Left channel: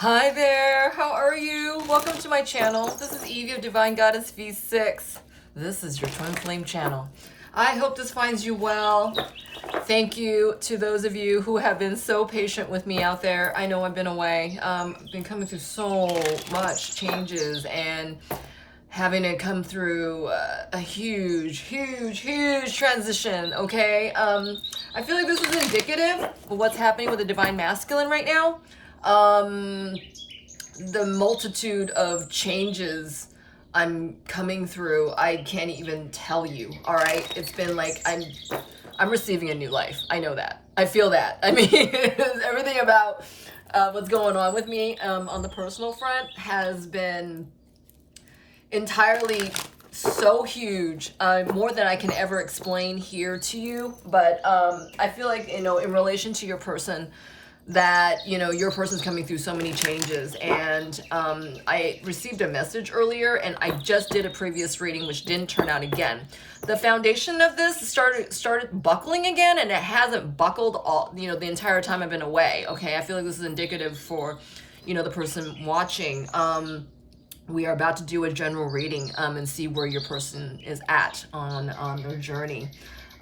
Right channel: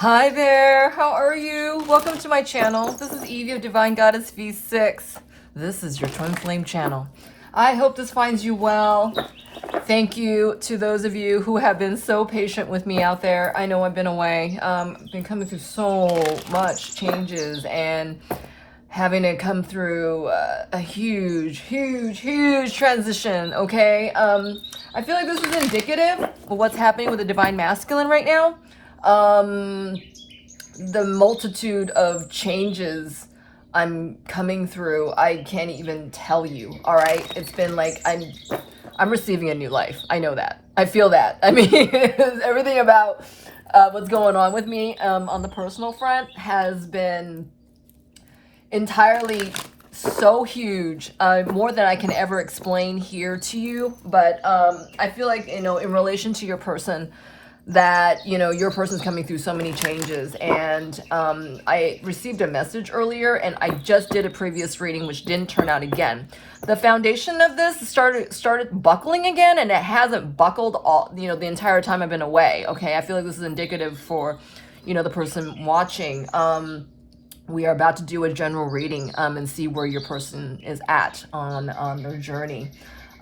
Hi there, how are you? Welcome to my channel. This is Evee of Divine Goddess V6. This is your Twinflame channel. I hope this finds you well. Thank you to those of you who have been so patient with me out there. I know I've been away. Been coming through so much changes and having to come through a huge transition, okay? I feel like this is indicative of what's happening with the Divine Masculine right now. The multitude of changes I'm coming through, I can't even tell you, all right? It's been like I'm receiving a new life. I know that. I feel that. I mean, everything about what's going on with me on the personal front has been entirely so huge, more than I can ever explain here to you. But I feel like, in relation to your person, that your person's coming through so many changes. And I received a message earlier, and I just did a previous reading which didn't turn out again. The foundation of this started buckling again, and it hasn't buckled all the entire time I've been away. Okay, I feel like this is indicative for the person watching. We are about to do a general reading and see where your person is at on their journey.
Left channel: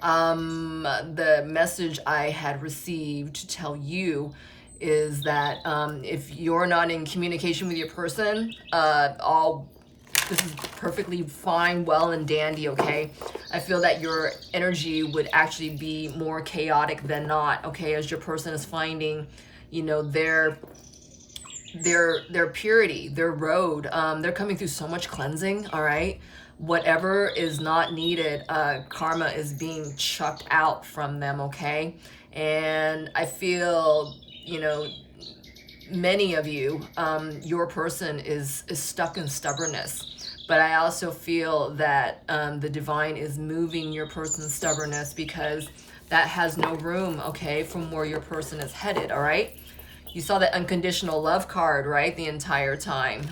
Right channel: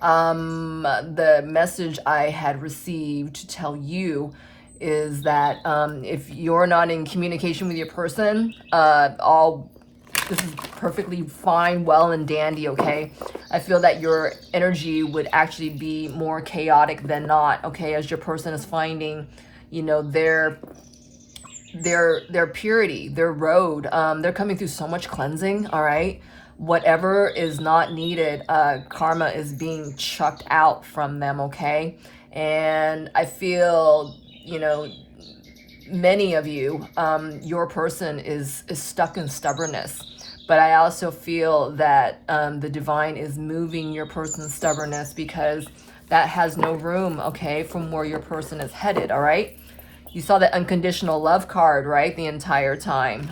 The message I had received to tell you is that if you're not in communication with your person, this is perfectly fine, well and dandy, okay? I feel that your energy would actually be more chaotic than not, okay, as your person is finding, their purity, their road. They're coming through so much cleansing, all right? Whatever is not needed, karma is being chucked out from them, okay? And I feel, many of you, your person is stuck in stubbornness. But I also feel that the divine is moving your person's stubbornness, because that has no room, okay, from where your person is headed, all right? You saw the unconditional love card, right, the entire time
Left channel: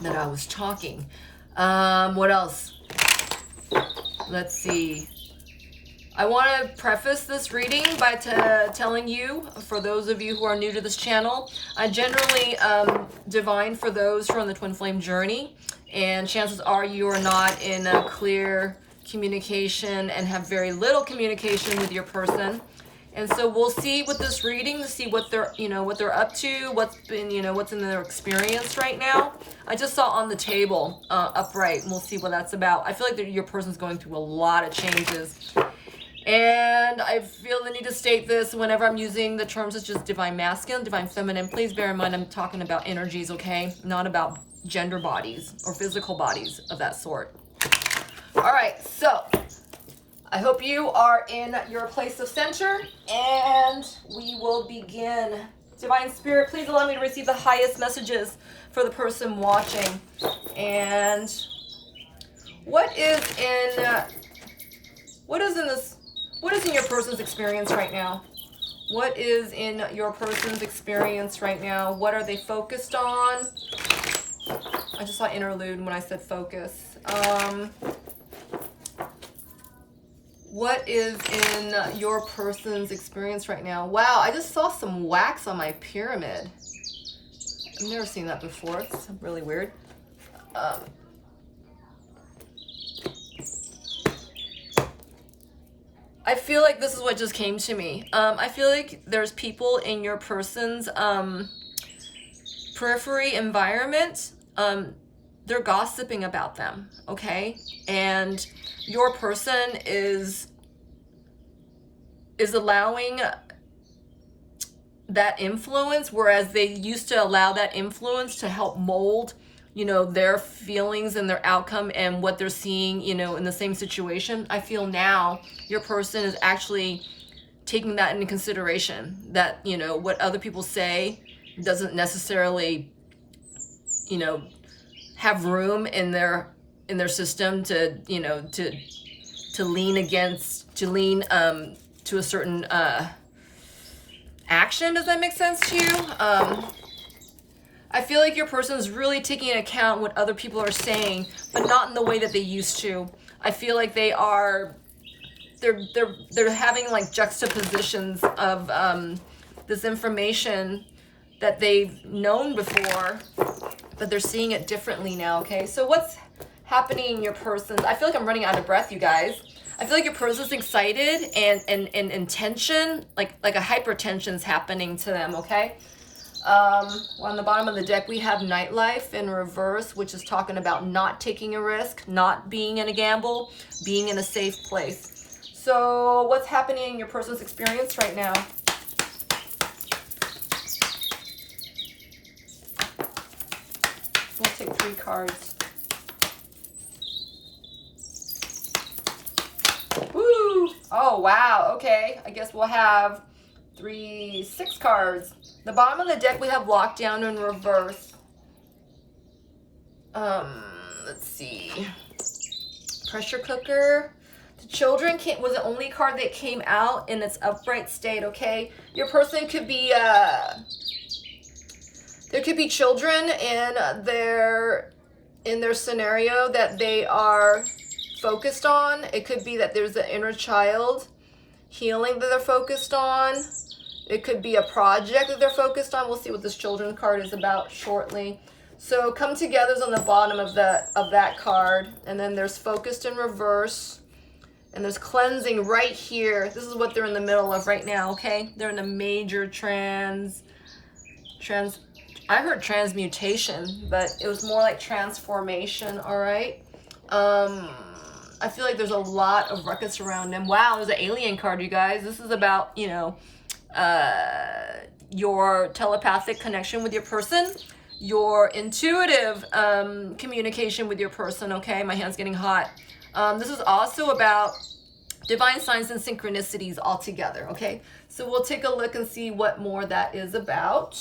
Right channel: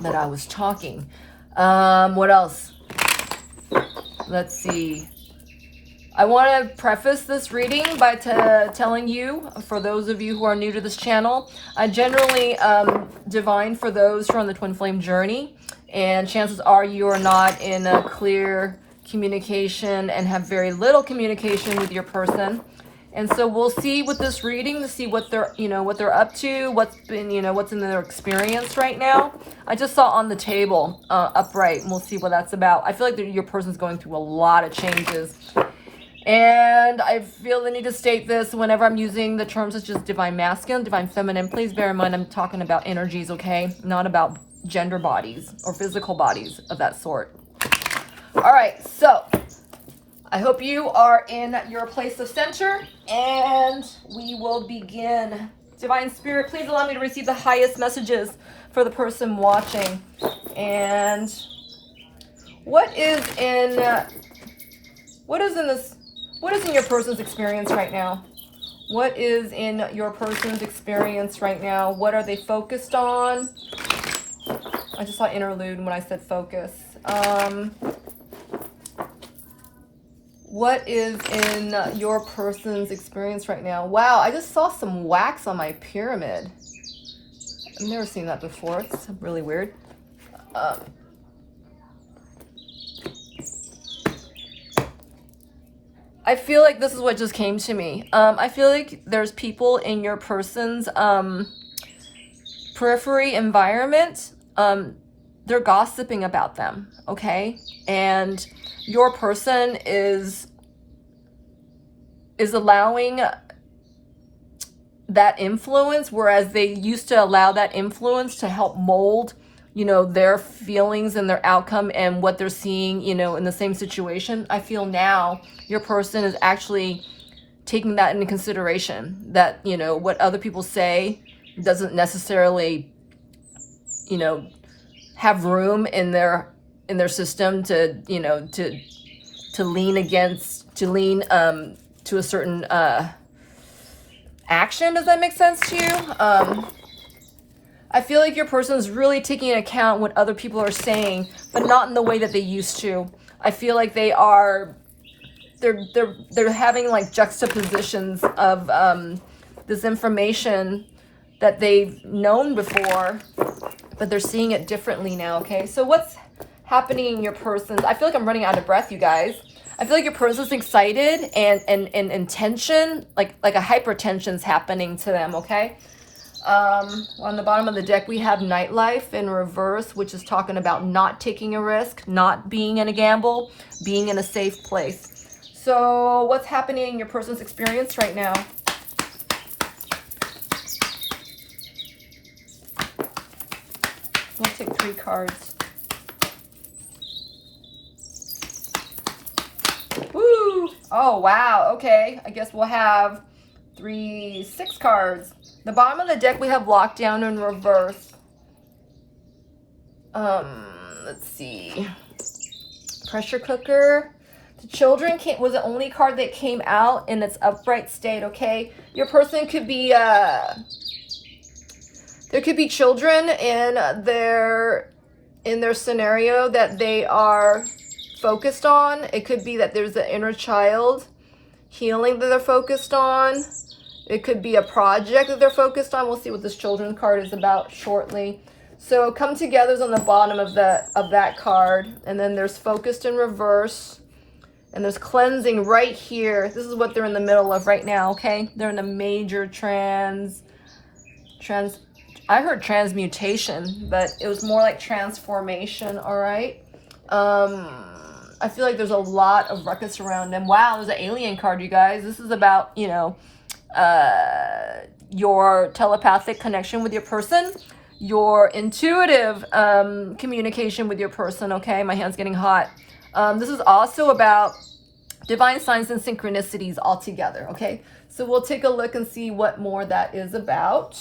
that I was talking. What else? Let's see. I want to preface this reading by telling you, for those of you who are new to this channel, I generally divine for those who are on the twin flame journey, and chances are you are not in a clear communication and have very little communication with your person. And so we'll see with this reading to see what they're, what they're up to, what's been, what's in their experience right now. I just saw on the table, upright, and we'll see what that's about. I feel like your person's going through a lot of changes. And I feel the need to state this whenever I'm using the terms such as divine masculine, divine feminine. Please bear in mind I'm talking about energies, okay? Not about gender bodies or physical bodies of that sort. All right, so I hope you are in your place of center, and we will begin. Divine Spirit, please allow me to receive the highest messages for the person watching. And what is in your person's experience right now? What is in your person's experience right now? What are they focused on? I just saw interlude when I said focus. What is in your person's experience right now? Wow, I just saw some wax on my pyramid. I've never seen that before. It's really weird. I feel like this is what just came to me. I feel like there's people in your person's periphery environment. They're gossiping about them, okay? And your person is allowing that influence, whereas they used to allow that influence to help mold, their feelings and their outcome and what they're seeing, in the same situation. I feel now your person is actually taking that into consideration, that, what other people say doesn't necessarily, have room in their system to lean to a certain action. Does that make sense to you? I feel like your person is really taking into account what other people are saying, but not in the way that they used to. I feel like they're having like juxtapositions of this information that they've known before, but they're seeing it differently now, okay? So what's happening in your person's, I feel like I'm running out of breath, you guys. I feel like your person's excited and tension, like a hypertension's happening to them, okay? On the bottom of the deck, we have nightlife in reverse, which is talking about not taking a risk, not being in a gamble, being in a safe place. So what's happening in your person's experience right now? We'll take 3 cards. Woo! Oh, wow. Okay. I guess we'll have 6 cards. The bottom of the deck, we have lockdown in reverse. Let's see. Pressure cooker. The children was the only card that came out in its upright state, okay? Your person could be, there could be children in their scenario that they are focused on. It could be that there's an inner child healing that they're focused on. It could be a project that they're focused on. We'll see what this children's card is about shortly. So come together is on the bottom of that card. And then there's focused in reverse. And there's cleansing right here. This is what they're in the middle of right now, okay? They're in a major I heard transmutation, but it was more like transformation, all right? I feel like there's a lot of ruckus around them. Wow, there's an alien card, you guys. This is about, you know, your telepathic connection with your person, your intuitive communication with your person, okay? My hand's getting hot. This is also about divine signs and synchronicities all together, okay? So we'll take a look and see what more that is about.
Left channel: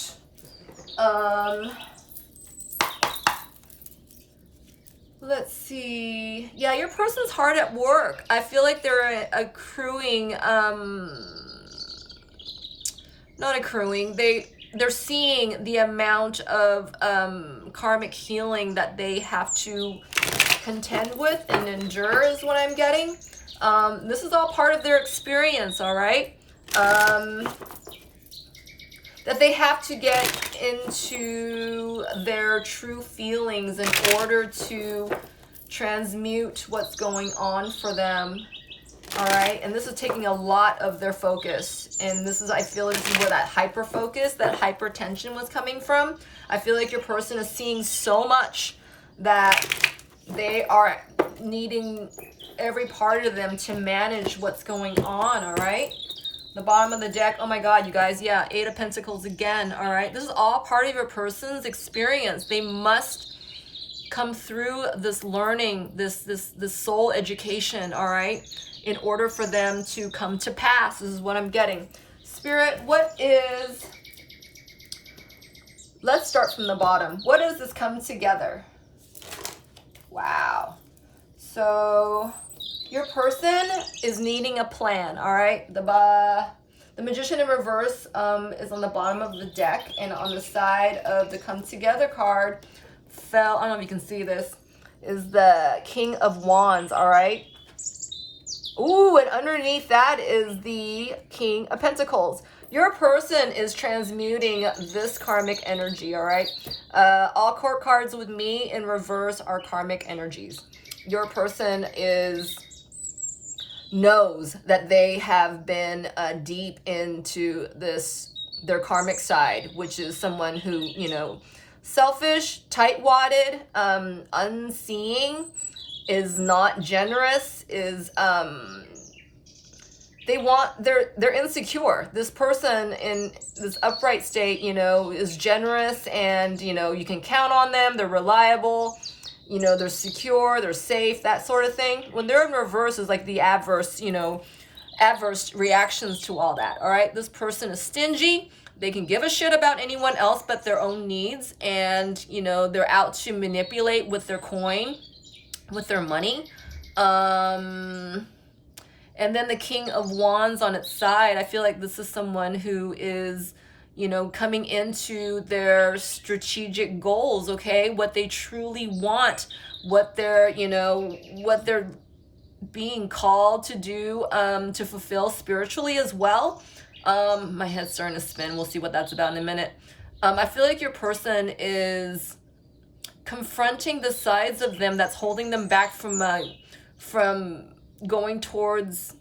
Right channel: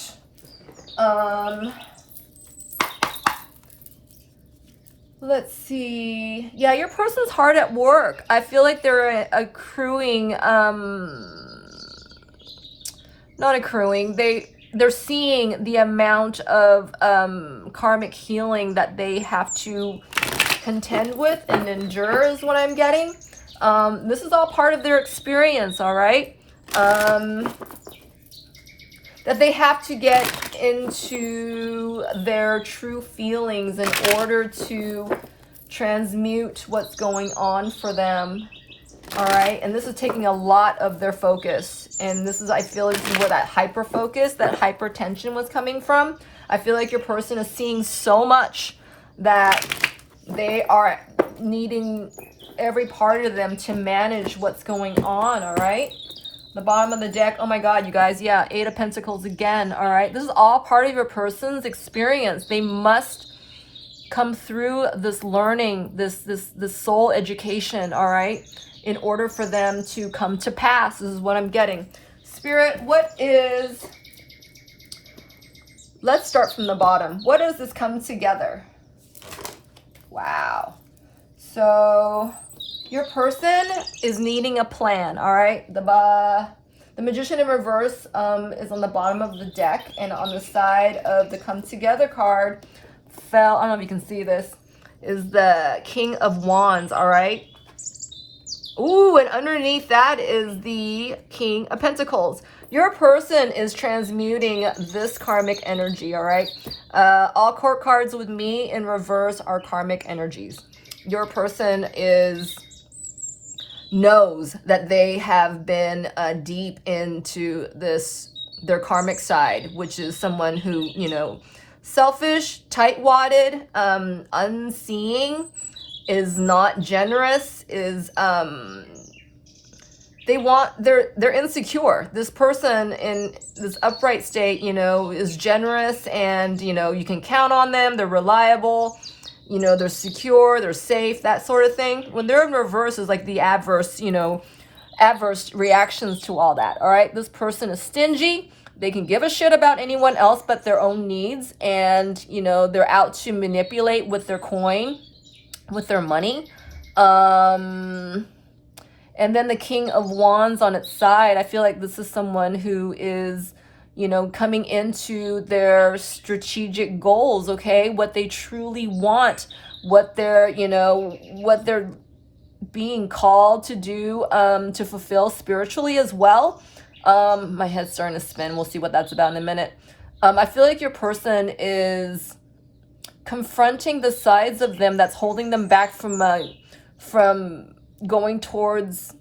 Let's see. Yeah, your person's hard at work. I feel like they're accruing, not accruing, they're seeing the amount of karmic healing that they have to contend with and endure is what I'm getting. This is all part of their experience, all right? That they have to get into their true feelings in order to transmute what's going on for them. All right, and this is taking a lot of their focus, and this is, I feel like this is where that hyper focus, that hypertension was coming from. I feel like your person is seeing so much that they are needing every part of them to manage what's going on. All right, the bottom of the deck, oh my god, you guys, yeah, 8 of Pentacles again. All right, this is all part of your person's experience. They must come through this learning, this soul education, all right, in order for them to come to pass. This is what I'm getting. Spirit, what is, let's start from the bottom. What does this come together? Wow. So your person is needing a plan, all right? The Magician in reverse is on the bottom of the deck, and on the side of the come together card fell, I don't know if you can see this, is the King of Wands, all right? Ooh, and underneath that is the King of Pentacles. Your person is transmuting this karmic energy, all right? All court cards with me in reverse are karmic energies. Your person knows that they have been deep into their karmic side, which is someone who, you know, selfish, tight-wadded, unseeing, is not generous, is they're insecure. This person in this upright state, you know, is generous, and you know, you can count on them, they're reliable, you know, they're secure, they're safe, that sort of thing. When they're in reverse is like the adverse, you know, adverse reactions to all that. All right, this person is stingy. They can give a shit about anyone else but their own needs, and you know, they're out to manipulate with their coin, with their money. And then the King of Wands on its side, I feel like this is someone who is, you know, coming into their strategic goals, okay? What they truly want, what they're, you know, what they're being called to do, to fulfill spiritually as well. My head's starting to spin. We'll see what that's about in a minute. I feel like your person is confronting the sides of them that's holding them back from going towards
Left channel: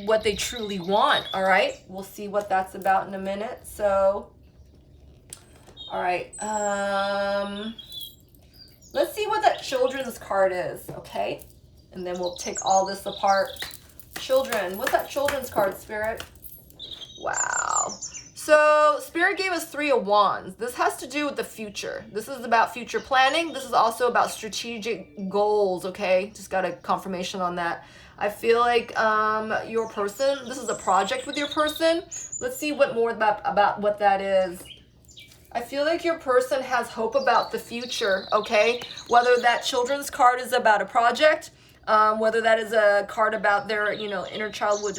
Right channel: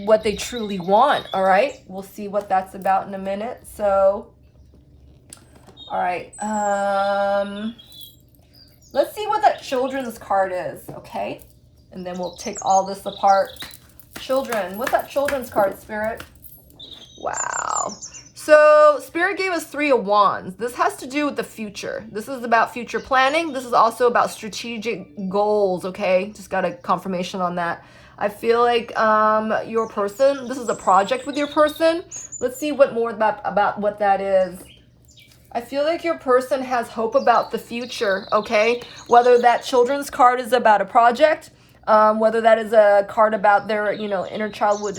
what they truly want. All right, we'll see what that's about in a minute. So, all right, let's see what that children's card is, okay? And then we'll take all this apart. Children, what's that children's card, Spirit? Wow. So Spirit gave us 3 of Wands. This has to do with the future. This is about future planning. This is also about strategic goals, okay? Just got a confirmation on that. I feel like your person, this is a project with your person. Let's see what more about what that is. I feel like your person has hope about the future, okay? Whether that children's card is about a project, whether that is a card about their, you know, inner childhood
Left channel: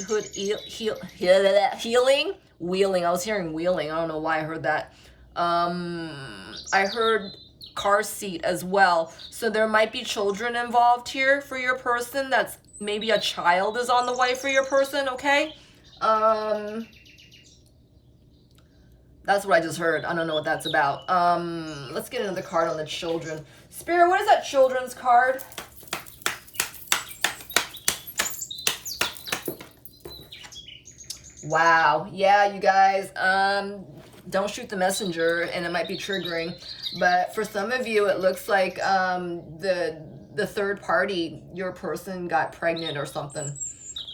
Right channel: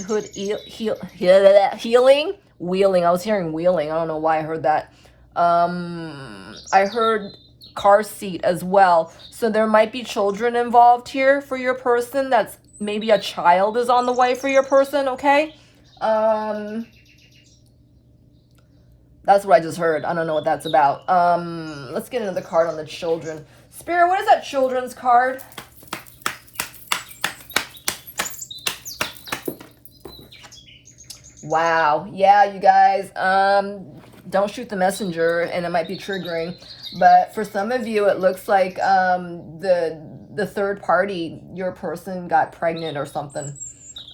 healing, wheeling. I was hearing wheeling. I don't know why I heard that. I heard car seat as well. So there might be children involved here for your person. That's maybe a child is on the way for your person, okay? That's what I just heard. I don't know what that's about. Let's get another card on the children. Spirit, what is that children's card? Wow. Yeah, you guys, don't shoot the messenger, and it might be triggering. But for some of you, it looks like the third party, your person got pregnant or something.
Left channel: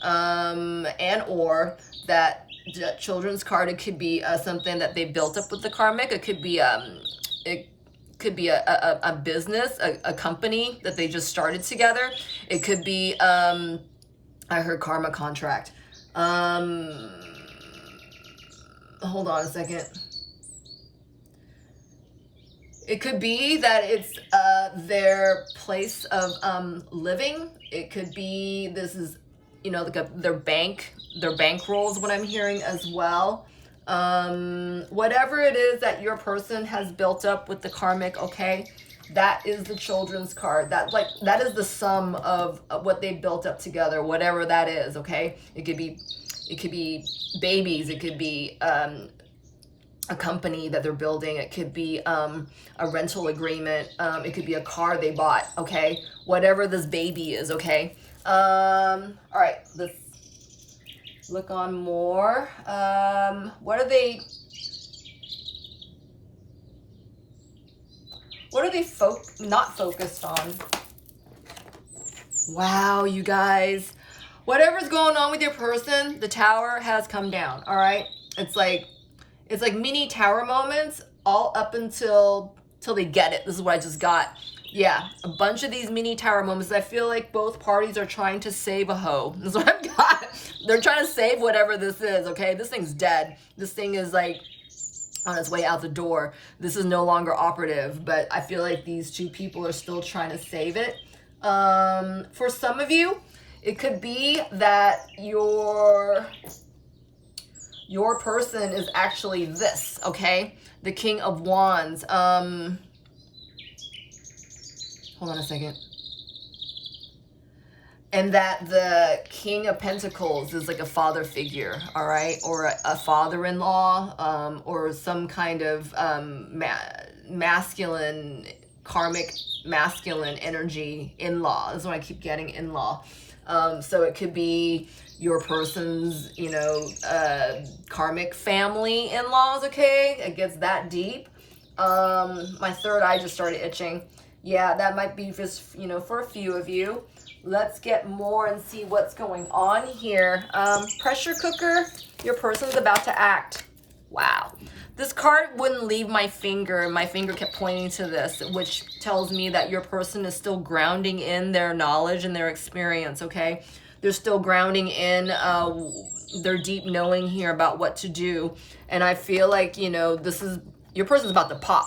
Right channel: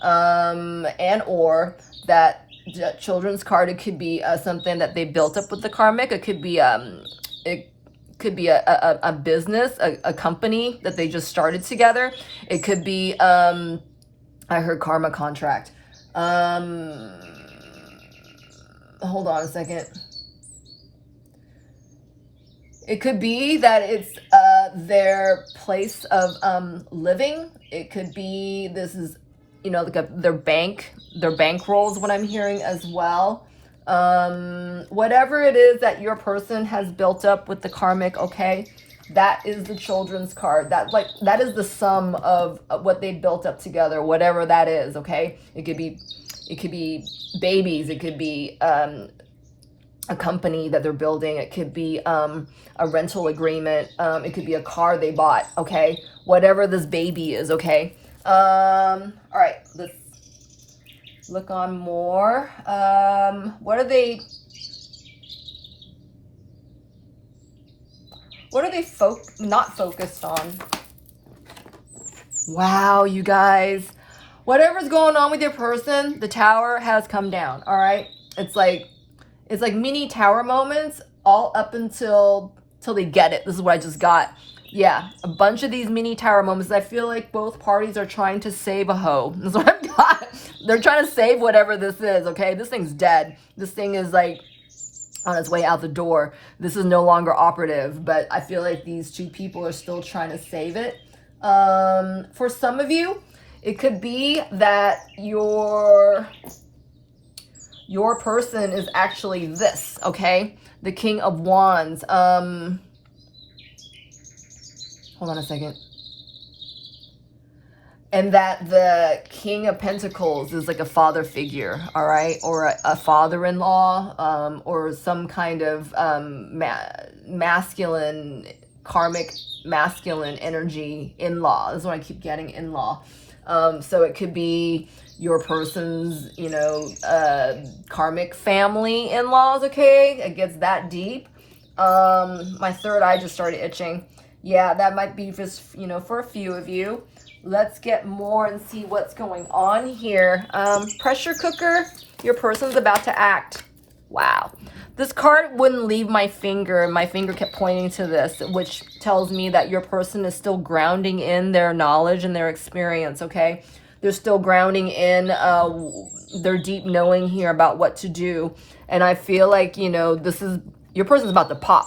And or that children's card, it could be something that they built up with the karmic. It could be a business, a company that they just started together. It could be I heard karma contract. Hold on a second. It could be that it's their place of living. It could be this is, you know, like their bankroll is what I'm hearing as well. Whatever it is that your person has built up with the karmic, okay, that is the children's card. That is the sum of what they built up together, whatever that is, okay? It could be babies. It could be a company that they're building. It could be a rental agreement. It could be a car they bought, okay? Whatever this baby is, okay? All right, let's look on more. What are they not focused on? Wow, you guys. Whatever's going on with your person, the tower has come down, all right? It's like mini tower moments all up till they get it. This is what I just got. Yeah, a bunch of these mini tower moments. I feel like both parties are trying to save a hoe. That's what I've got. They're trying to save whatever this is, okay? This thing's dead. This thing is like on its way out the door. This is no longer operative, but I feel like these two people are still trying to save it. For some of you, it could be that your person is actually this, okay? The King of Wands. Hold on a second. And that the King of Pentacles is like a father figure, all right? Or a father-in-law, or some kind of masculine, karmic masculine energy in-law. That's what I keep getting, in-law. So it could be your person's, you know, karmic family in-laws, okay? It gets that deep. My third eye just started itching. Yeah, that might be just, you know, for a few of you. Let's get more and see what's going on here. Pressure cooker, your person's about to act. Wow. This card wouldn't leave my finger. My finger kept pointing to this, which tells me that your person is still grounding in their knowledge and their experience, okay? They're still grounding in their deep knowing here about what to do. And I feel like, you know, this is, your person's about to pop,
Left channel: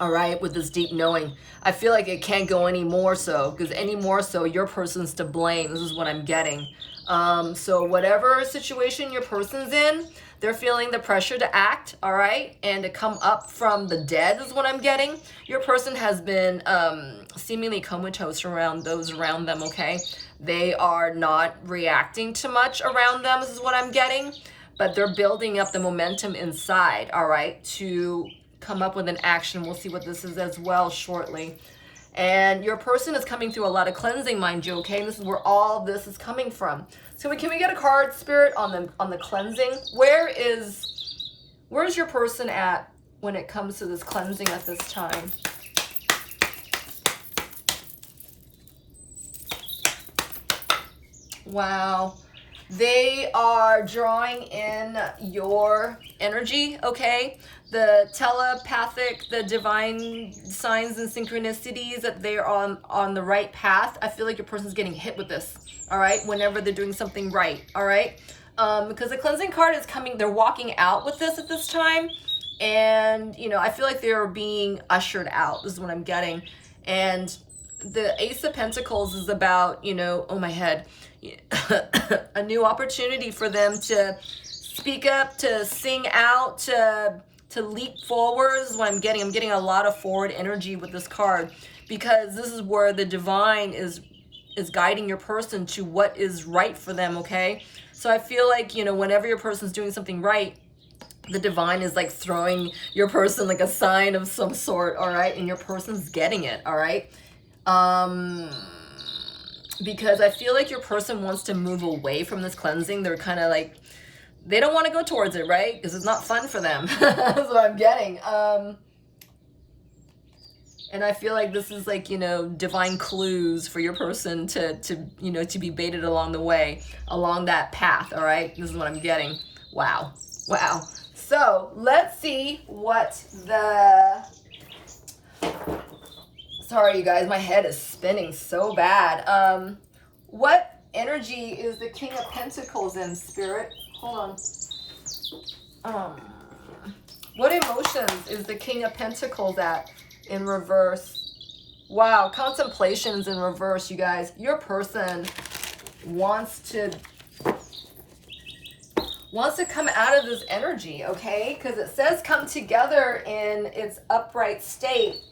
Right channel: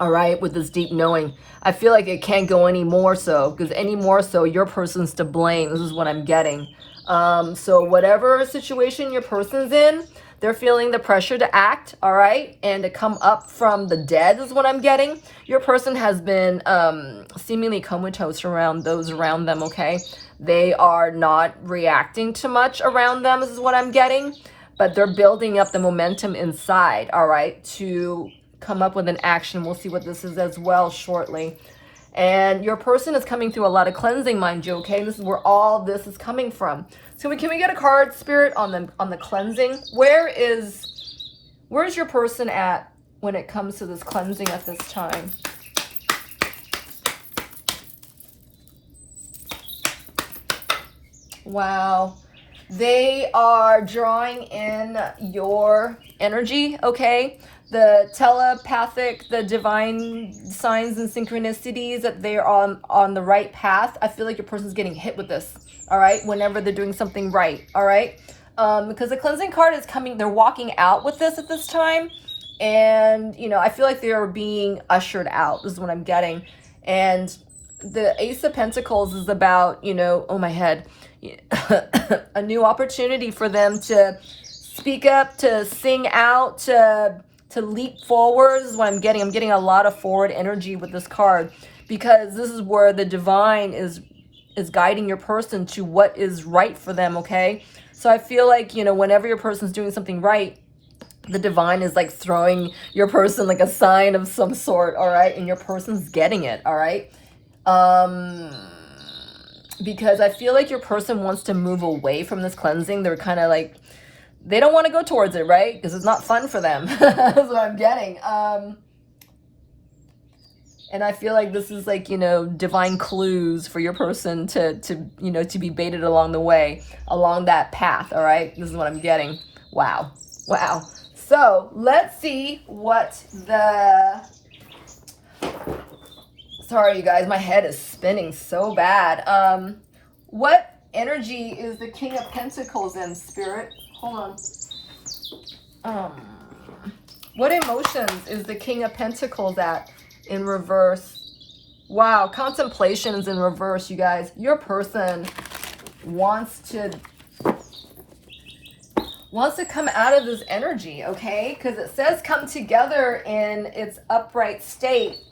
all right, with this deep knowing. I feel like it can't go any more so, because any more so, your person's to blame. This is what I'm getting. So whatever situation your person's in, they're feeling the pressure to act, all right, and to come up from the dead is what I'm getting. Your person has been seemingly comatose around those around them, okay? They are not reacting to much around them, this is what I'm getting. but they're building up the momentum inside, all right, to come up with an action. We'll see what this is as well shortly. And your person is coming through a lot of cleansing, mind you, okay? This is where all this is coming from. So can we get a card, Spirit, on the cleansing? Where's your person at when it comes to this cleansing at this time? Wow. They are drawing in your energy, okay? The telepathic, the divine signs and synchronicities, that they're on the right path. I feel like your person's getting hit with this, all right? Whenever they're doing something right, all right? Because the cleansing card is coming, they're walking out with this at this time. And, you know, I feel like they're being ushered out. This is what I'm getting. And the Ace of Pentacles is about, you know, oh my head, a new opportunity for them to speak up, to sing out, to leap forward. This is what I'm getting. I'm getting a lot of forward energy with this card, because this is where the divine is guiding your person to what is right for them, okay? So I feel like, you know, whenever your person's doing something right, the divine is like throwing your person like a sign of some sort, all right? And your person's getting it, all right? Because I feel like your person wants to move away from this cleansing. They're kind of like, they don't want to go towards it, right? Because it's not fun for them. That's what I'm getting. And I feel like this is like, you know, divine clues for your person to you know, to be baited along the way, along that path, all right? This is what I'm getting. Wow. Wow. So let's see what the... Sorry, you guys, my head is spinning so bad. What energy is the King of Pentacles in, Spirit? Hold on. What emotions is the King of Pentacles at in reverse? Wow, contemplation is in reverse, you guys. Your person wants to come out of this energy, okay? Because it says come together in its upright state.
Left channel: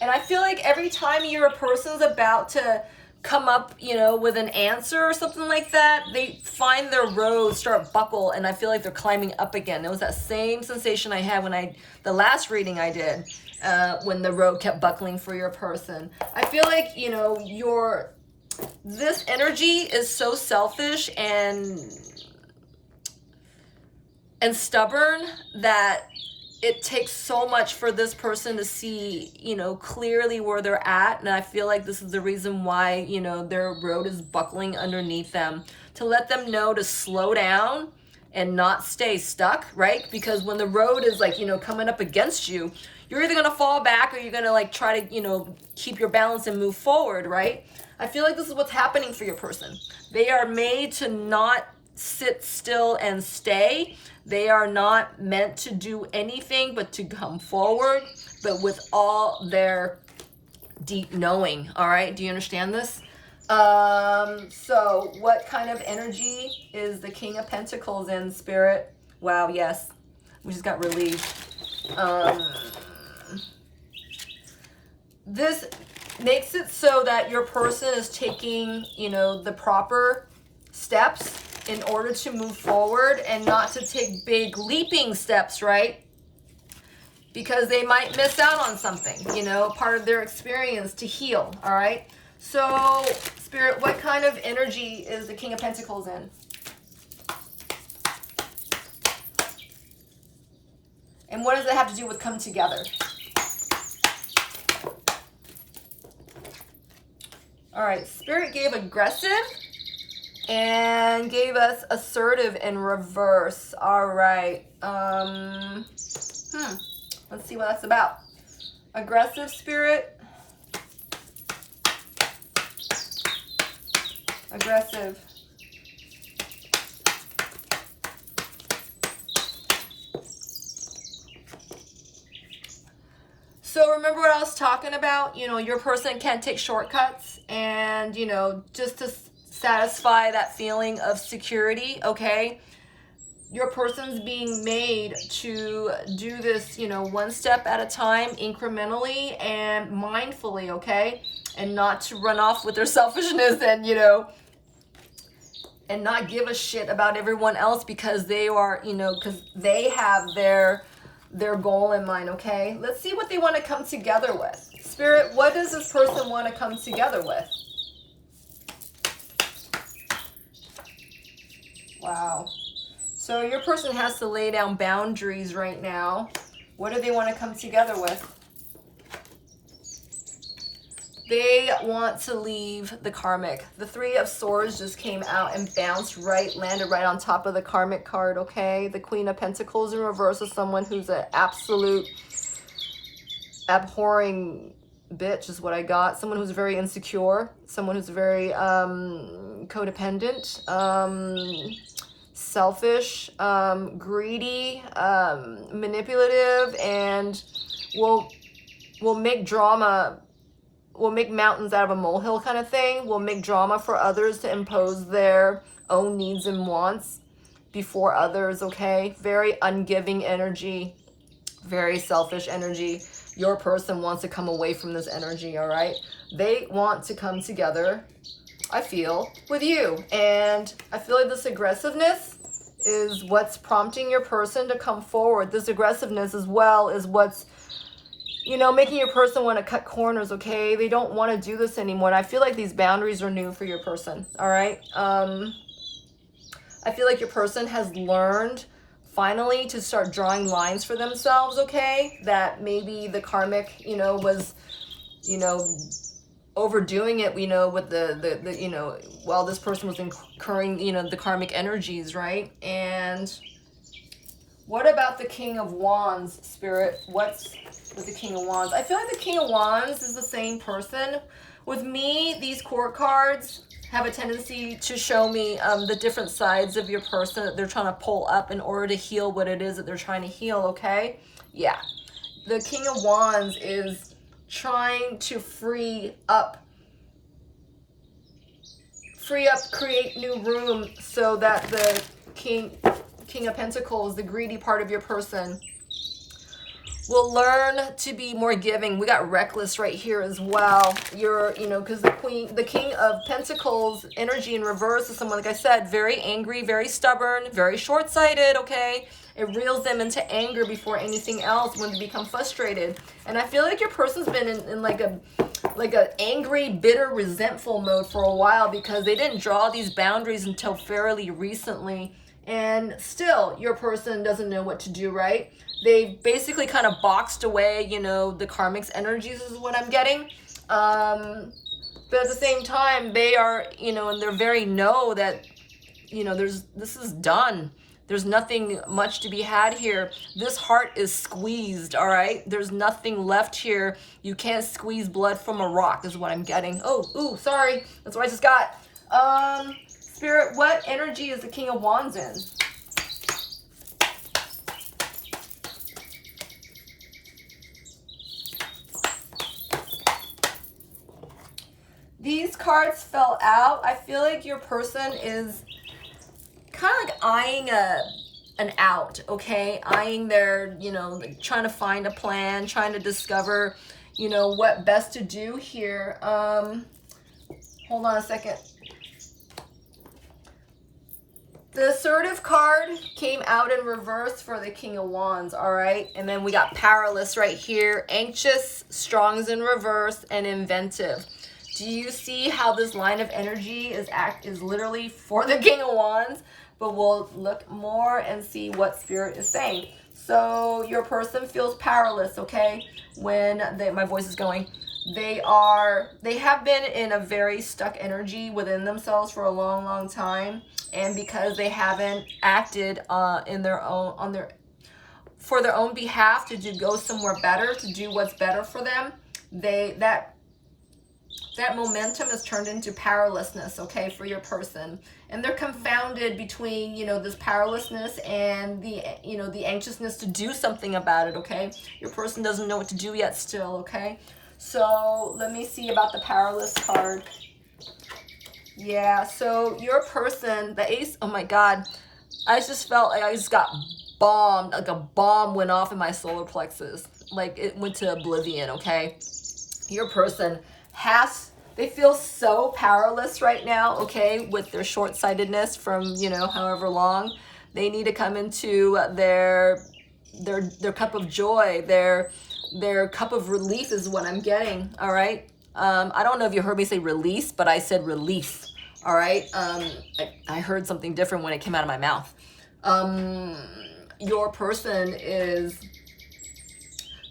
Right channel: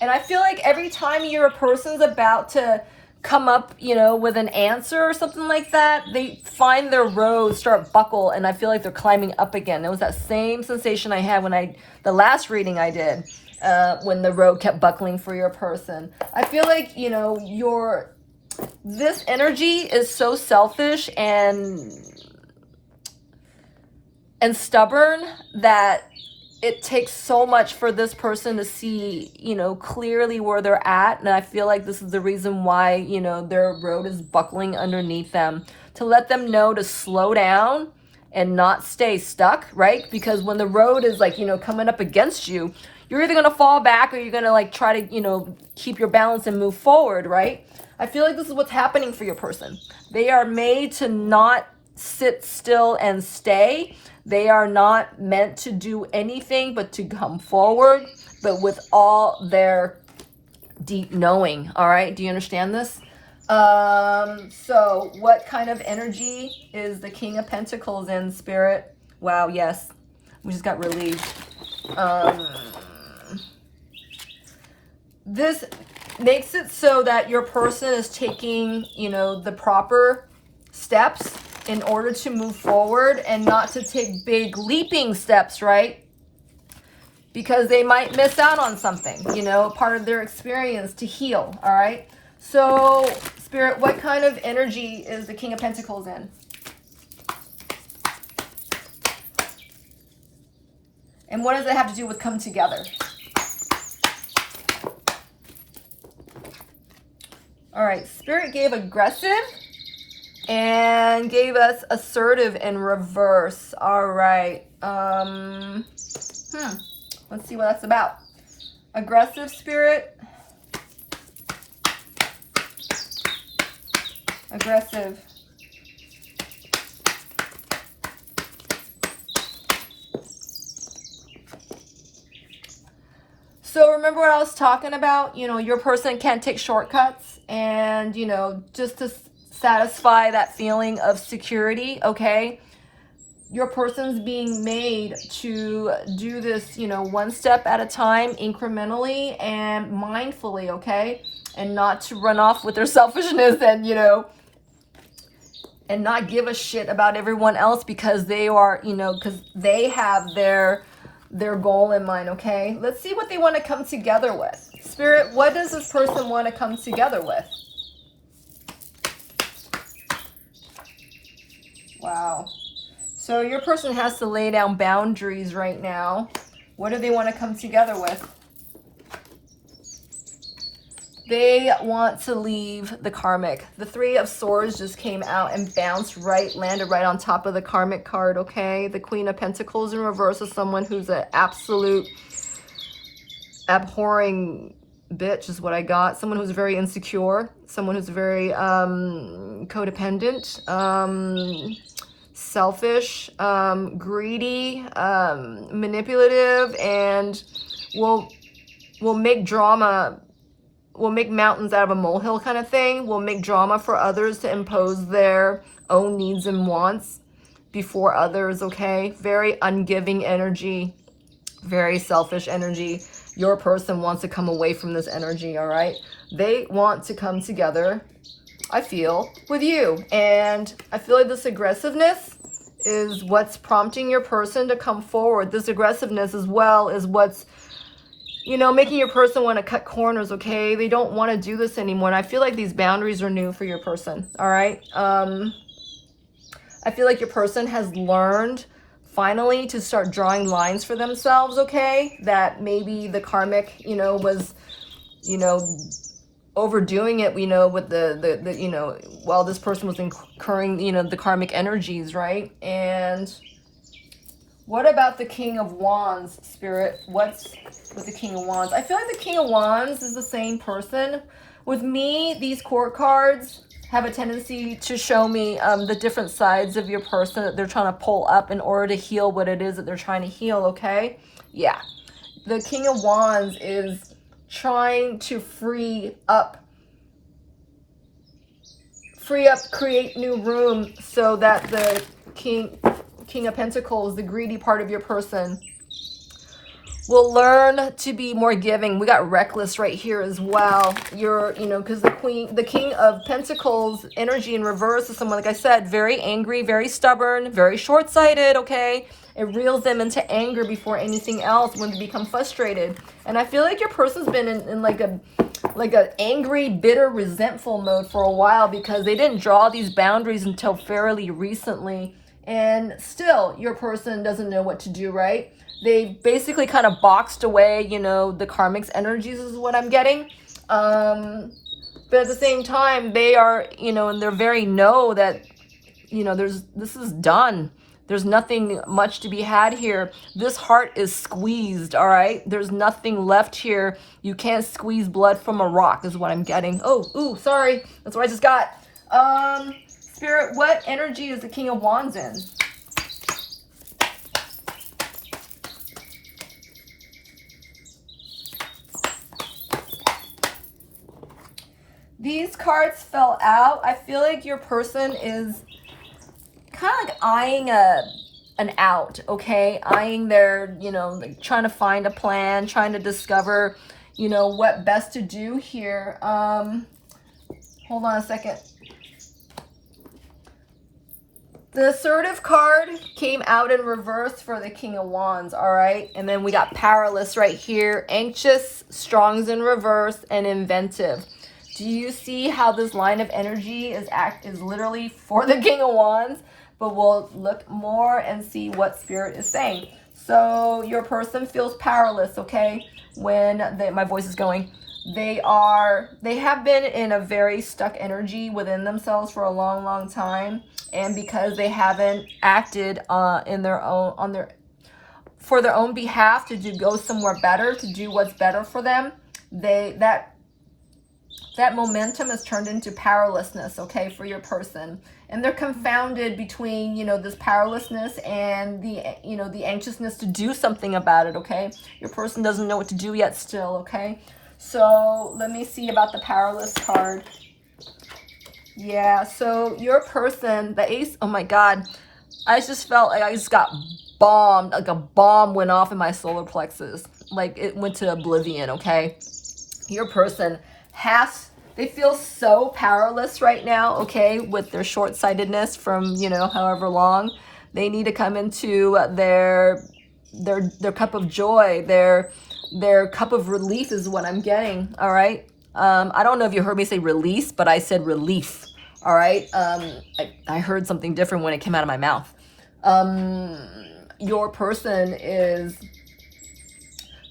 And I feel like every time your person's about to come up, you know, with an answer or something like that, they find their road start buckle, and I feel like they're climbing up again. It was that same sensation I had when the last reading I did, when the road kept buckling for your person. I feel like, you know, this energy is so selfish and stubborn that it takes so much for this person to see, you know, clearly where they're at. And I feel like this is the reason why, you know, their road is buckling underneath them, to let them know to slow down and not stay stuck, right? Because when the road is like, you know, coming up against you, you're either going to fall back or you're going to like try to, you know, keep your balance and move forward, right? I feel like this is what's happening for your person. They are made to not sit still and stay. They are not meant to do anything but to come forward, but with all their deep knowing, all right? Do you understand this? So what kind of energy is the King of Pentacles in, Spirit? Wow, yes. We just got relieved. This makes it so that your person is taking, you know, the proper steps in order to move forward and not to take big leaping steps, right? Because they might miss out on something, you know, part of their experience to heal, all right? So, Spirit, what kind of energy is the King of Pentacles in? And what does it have to do with come together? All right, Spirit gave aggressive and gave us assertive in reverse. All right. Let's see what that's about. Aggressive, Spirit. Aggressive. So remember what I was talking about? You know, your person can't take shortcuts, and, you know, just to satisfy that feeling of security, okay? Your person's being made to do this, you know, one step at a time, incrementally and mindfully, okay? And not to run off with their selfishness and, you know, and not give a shit about everyone else because they are, you know, because they have their goal in mind, okay? Let's see what they want to come together with. Spirit, what does this person want to come together with? Wow. So your person has to lay down boundaries right now. What do they want to come together with? They want to leave the karmic. The Three of Swords just came out and bounced right, landed right on top of the karmic card, okay? The Queen of Pentacles in reverse is someone who's an absolute abhorring bitch is what I got. Someone who's very insecure. Someone who's very codependent, selfish, greedy, manipulative, and will make drama. Will make mountains out of a molehill kind of thing. Will make drama for others to impose their own needs and wants before others, okay? Very ungiving energy, very selfish energy. Your person wants to come away from this energy, all right? They want to come together, I feel, with you. And I feel like this aggressiveness is what's prompting your person to come forward. This aggressiveness as well is what's, you know, making your person want to cut corners, okay? They don't want to do this anymore. And I feel like these boundaries are new for your person, all right? I feel like your person has learned finally to start drawing lines for themselves, okay? That maybe the karmic, you know, was, you know, overdoing it, you know, with the you know, while this person was incurring, you know, the karmic energies, right? And what about the King of Wands, Spirit? What's with the King of Wands? I feel like the King of Wands is the same person. With me, these court cards have a tendency to show me the different sides of your person that they're trying to pull up in order to heal what it is that they're trying to heal, okay? Yeah. The King of Wands is trying to free up, create new room so that the King of Pentacles, the greedy part of your person, will learn to be more giving. We got reckless right here as well. You're, you know, because the King of Pentacles energy in reverse is someone, like I said, very angry, very stubborn, very short-sighted, okay? It reels them into anger before anything else when they become frustrated. And I feel like your person's been in like an angry, bitter, resentful mode for a while because they didn't draw these boundaries until fairly recently. And still, your person doesn't know what to do, right? They basically kind of boxed away, you know, the karmic's energies is what I'm getting. But at the same time, they are, you know, and they're very know that, you know, this is done. There's nothing much to be had here. This heart is squeezed, all right? There's nothing left here. You can't squeeze blood from a rock is what I'm getting. Oh, ooh, sorry. That's what I just got. Spirit, what energy is the King of Wands in? These cards fell out. I feel like your person is kind of like eyeing an out, okay? Eyeing their, you know, like trying to find a plan, trying to discover, you know, what best to do here. Hold on a second. The assertive card came out in reverse for the King of Wands, all right? And then we got powerless right here. Anxious, strong's in reverse, and inventive. Do you see how this line of energy is literally for the King of Wands? But we'll look more and see what Spirit is saying. So your person feels powerless, okay? When my voice is going. They have been in a very stuck energy within themselves for a long, long time. And because they haven't acted for their own behalf to go somewhere better, to do what's better for them, that momentum is turned into powerlessness, okay, for your person. And they're confounded between, you know, this powerlessness and the, you know, the anxiousness to do something about it, okay? Your person doesn't know what to do yet still, okay? So let me see about the powerless card. Yeah, so your person, the Ace, oh my God, I just felt like I just got bombed, like a bomb went off in my solar plexus. Like it went to oblivion, okay? Your person has They feel so powerless right now, okay, with their short-sightedness from, you know, however long. They need to come into their cup of joy, their cup of relief is what I'm getting, all right? I don't know if you heard me say release, but I said relief, all right? I heard something different when it came out of my mouth. Your person is,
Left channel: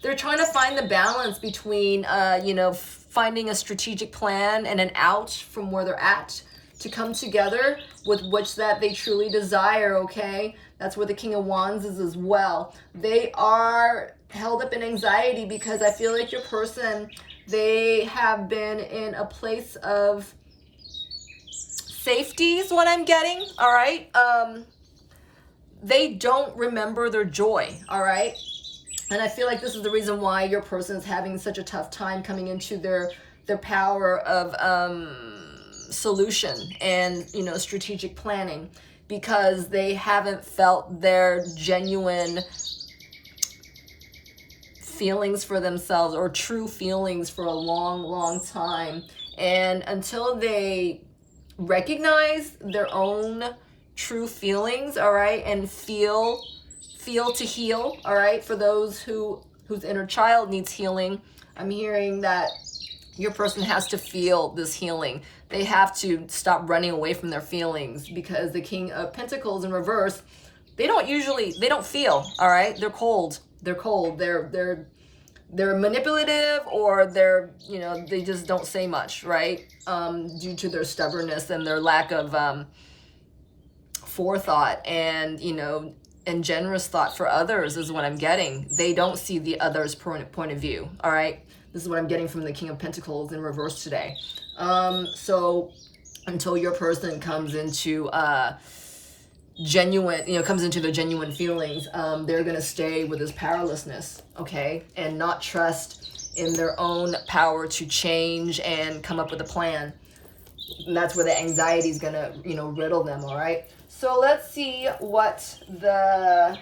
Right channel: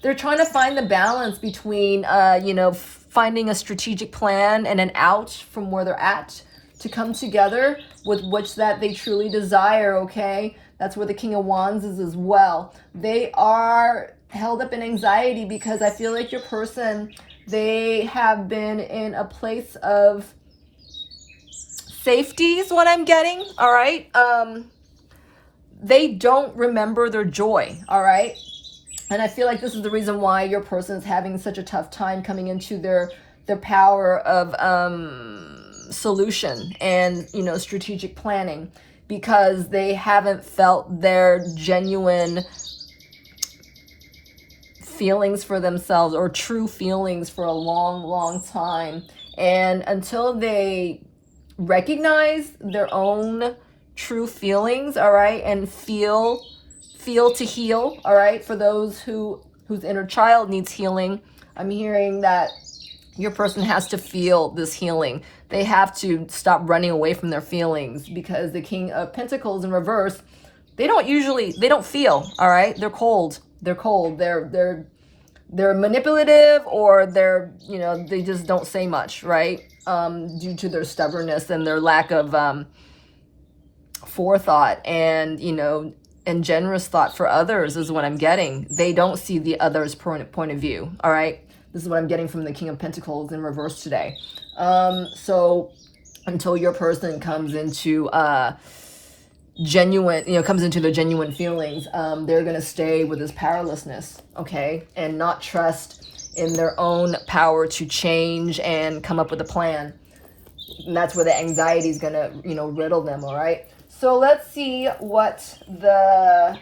they're trying to find the balance between, you know, finding a strategic plan and an out from where they're at to come together with which that they truly desire, okay? That's where the King of Wands is as well. They are held up in anxiety because I feel like your person, they have been in a place of safety is what I'm getting, all right? They don't remember their joy, all right? And I feel like this is the reason why your person is having such a tough time coming into their power of solution and, you know, strategic planning, because they haven't felt their genuine feelings for themselves or true feelings for a long, long time. And until they recognize their own true feelings, all right, and feel to heal, all right, for those whose inner child needs healing, I'm hearing that your person has to feel this healing. They have to stop running away from their feelings, because the King of Pentacles in reverse, they don't feel, all right? They're cold. They're manipulative, or they're, you know, they just don't say much, right? Due to their stubbornness and their lack of forethought and, you know, and generous thought for others is what I'm getting. They don't see the other's point of view, all right? This is what I'm getting from the King of Pentacles in reverse today. So until your person comes into genuine, you know, comes into their genuine feelings, they're going to stay with this powerlessness, okay? And not trust in their own power to change and come up with a plan. And that's where the anxiety is going to, you know, riddle them, all right? So let's see what the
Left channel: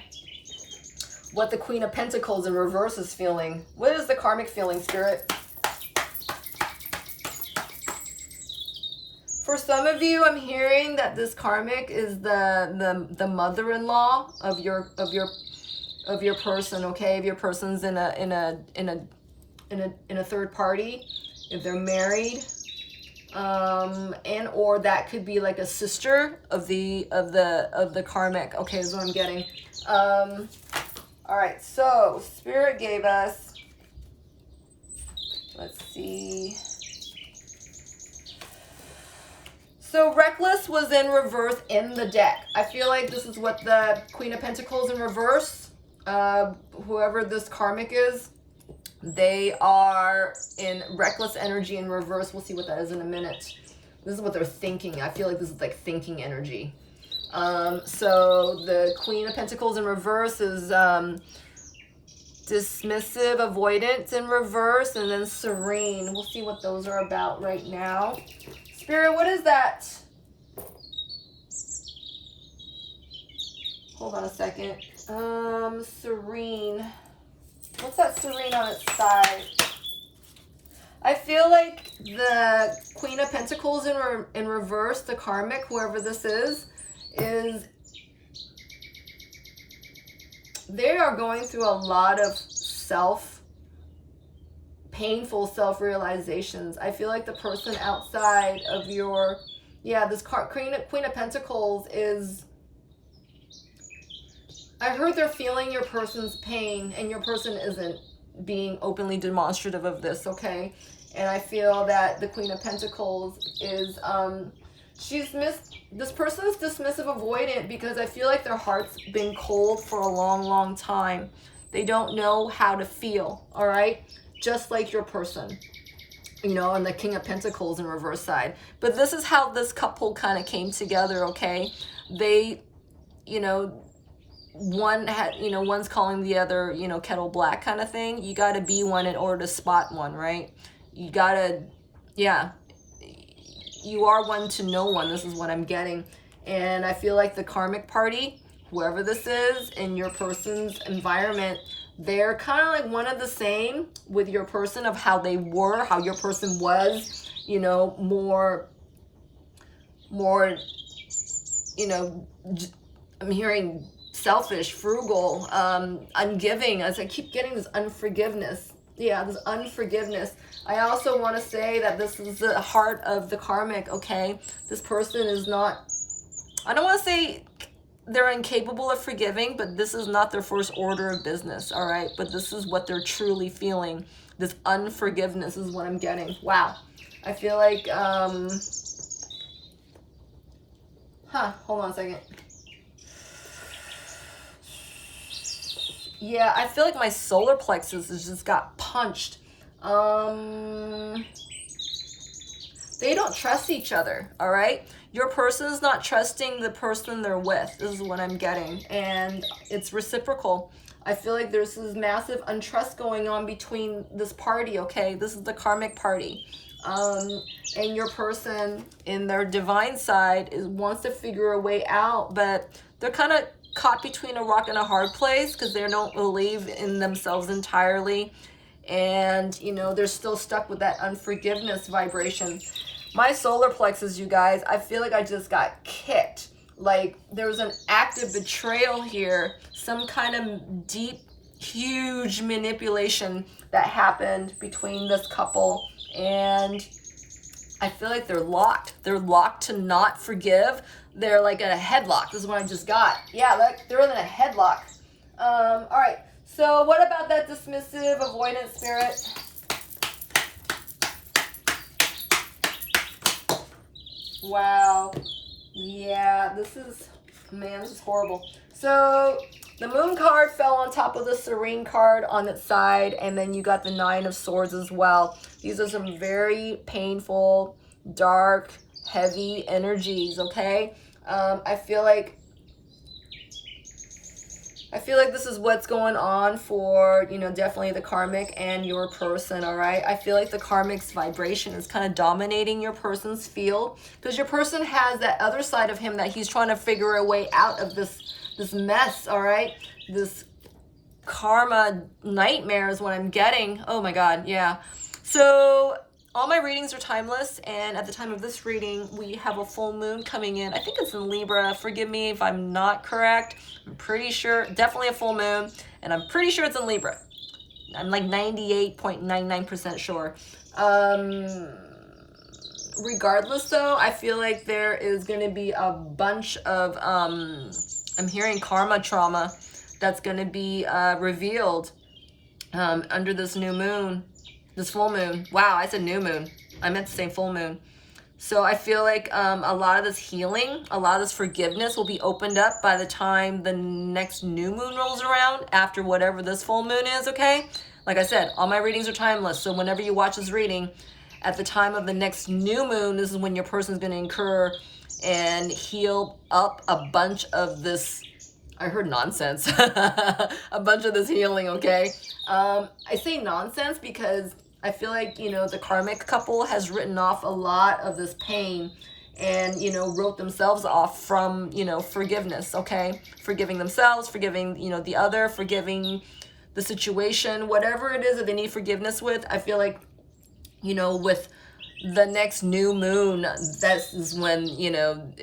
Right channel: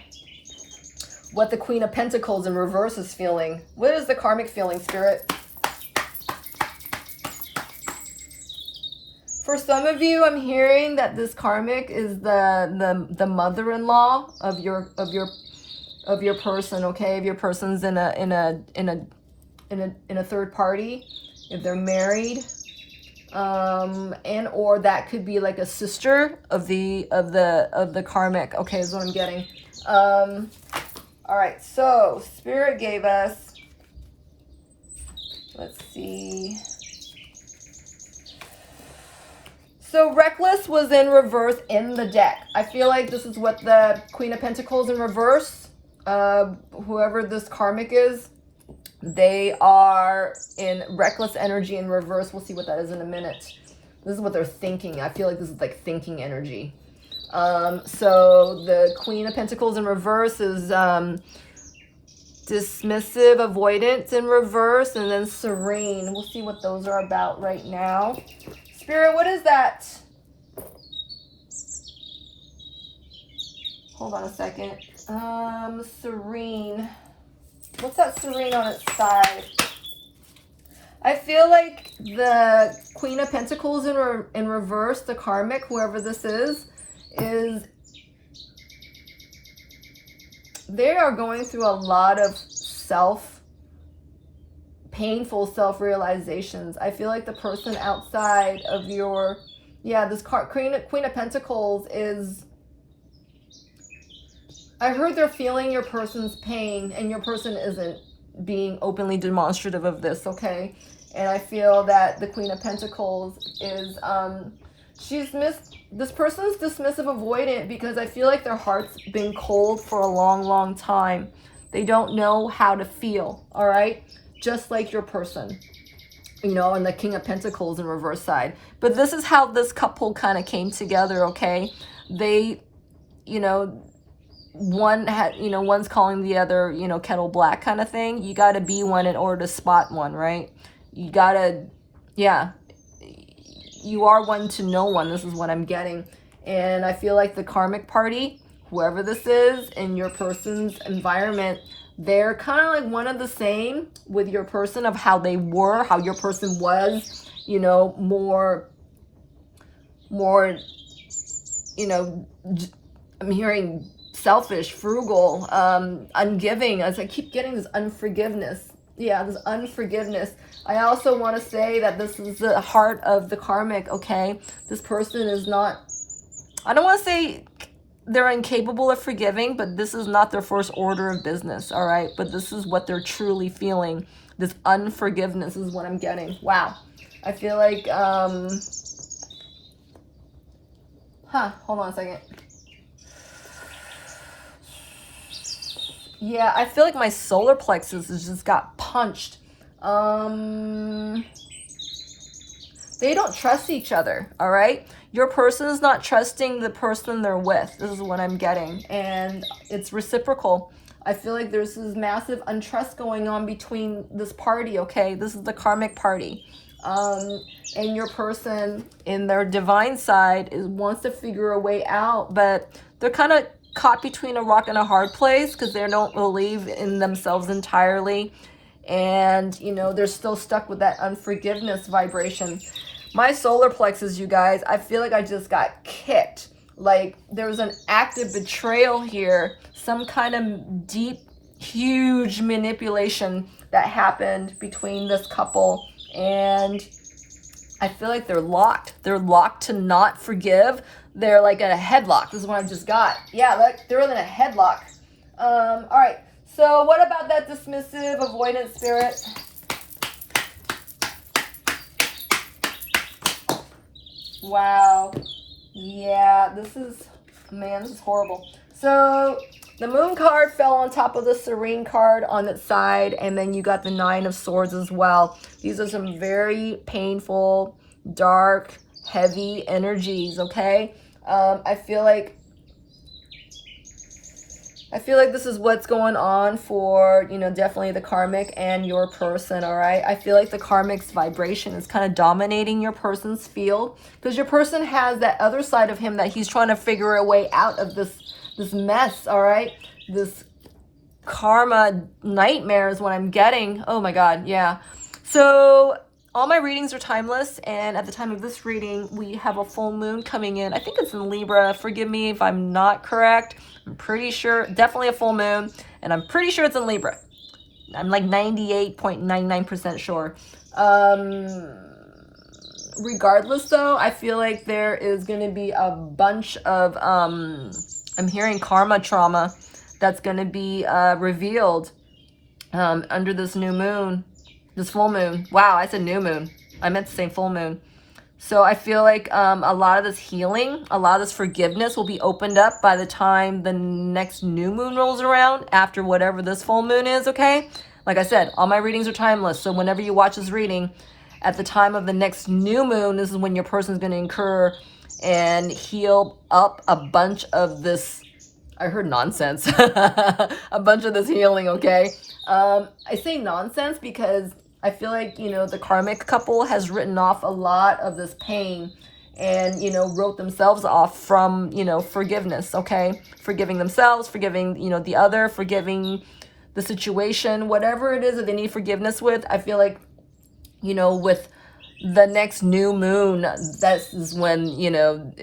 Queen of Pentacles in reverse is feeling. What is the karmic feeling, Spirit? For some of you, I'm hearing that this karmic is the mother-in-law of your person, okay? If your person's in a third party, if they're married, and or that could be like a sister of the karmic, okay, is what I'm getting. All right, so Spirit gave us, let's see. So Reckless was in reverse in the deck. I feel like this is what the Queen of Pentacles in reverse, whoever this karmic is, they are in reckless energy in reverse. We'll see what that is in a minute. This is what they're thinking. I feel like this is like thinking energy. So the Queen of Pentacles in reverse is dismissive, avoidance in reverse, and then serene. We'll see what those are about right now. Spirit, what is that? Hold on a second. Serene. What's that serene on its side? I feel like the Queen of Pentacles in reverse, the karmic, whoever this is they are going through a lot of painful self-realizations. I feel like the person outside of your, this Queen of Pentacles is, I heard they're feeling your person's pain, and your person isn't being openly demonstrative of this, okay? And I feel that the Queen of Pentacles is, this person is dismissive, avoidant, because I feel like their heart's been cold for a long, long time. They don't know how to feel, all right? Just like your person, you know, and the King of Pentacles in reverse side. But this is how this couple kind of came together, okay? They, you know, one's calling the other, you know, kettle black kind of thing. You got to be one in order to spot one, right? You got to, you are one to know one. This is what I'm getting. And I feel like the karmic party, whoever this is in your person's environment, they're kind of like one of the same with your person, of how they were, how your person was you know, more, you know, I'm hearing selfish, frugal, ungiving, as I keep getting this unforgiveness. Yeah, this unforgiveness. I also want to say that this is the heart of the karmic, okay? This person is not, I don't want to say they're incapable of forgiving, but this is not their first order of business, all right? But this is what they're truly feeling. This unforgiveness is what I'm getting. Wow. I feel like, hold on a second. Yeah, I feel like my solar plexus has just got punched. They don't trust each other, all right? Your person is not trusting the person they're with. This is what I'm getting. And it's reciprocal. I feel like there's this massive untrust going on between this party, okay? This is the karmic party. And your person in their divine side wants to figure a way out, but they're kind of caught between a rock and a hard place because they don't believe in themselves entirely. And, you know, they're still stuck with that unforgiveness vibration. My solar plexus, you guys, I feel like I just got kicked. Like there was an active betrayal here, some kind of deep, huge manipulation that happened between this couple. And I feel like they're locked. They're locked to not forgive. They're like at a headlock. This is what I just got. Yeah, like they're in a headlock. All right. So what about that dismissive, avoidant spirit? Wow. Yeah, this is, man, this is horrible. So the moon card fell on top of the serene card on its side, and then you got the 9 of swords as well. These are some very painful, dark, heavy energies, okay? I feel like this is what's going on for, you know, definitely the karmic and your person, all right? I feel like the karmic's vibration is kind of dominating your person's field because your person has that other side of him that he's trying to figure a way out of this mess, all right? This karma nightmare is what I'm getting. Oh my God, yeah. So all my readings are timeless, and at the time of this reading, we have a full moon coming in. I think it's in Libra. Forgive me if I'm not correct. I'm pretty sure, definitely a full moon, and I'm pretty sure it's in Libra. I'm like 98.99% sure. Regardless though, I feel like there is going to be a bunch of, I'm hearing karma trauma that's going to be revealed under this new moon. This full moon. Wow, I said new moon. I meant to say full moon. So I feel like a lot of this healing, a lot of this forgiveness will be opened up by the time the next new moon rolls around, after whatever this full moon is, okay? Like I said, all my readings are timeless. So whenever you watch this reading, at the time of the next new moon, this is when your person's going to incur and heal up a bunch of this, I heard nonsense, a bunch of this healing, okay? I say nonsense because I feel like, you know, the karmic couple has written off a lot of this pain and, you know, wrote themselves off from, you know, forgiveness, okay? Forgiving themselves, forgiving, you know, the other, forgiving the situation, whatever it is that they need forgiveness with. I feel like, you know, with the next new moon, that is when, you know,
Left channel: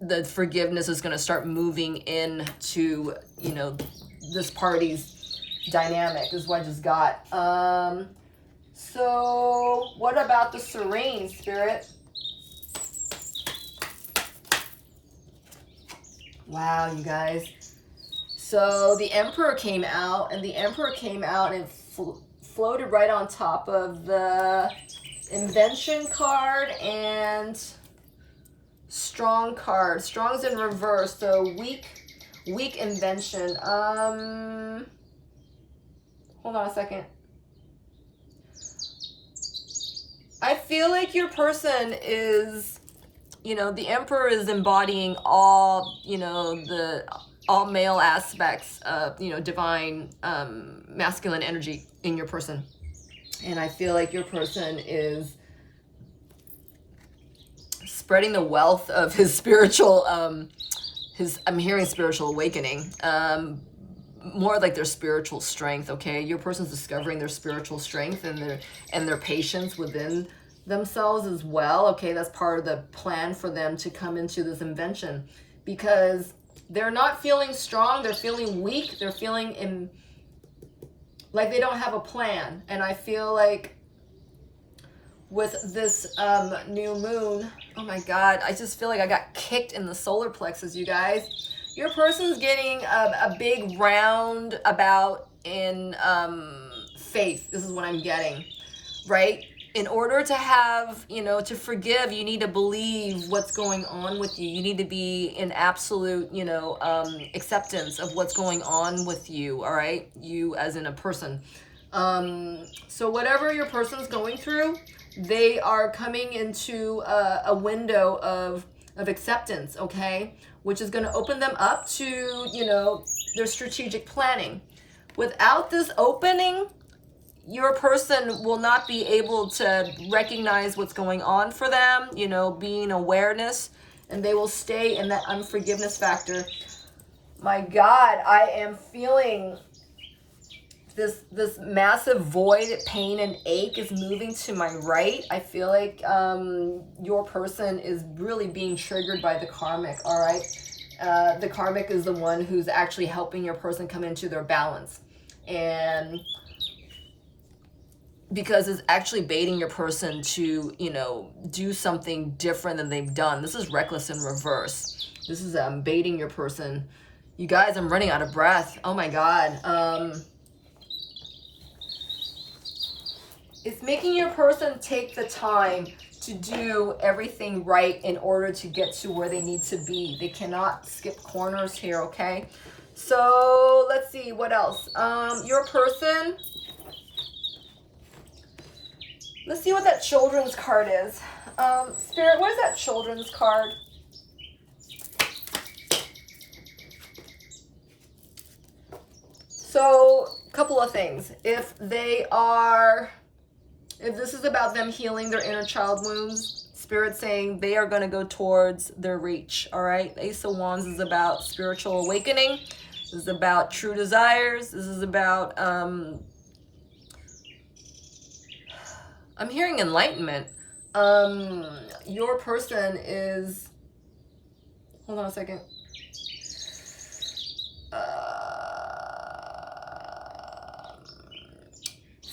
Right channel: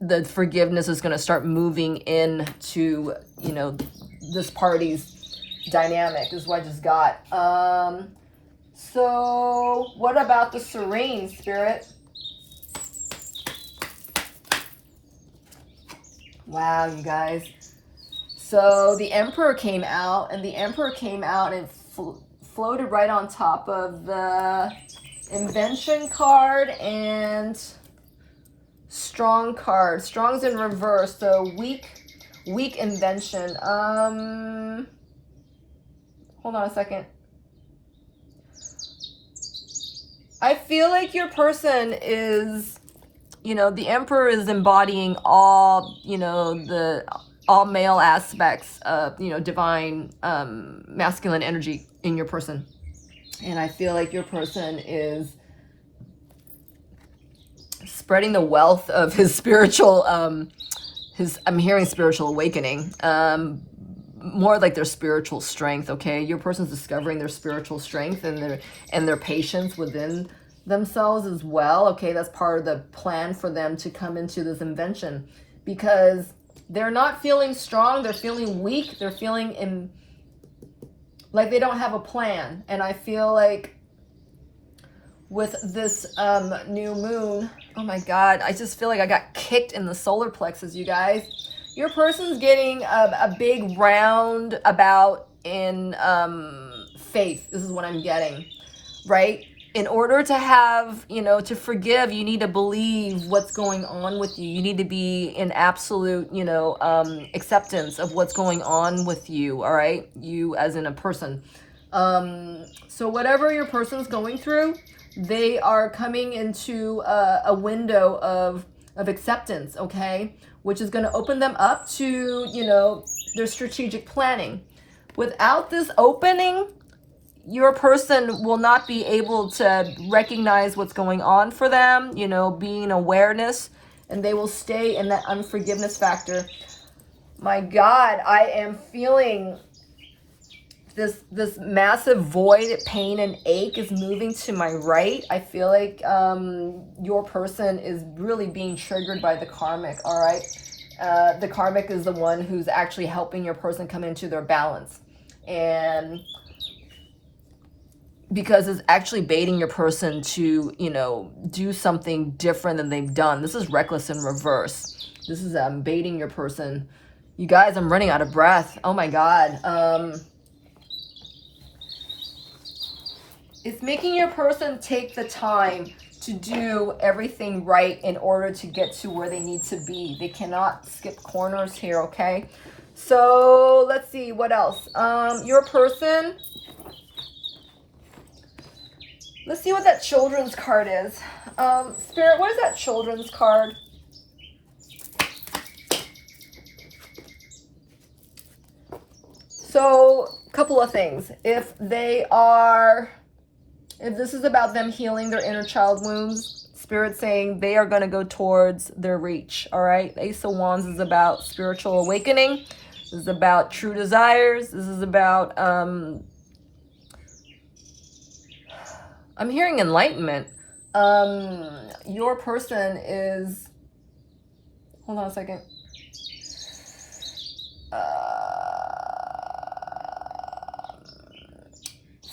the forgiveness is going to start moving into, you know, this party's dynamic is what I just got. So what about the serene spirit? Wow, you guys. So the Emperor came out, and the Emperor came out and floated right on top of the Invention card and Strong card. Strong's in reverse, so weak invention. Hold on a second. I feel like your person is, you know, the Emperor is embodying all, you know, all male aspects of, you know, divine masculine energy in your person. And I feel like your person is spreading the wealth of his spiritual, I'm hearing spiritual awakening, more like their spiritual strength, okay? Your person's discovering their spiritual strength and their patience within themselves as well. Okay, that's part of the plan for them to come into this invention, because they're not feeling strong, they're feeling weak, they're feeling like they don't have a plan. And I feel like with this new moon, oh my God, I just feel like I got kicked in the solar plexus, you guys. Your person's getting a big roundabout in faith. This is what I'm getting, right? In order to have, you know, to forgive, you need to believe what's going on with you. You need to be in absolute, you know, acceptance of what's going on with you, all right? You as in a person. So whatever your person's going through, they are coming into a window of acceptance, okay? Which is going to open them up to, you know, their strategic planning. Without this opening, your person will not be able to recognize what's going on for them, you know, being awareness, and they will stay in that unforgiveness factor. My God, I am feeling this massive void, pain and ache is moving to my right. I feel like your person is really being triggered by the karmic, all right? The karmic is the one who's actually helping your person come into their balance. And because it's actually baiting your person to, you know, do something different than they've done. This is reckless in reverse. This is baiting your person. You guys, I'm running out of breath. Oh my God. It's making your person take the time to do everything right in order to get to where they need to be. They cannot skip corners here, okay? So let's see, what else? Your person, let's see what that children's card is. Spirit, what is that children's card? So, a couple of things. If this is about them healing their inner child wounds, Spirit saying they are going to go towards their reach, all right? Ace of Wands is about spiritual awakening. This is about true desires. This is about, I'm hearing enlightenment. Your person is, hold on a second.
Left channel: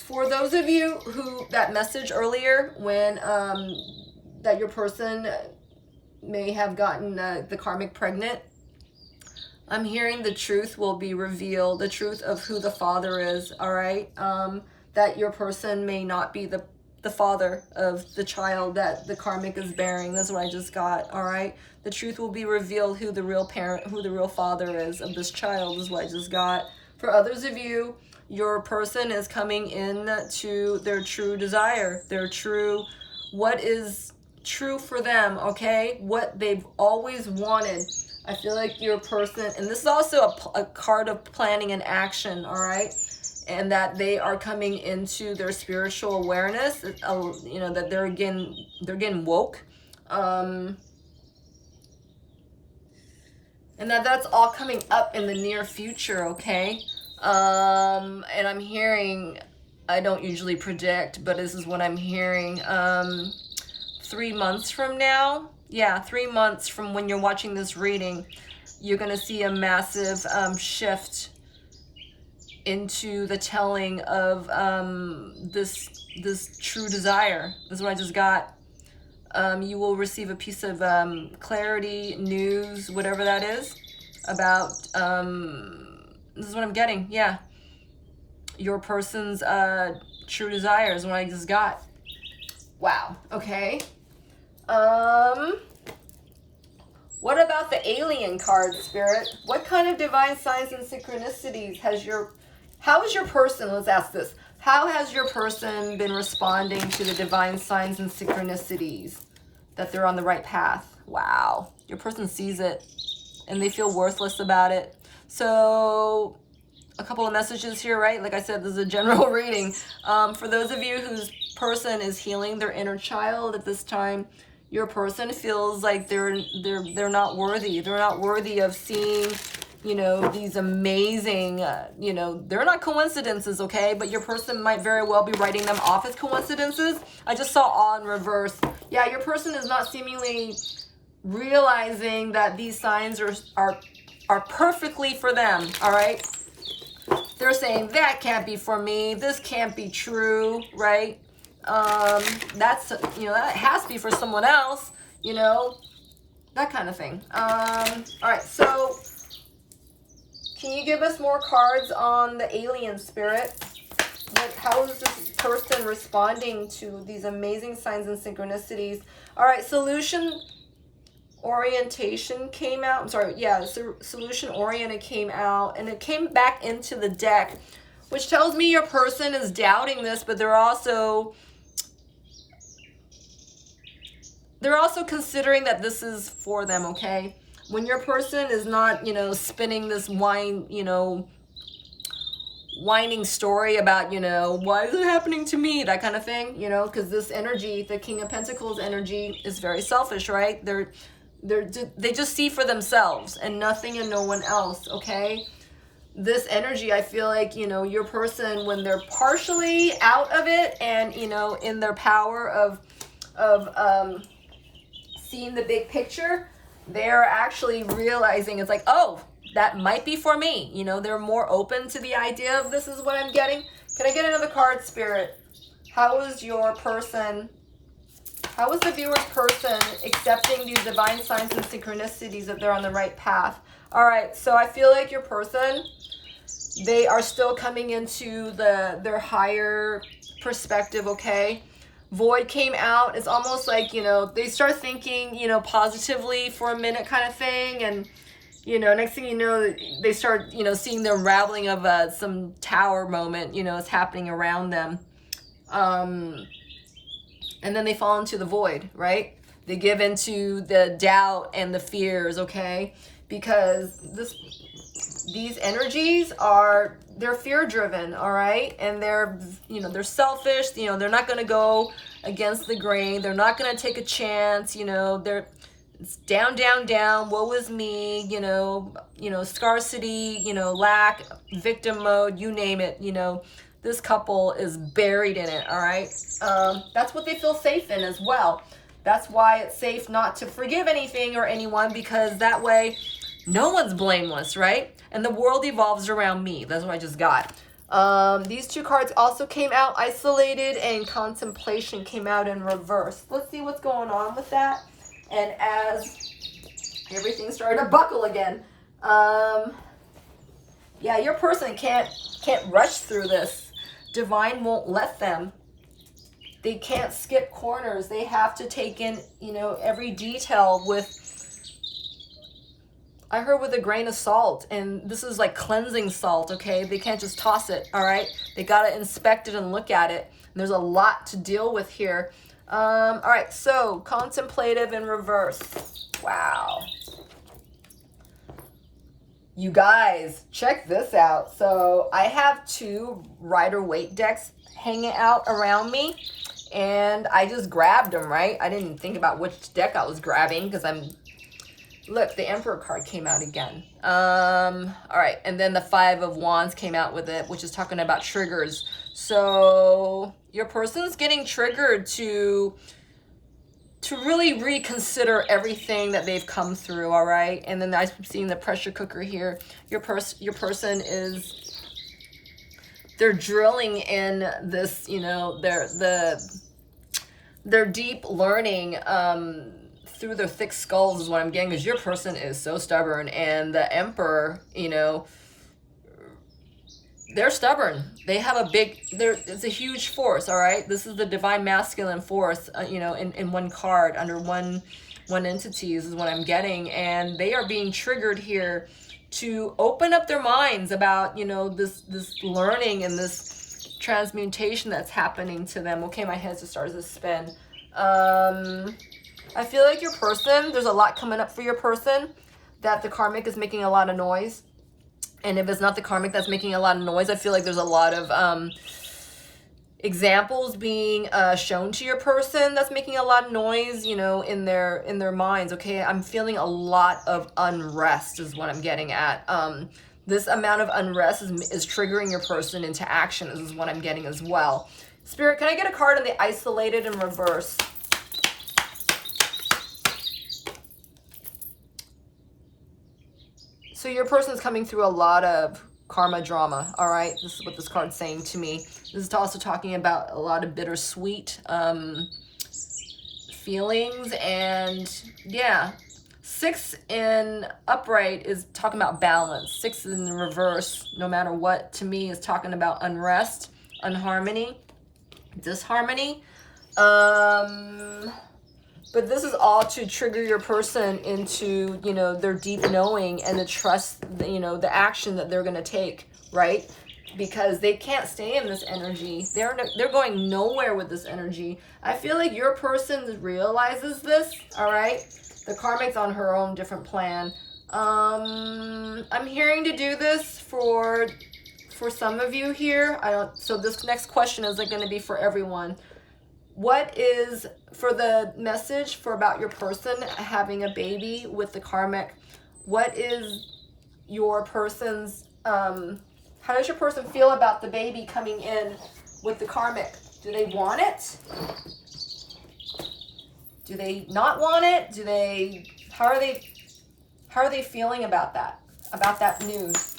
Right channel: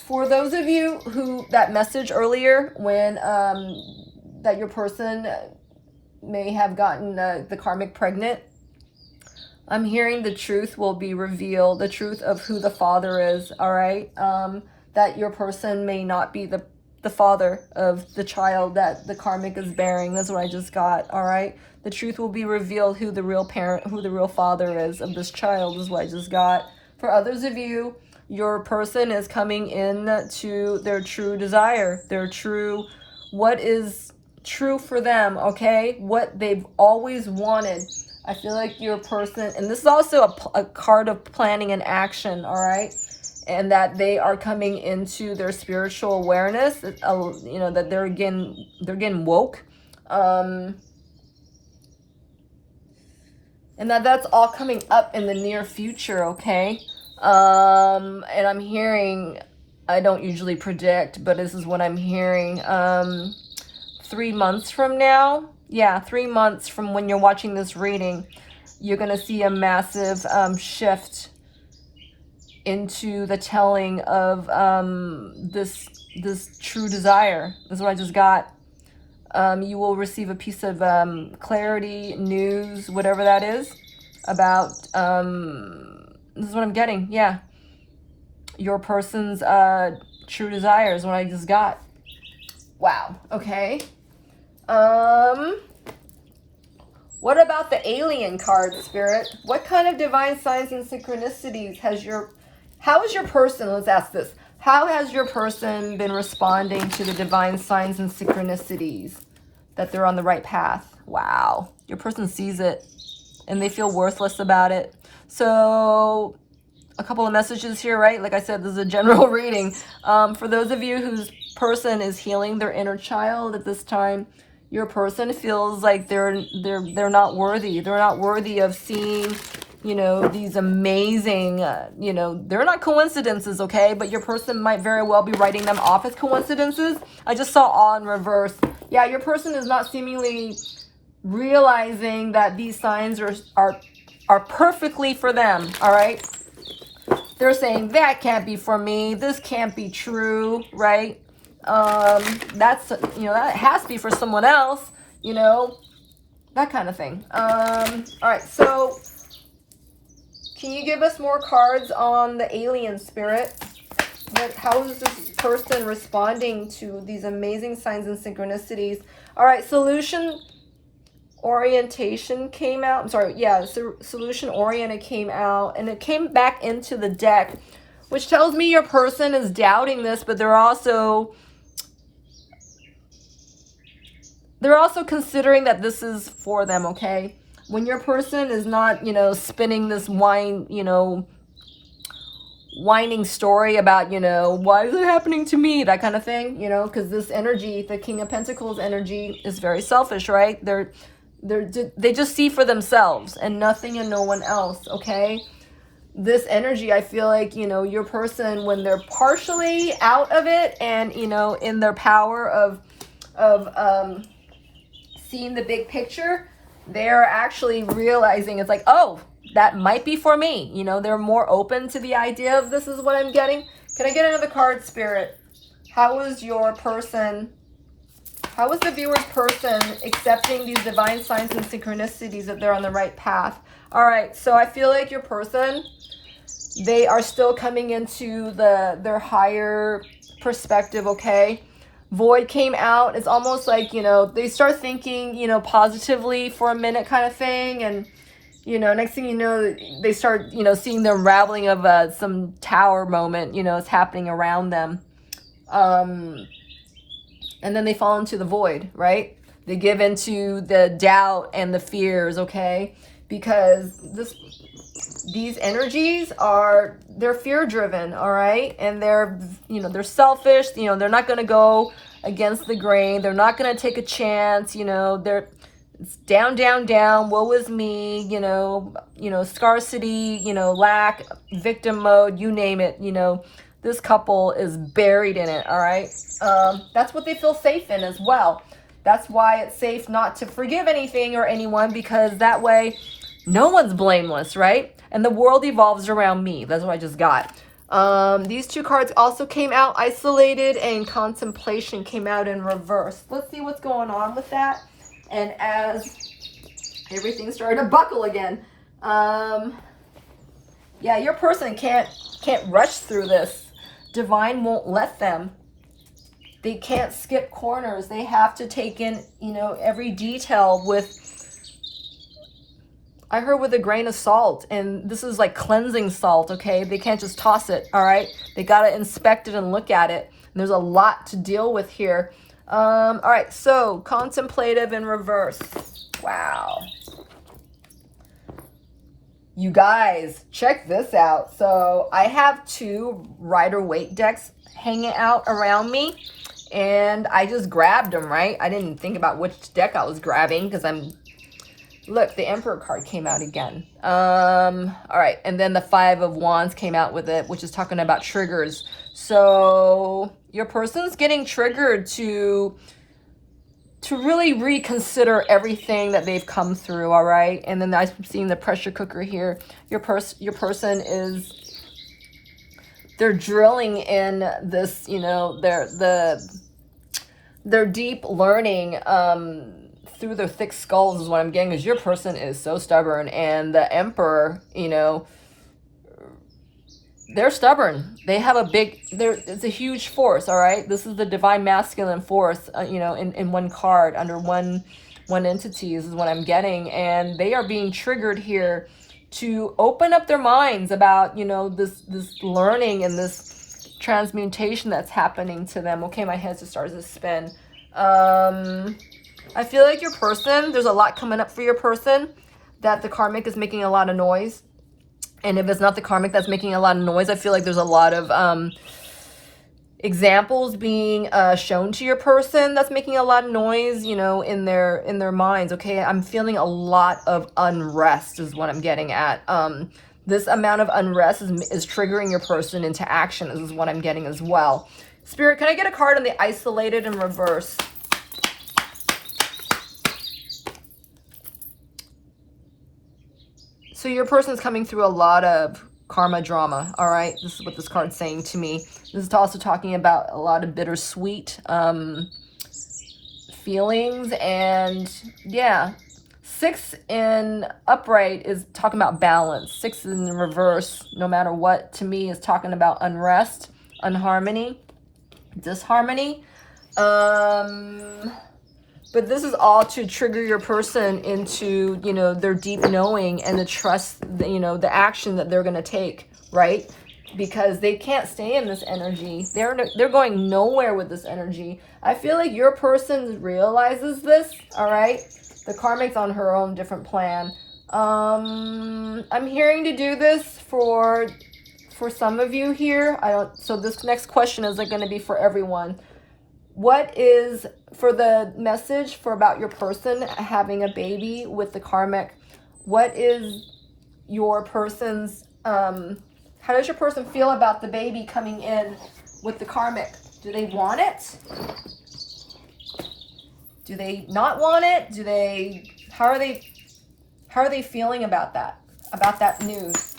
For those of you who, that message earlier when that your person may have gotten the karmic pregnant, I'm hearing the truth will be revealed, the truth of who the father is, all right? That your person may not be the father of the child that the karmic is bearing. That's what I just got, all right? The truth will be revealed, who the real parent, who the real father is of this child is what I just got. For others of you, your person is coming in to their true desire, their true, what is true for them, okay? What they've always wanted. I feel like your person, and this is also a card of planning and action, all right? And that they are coming into their spiritual awareness, you know, that they're getting woke. And that's all coming up in the near future, okay? And I'm hearing, I don't usually predict, but this is what I'm hearing. 3 months from now, yeah, 3 months from when you're watching this reading, you're going to see a massive shift into the telling of this true desire. This is what I just got. You will receive a piece of clarity, news, whatever that is, about, this is what I'm getting, yeah. Your person's true desire is what I just got. Wow, okay. What about the alien card, Spirit? What kind of divine signs and synchronicities how is your person, let's ask this, how has your person been responding to the divine signs and synchronicities that they're on the right path? Wow, your person sees it and they feel worthless about it. So a couple of messages here, right? Like I said, this is a general reading. For those of you whose person is healing their inner child at this time, your person feels like they're not worthy. They're not worthy of seeing you know, these amazing, you know, they're not coincidences, okay? But your person might very well be writing them off as coincidences. I just saw all in reverse. Yeah, your person is not seemingly realizing that these signs are perfectly for them, all right? They're saying, that can't be for me. This can't be true, right? That's, you know, that has to be for someone else, you know, that kind of thing. All right, so can you give us more cards on the alien spirit? How is this person responding to these amazing signs and synchronicities? All right, solution orientation came out. I'm sorry, yeah, solution oriented came out, and it came back into the deck, which tells me your person is doubting this, but they're also considering that this is for them, okay? When your person is not, you know, spinning this whining story about, you know, why is it happening to me, that kind of thing, you know, because this energy, the King of Pentacles energy, is very selfish, right? They just see for themselves and nothing and no one else, okay? This energy, I feel like, you know, your person, when they're partially out of it and, you know, in their power of seeing the big picture, they're actually realizing it's like, oh, that might be for me. You know, they're more open to the idea of this is what I'm getting. Can I get another card, Spirit? How is your person, how is the viewer's person accepting these divine signs and synchronicities that they're on the right path? All right, so I feel like your person, they are still coming into their higher perspective, okay? Void came out. It's almost like, you know, they start thinking, you know, positively for a minute kind of thing. And, you know, next thing you know, they start, you know, seeing the unraveling of some tower moment, you know, is happening around them. And then they fall into the void, right? They give into the doubt and the fears, okay? Because these energies they're fear driven, all right? And they're, you know, they're selfish, you know, they're not going to go against the grain. They're not going to take a chance, you know, it's down, down, down, woe is me, you know, scarcity, you know, lack, victim mode, you name it, you know, this couple is buried in it, all right? That's what they feel safe in as well. That's why it's safe not to forgive anything or anyone, because that way no one's blameless, right? And the world evolves around me. That's what I just got. These two cards also came out isolated, and contemplation came out in reverse. Let's see what's going on with that. And as everything started to buckle again, yeah, your person can't rush through this. Divine won't let them. They can't skip corners. They have to take in, you know, every detail with, I heard, with a grain of salt. And this is like cleansing salt, okay? They can't just toss it, all right? They got to inspect it and look at it. And there's a lot to deal with here. All right, so contemplative in reverse. Wow. You guys, check this out. So I have two Rider-Waite decks hanging out around me, and I just grabbed them, right? I didn't think about which deck I was grabbing because look, the Emperor card came out again. All right, and then the Five of Wands came out with it, which is talking about triggers. So your person's getting triggered to really reconsider everything that they've come through, all right? And then I'm seeing the pressure cooker here. Your person is, they're drilling in this, you know, their deep learning through their thick skulls is what I'm getting, because your person is so stubborn. And the Emperor, you know, they're stubborn. They have it's a huge force, all right? This is the divine masculine force, you know, in one card, under one entity is what I'm getting. And they are being triggered here to open up their minds about, you know, this learning and this transmutation that's happening to them. Okay, my hands just started to spin. I feel like your person, there's a lot coming up for your person, that the Karmic is making a lot of noise. And if it's not the Karmic that's making a lot of noise, I feel like there's a lot of examples being shown to your person that's making a lot of noise, you know, in their minds. Okay, I'm feeling a lot of unrest is what I'm getting at. This amount of unrest is triggering your person into action is what I'm getting as well. Spirit, can I get a card on the isolated in reverse? So your person's coming through a lot of karma drama, all right? This is what this card's saying to me. This is also talking about a lot of bittersweet feelings. And yeah, 6 in upright is talking about balance. 6 in reverse, no matter what, to me is talking about unrest, unharmony, disharmony. But this is all to trigger your person into, you know, their deep knowing and the trust, you know, the action that they're going to take, right? Because they can't stay in this energy. They're going nowhere with this energy. I feel like your person realizes this, all right? The karmic's on her own different plan. I'm hearing to do this for some of you here. So this next question isn't going to be for everyone. What is, for the message for about your person having a baby with the karmic, what is your person's, how does your person feel about the baby coming in with the karmic? Do they want it? Do they not want it? How are they feeling about that news?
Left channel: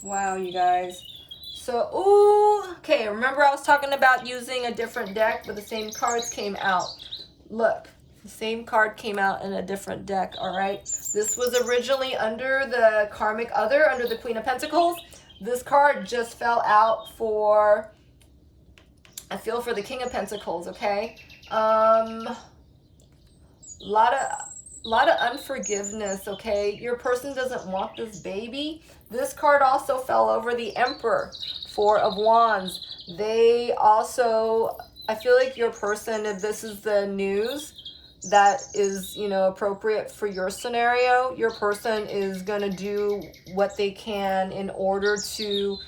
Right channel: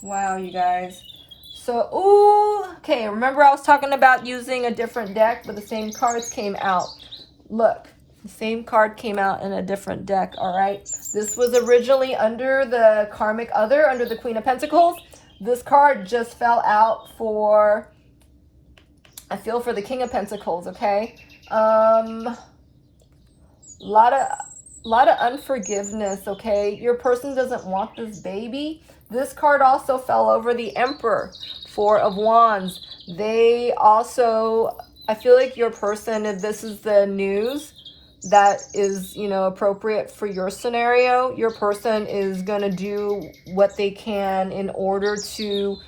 Wow, you guys. So, ooh, okay, remember I was talking about using a different deck, but the same cards came out. Look, the same card came out in a different deck, all right? This was originally under the Karmic Other, under the Queen of Pentacles. This card just fell out for, I feel, for the King of Pentacles, okay? Lot of unforgiveness, okay? Your person doesn't want this baby. This card also fell over the Emperor, 4 of Wands. They also, I feel like your person, if this is the news that is, you know, appropriate for your scenario, your person is going to do what they can in order to,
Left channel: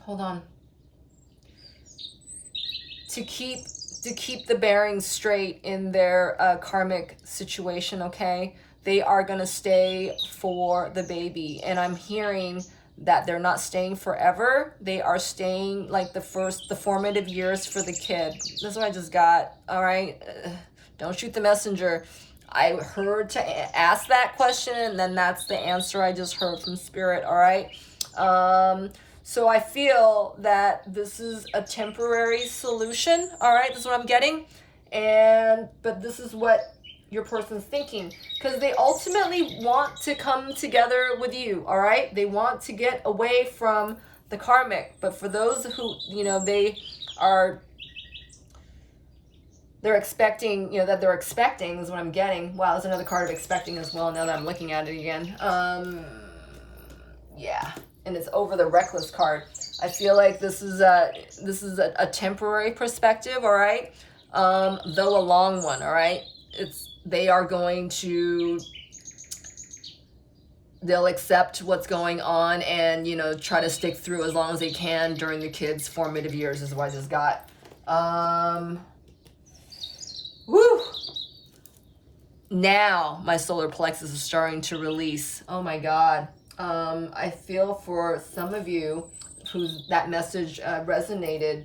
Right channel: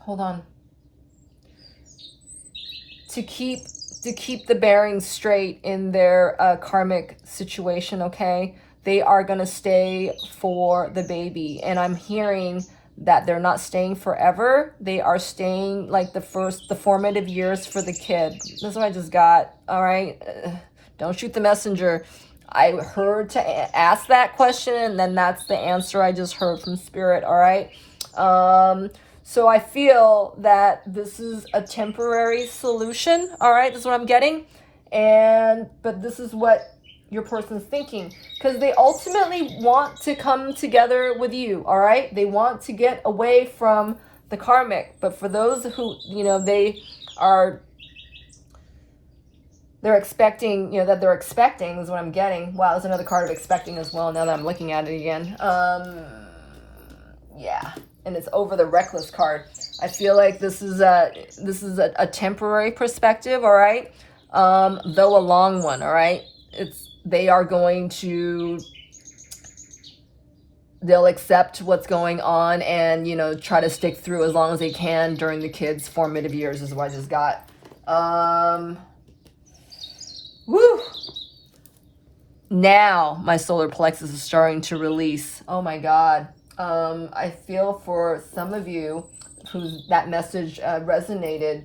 hold on, to keep the bearings straight in their karmic situation, okay? They are going to stay for the baby. And I'm hearing that they're not staying forever. They are staying like the formative years for the kid. This is what I just got, all right? Don't shoot the messenger. I heard to ask that question, and then that's the answer I just heard from Spirit, all right? So I feel that this is a temporary solution, all right? This is what I'm getting. But this is what your person's thinking, because they ultimately want to come together with you, all right? They want to get away from the karmic. But for those who, you know, they're expecting, you know, that they're expecting is what I'm getting. Wow, there's another card of expecting as well now that I'm looking at it again. Yeah, and it's over the reckless card. I feel like this is a temporary perspective, all right? Though a long one, all right? They are going to, they'll accept what's going on and, you know, try to stick through as long as they can during the kids' formative years is what I just got. Woo! Now my solar plexus is starting to release. Oh my God. I feel for some of you whose that message resonated,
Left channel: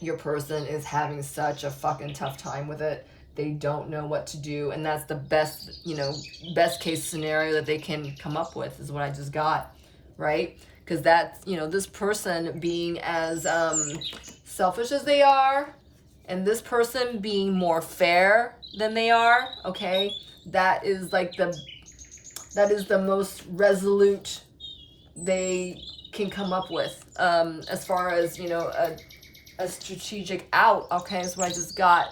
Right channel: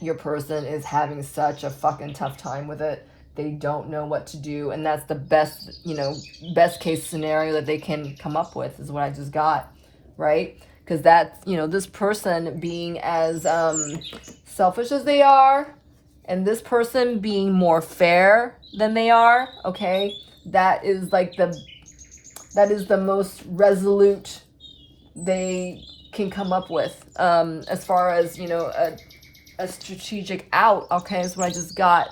your person is having such a fucking tough time with it. They don't know what to do, and that's the best, you know, best case scenario that they can come up with is what I just got, right? Because that's, you know, this person being as selfish as they are, and this person being more fair than they are, okay? That is like the most resolute they can come up with as far as, you know, a strategic out, okay, is what I just got.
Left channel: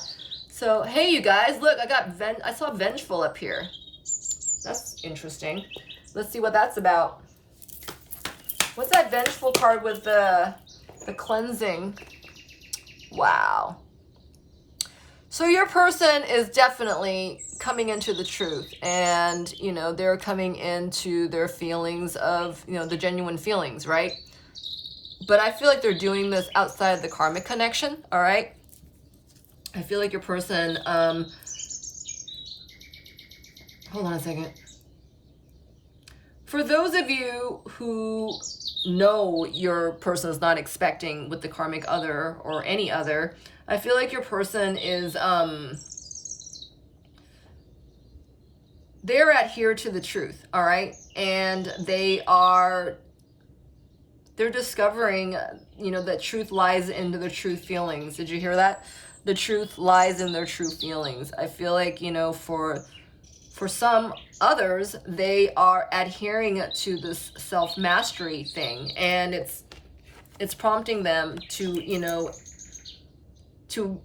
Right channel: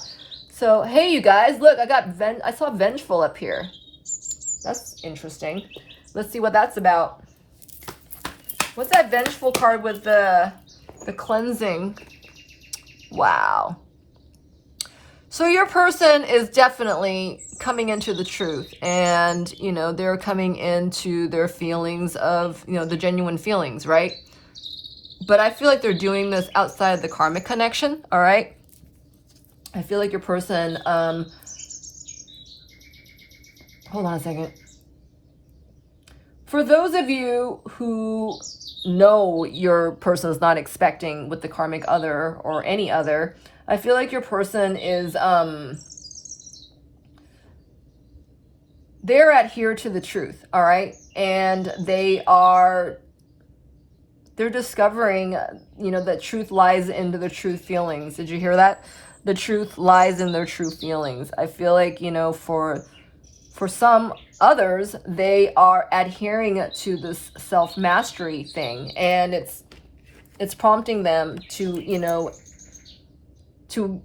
So, hey, you guys, look, I saw vengeful up here. That's interesting. Let's see what that's about. What's that vengeful card with the cleansing? Wow. So your person is definitely coming into the truth, and, you know, they're coming into their feelings of, you know, the genuine feelings, right? But I feel like they're doing this outside the karmic connection, all right? I feel like your person, hold on a second. For those of you who know your person is not expecting with the karmic other or any other, I feel like your person is, they're adhere to the truth, all right? And they're discovering, you know, that truth lies into the truth feelings. Did you hear that? The truth lies in their true feelings. I feel like, you know, for some others, they are adhering to this self-mastery thing, and it's prompting them to, you know, to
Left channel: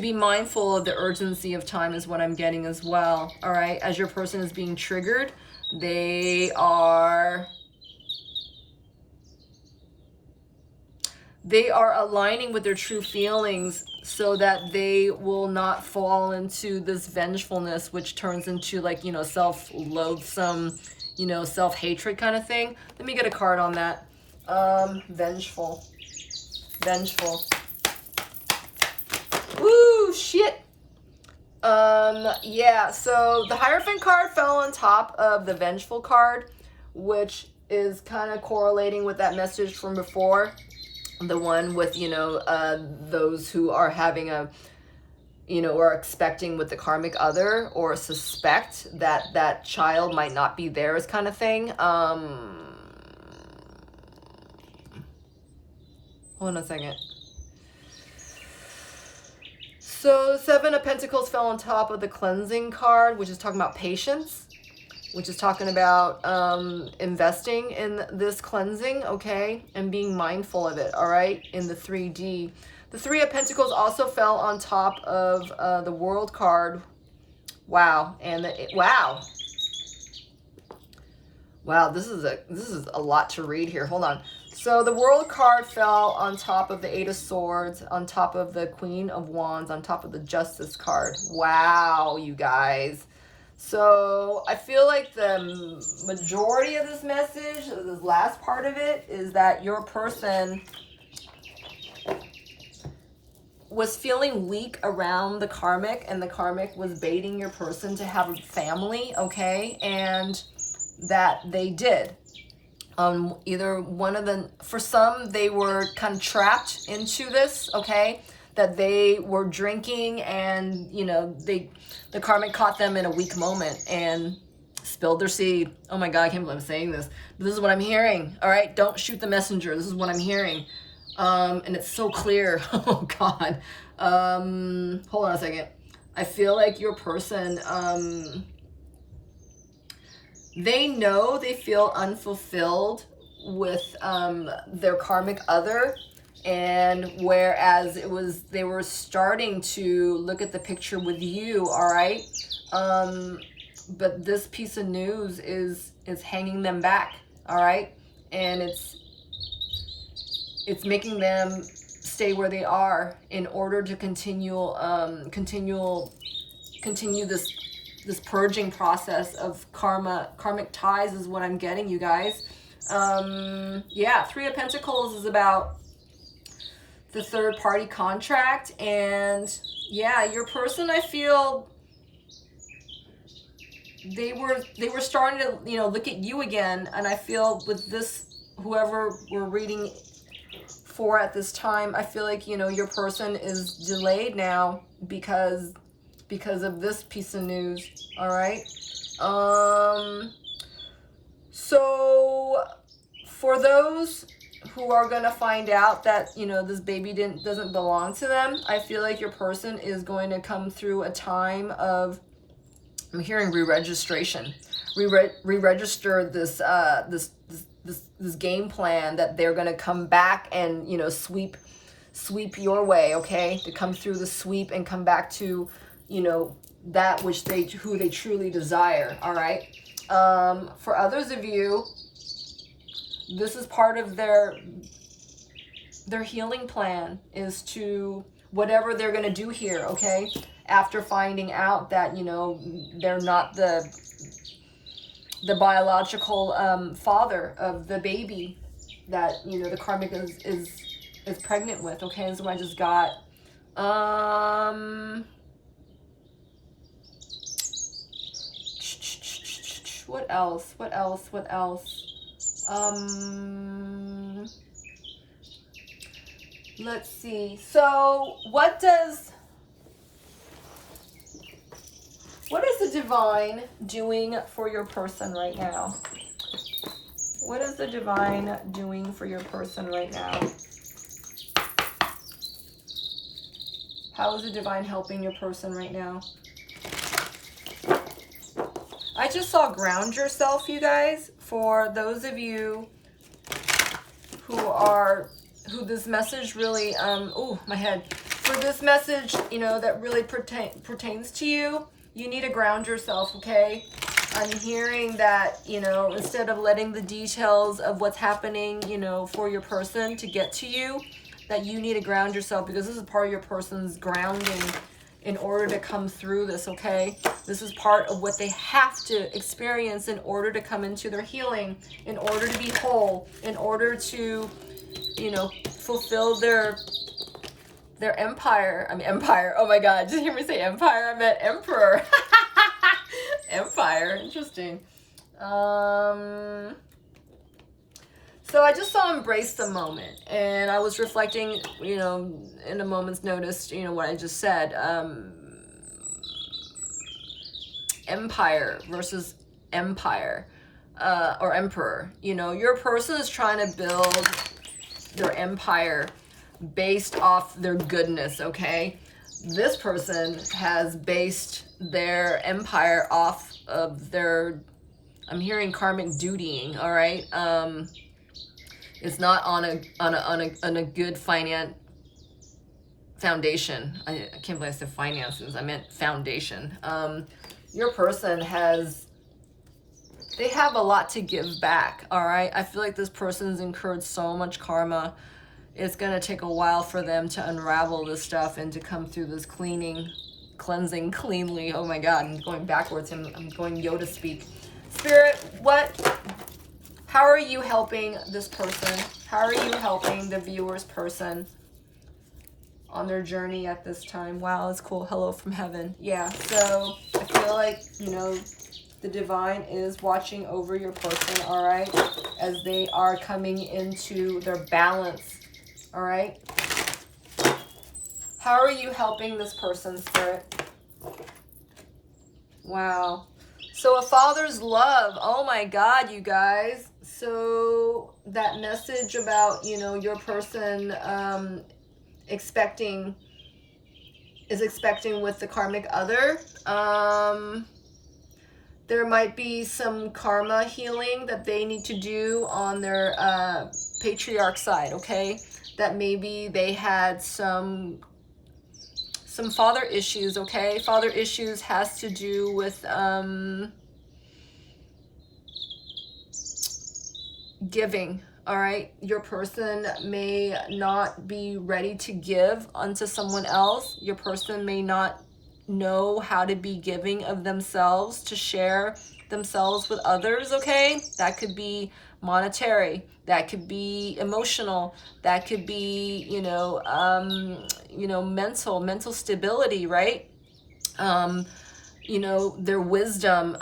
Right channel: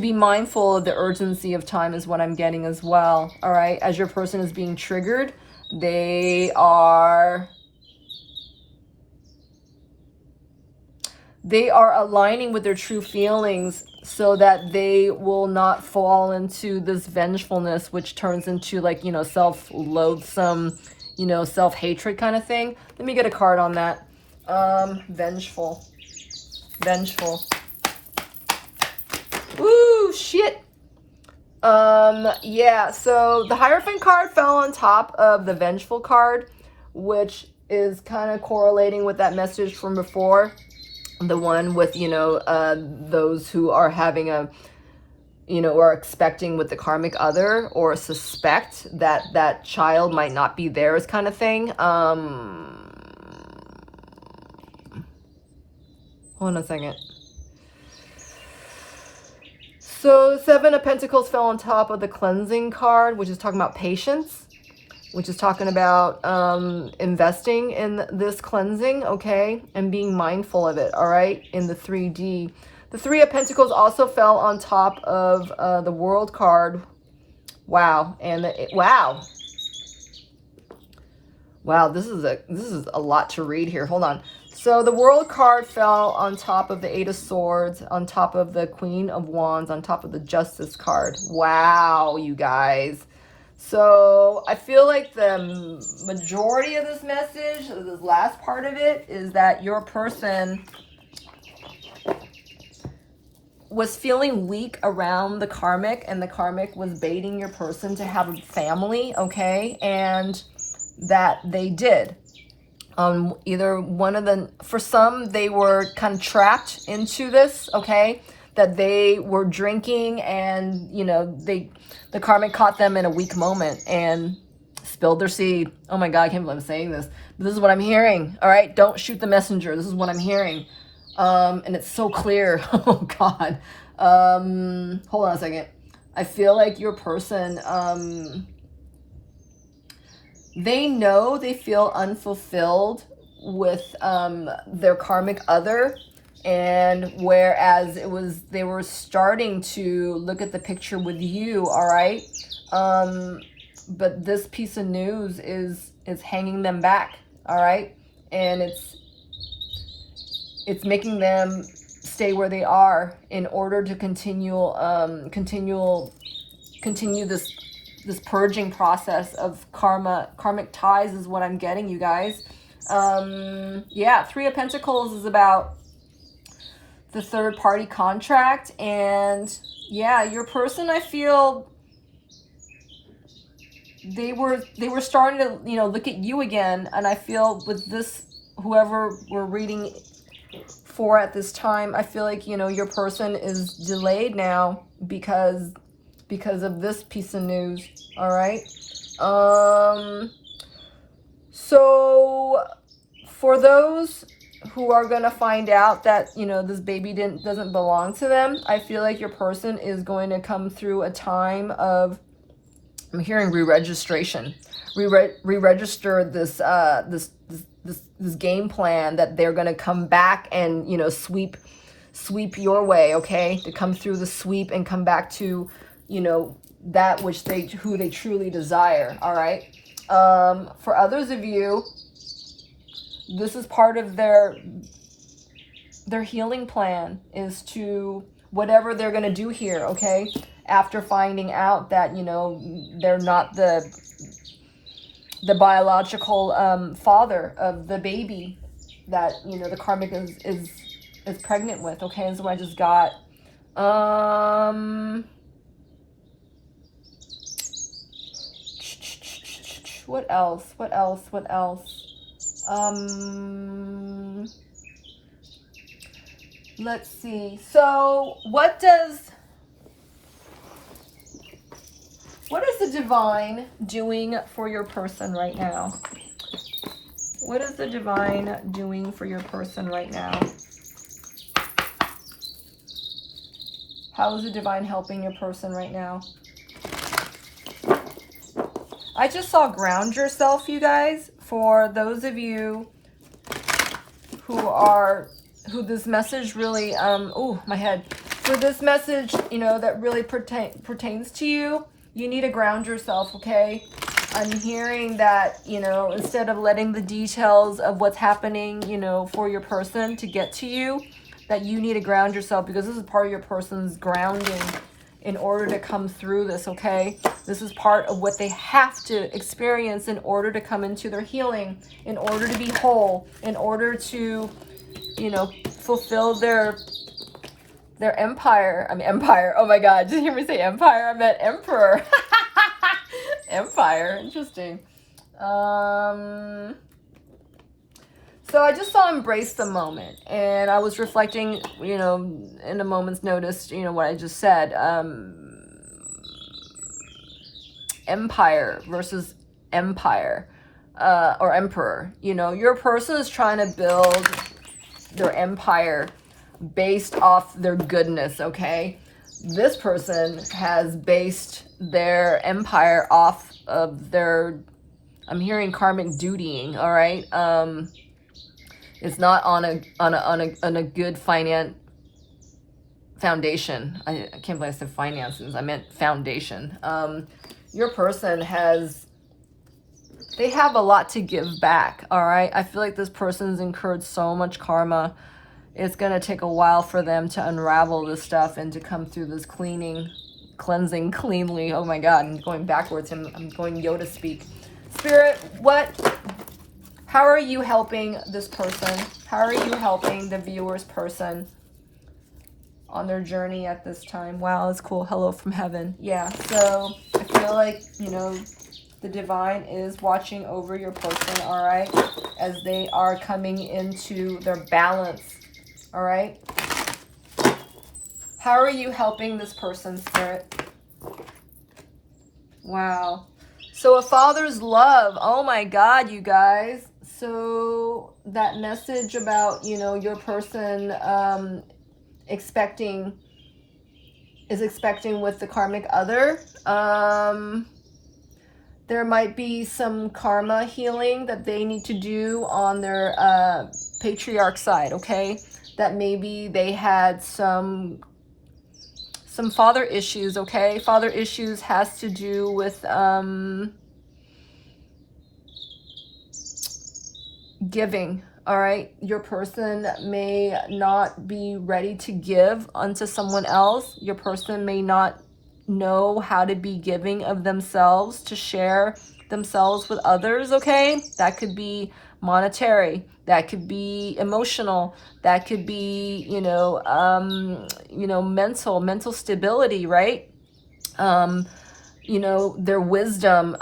be mindful of the urgency of time is what I'm getting as well. All right, as your person is being triggered, they are aligning with their true feelings so that they will not fall into this vengefulness, which turns into, like, you know, self-loathsome, you know, self-hatred kind of thing. Let me get a card on that. Vengeful. Ooh, shit. Yeah, so the Hierophant card fell on top of the Vengeful card, which is kind of correlating with that message from before. The one with, you know, those who are having a, you know, or expecting with the karmic other, or suspect that that child might not be theirs kind of thing. Hold on a second. So Seven of Pentacles fell on top of the Cleansing card, which is talking about patience, which is talking about investing in this cleansing, okay, and being mindful of it, all right, in the 3D. The Three of Pentacles also fell on top of the World card. Wow, and wow, this is a lot to read here. Hold on. So the World card fell on top of the Eight of Swords, on top of the Queen of Wands, on top of the Justice card. Wow, you guys. So I feel like the majority of this message, this last part of it, is that your person was feeling weak around the karmic, and the karmic was baiting your person to have a family, okay? And that they did. Either one of them, for some, they were kind of trapped into this, okay? That they were drinking, and, you know, the karmic caught them in a weak moment and spilled their seed. Oh my God, I can't believe I'm saying this. But this is what I'm hearing, all right? Don't shoot the messenger. This is what I'm hearing. And it's so clear. Oh God. Hold on a second. I feel like your person, they know they feel unfulfilled with their karmic other, and whereas they were starting to look at the picture with you, all right, but this piece of news is hanging them back, all right, and it's making them stay where they are in order to continue this purging process of karmic ties is what I'm getting, you guys. Yeah, Three of Pentacles is about the third party contract, and yeah, your person, I feel they were starting to, you know, look at you again, and I feel with this, whoever we're reading for at this time, I feel like, you know, your person is delayed now because of this piece of news, all right? So for those who are going to find out that, you know, this baby doesn't belong to them, I feel like your person is going to come through a time of, I'm hearing re-registration. Re-register this game plan that they're going to come back and, you know, sweep your way, okay? To come through the sweep and come back to, you know, that which who they truly desire, all right? For others of you, this is part of their their healing plan is to, whatever they're going to do here, okay? After finding out that, you know, they're not the biological father of the baby that, you know, the karmic is pregnant with, okay? And so I just got, what else? Let's see. So what is the divine doing for your person right now? What is the divine doing for your person right now? How is the divine helping your person right now? I just saw ground yourself, you guys. For those of you who this message really, oh, my head. For this message, you know, that really pertains to you, you need to ground yourself, okay? I'm hearing that, you know, instead of letting the details of what's happening, you know, for your person to get to you, that you need to ground yourself, because this is part of your person's grounding in order to come through this, okay? This is part of what they have to experience in order to come into their healing, in order to be whole, in order to, you know, fulfill their empire. Empire. Oh my God, did you hear me say empire? I meant emperor. Empire, interesting. So I just saw embrace the moment, and I was reflecting, you know, in a moment's notice, you know, what I just said. Empire versus empire, or emperor. You know, your person is trying to build their empire based off their goodness, okay? This person has based their empire off of their, I'm hearing karmic dutying, all right? It's not on a good foundation. I can't believe I said finances. I meant foundation. Your person they have a lot to give back, all right? I feel like this person's incurred so much karma. It's going to take a while for them to unravel this stuff and to come through this cleansing cleanly. Oh my God, I'm going backwards. I'm going Yoda speak. Spirit, how are you helping this person? How are you helping the viewer's person on their journey at this time? Wow, that's cool. Hello from heaven. Yeah, so I feel like, you know, the divine is watching over your person, all right, as they are coming into their balance, all right? How are you helping this person, Spirit? Wow. So a father's love. Oh my God, you guys. So that message about, you know, your person expecting with the karmic other. There might be some karma healing that they need to do on their patriarch side, okay? That maybe they had some father issues, okay? Father issues has to do with giving, all right? Your person may not be ready to give unto someone else. Your person may not know how to be giving of themselves, to share themselves with others, okay? That could be monetary, that could be emotional, that could be, you know, mental stability, right? You know, their wisdom.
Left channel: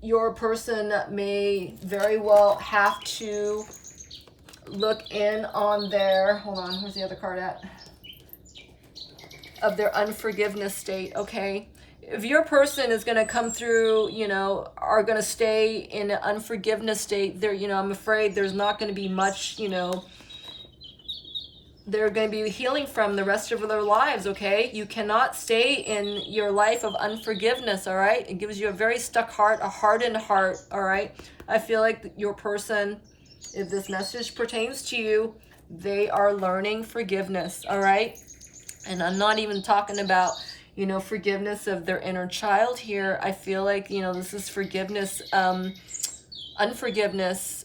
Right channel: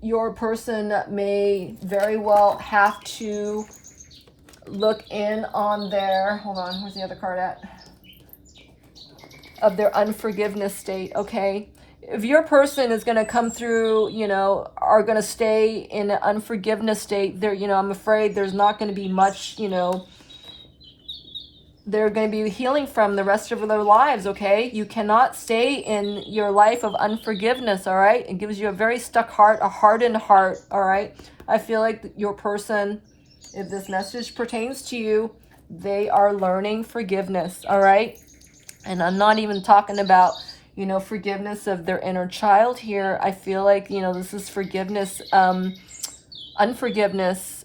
Your person may very well have to look in on their, hold on, where's the other card at? Of their unforgiveness state, okay? If your person is going to come through, you know, are going to stay in an unforgiveness state, there, you know, I'm afraid there's not going to be much, you know, they're going to be healing from the rest of their lives, okay? You cannot stay in your life of unforgiveness, all right? It gives you a very stuck heart, a hardened heart, all right? I feel like your person, if this message pertains to you, they are learning forgiveness, all right? And I'm not even talking about, you know, forgiveness of their inner child here. I feel like, you know, this is forgiveness, unforgiveness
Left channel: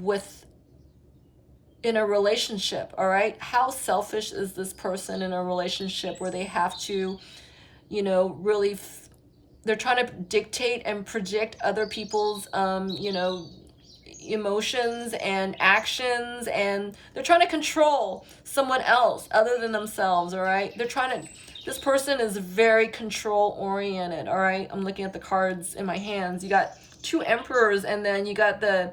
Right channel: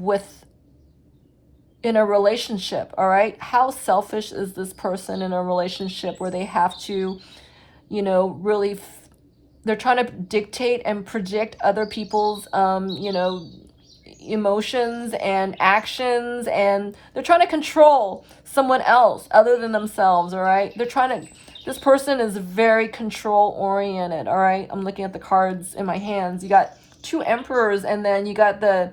with in a relationship, all right? How selfish is this person in a relationship where they have to, you know, really, they're trying to dictate and predict other people's, you know, emotions and actions, and they're trying to control someone else other than themselves, all right? They're trying to, this person is very control oriented, all right? I'm looking at the cards in my hands. You got 2 emperors, and then you got the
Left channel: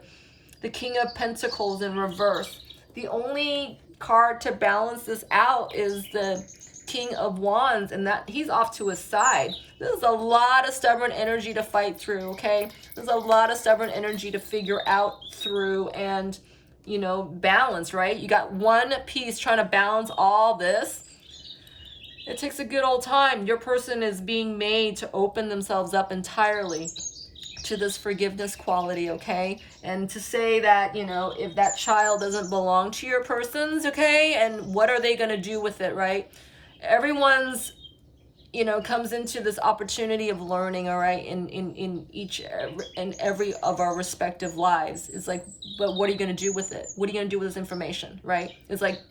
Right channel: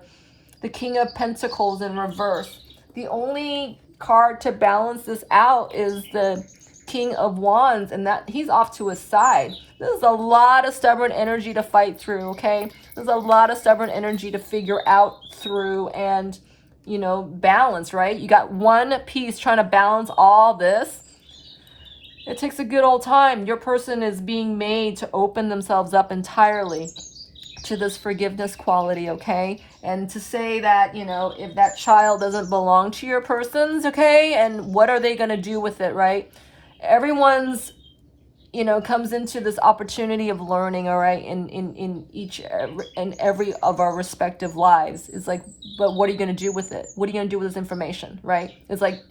King of Pentacles in reverse. The only card to balance this out is the King of Wands, and that he's off to his side. This is a lot of stubborn energy to fight through, okay? There's a lot of stubborn energy to figure out through and, you know, balance, right? You got one piece trying to balance all this. It takes a good old time. Your person is being made to open themselves up entirely to this forgiveness quality, okay? And to say that, you know, if that child doesn't belong to your person's, okay, and what are they going to do with it, right? Everyone's, you know, comes into this opportunity of learning, all right, in each and every of our respective lives. It's like, but what are you going to do with it? What are you going to do with this information, right? It's like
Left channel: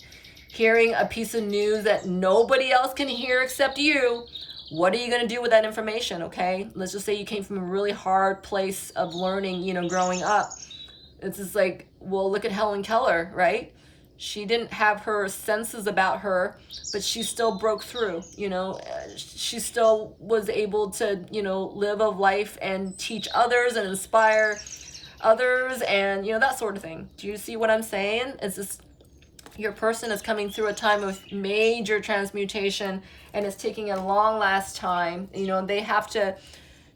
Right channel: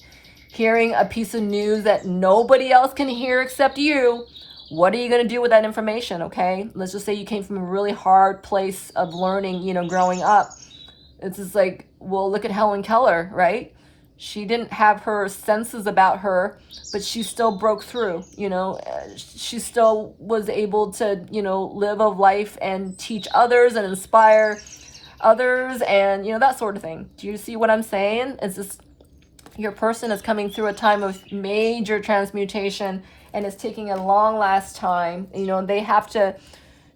hearing a piece of news that nobody else can hear except you. What are you going to do with that information, okay? Let's just say you came from a really hard place of learning, you know, growing up. It's just like, well, look at Helen Keller, right? She didn't have her senses about her, but she still broke through, you know. She still was able to, you know, live a life and teach others and inspire others and, you know, that sort of thing. Do you see what I'm saying? It's just, your person is coming through a time of major transmutation, and it's taking a long last time. You know, they have to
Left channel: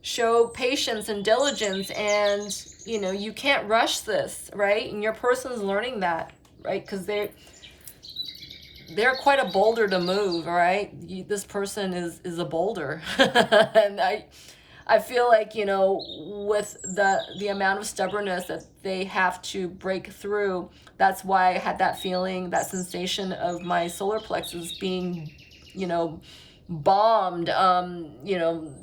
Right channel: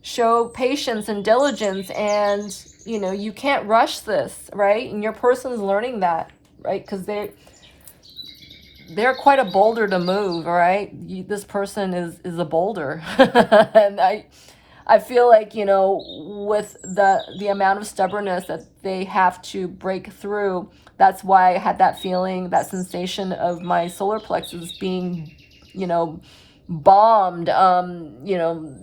show patience and diligence, and, you know, you can't rush this, right? And your person's learning that, right? Because they're quite a boulder to move, all right? This person is a boulder. And I feel like, you know, with the amount of stubbornness that they have to break through, that's why I had that feeling, that sensation of my solar plexus being, you know, bombed. You know,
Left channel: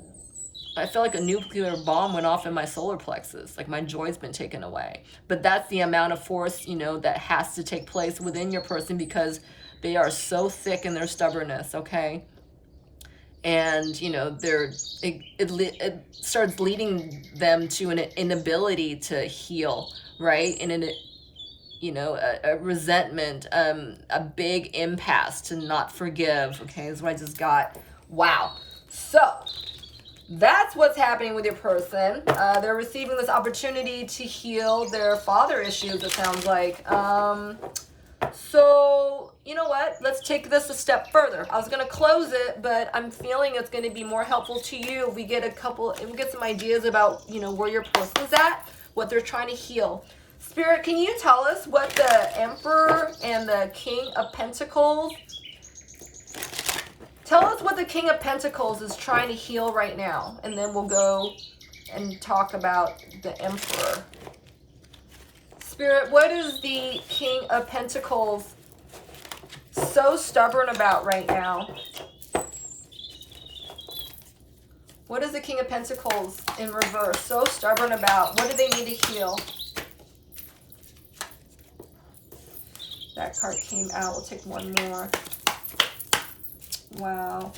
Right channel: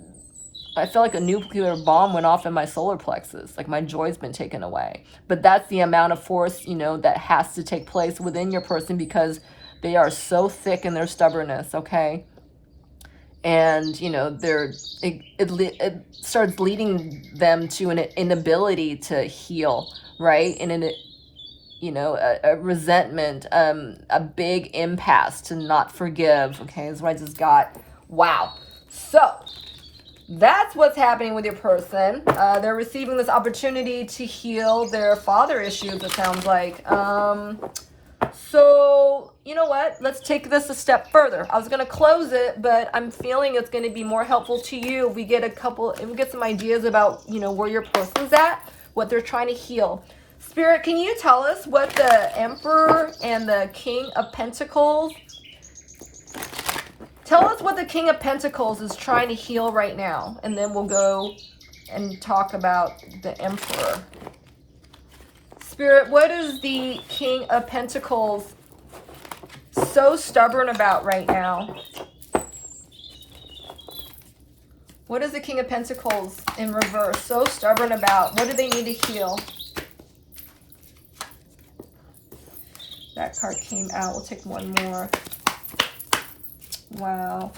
I feel like a nuclear bomb went off in my solar plexus, like my joy's been taken away. But that's the amount of force, you know, that has to take place within your person, because they are so thick in their stubbornness, okay? And, you know, it starts leading them to an inability to heal, right? And you know, a resentment, a big impasse to not forgive, okay, is what I just got. Wow. So that's what's happening with your person. They're receiving this opportunity to heal their father issues, it sounds like. So, you know what? Let's take this a step further. I was going to close it, but I'm feeling it's going to be more helpful to you. We get some ideas about, you know, where your person's at, what they're trying to heal. Spirit, can you tell us what the Emperor and the King of Pentacles, tell us what the King of Pentacles is trying to heal right now, and then we'll go and talk about the Emperor. Spirit, what is the King of Pentacles so stubborn about right now? What is the King of Pentacles in reverse so stubborn about? What do they need to heal? That card came out. We'll take one more. Wow.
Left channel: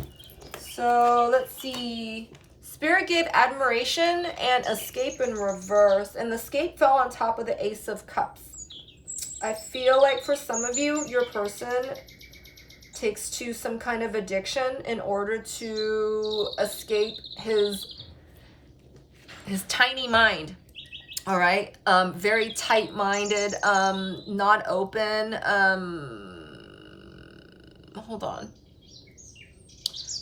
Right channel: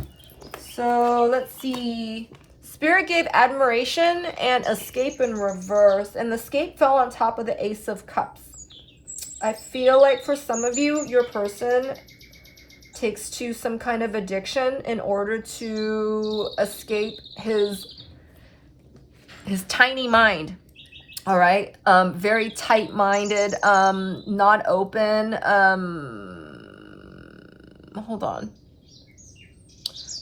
So let's see. Spirit gave admiration and escape in reverse. And the escape fell on top of the Ace of Cups. I feel like for some of you, your person takes to some kind of addiction in order to escape his tiny mind. All right. Very tight-minded, not open. Hold on.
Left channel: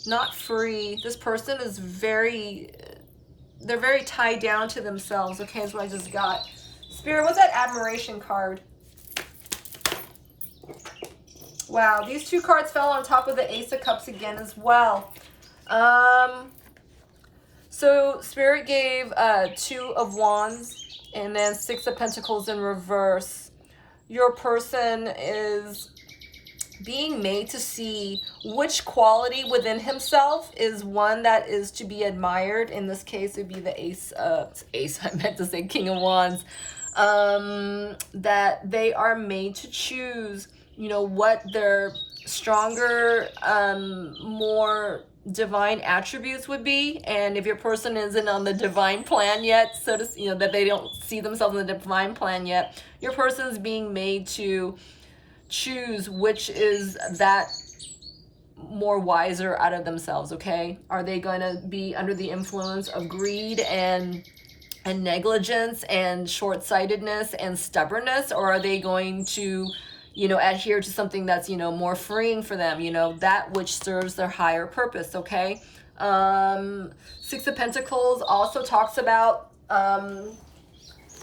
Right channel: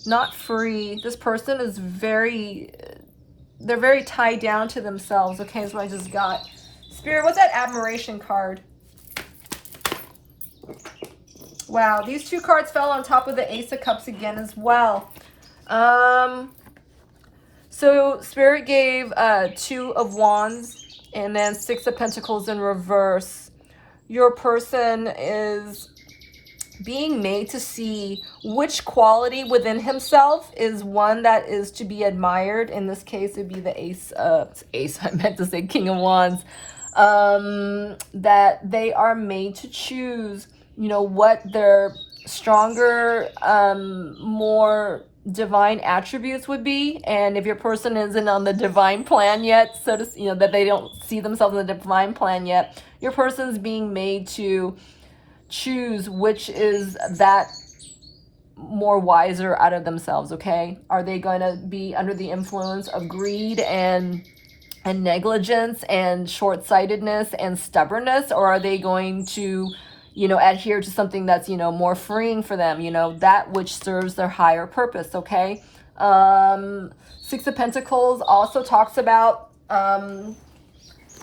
Not free. This person is they're very tied down to themselves. Okay, that's what I just got. Spirit, what's that admiration card? Wow, these 2 cards fell on top of the Ace of Cups again as well. So Spirit gave 2 of Wands, and then 6 of Pentacles in reverse. Your person is being made to see which quality within himself is one that is to be admired. In this case, it would be the I meant to say King of Wands. That they are made to choose, you know, what their stronger, more divine attributes would be. And if your person isn't on the divine plan yet, so to, you know, that they don't see themselves in the divine plan yet, your person's being made to choose which is that more wiser out of themselves. Okay, are they going to be under the influence of greed and negligence and short-sightedness and stubbornness, or are they going to, you know, adhere to something that's, you know, more freeing for them, you know, that which serves their higher purpose? Okay. Six of Pentacles also talks about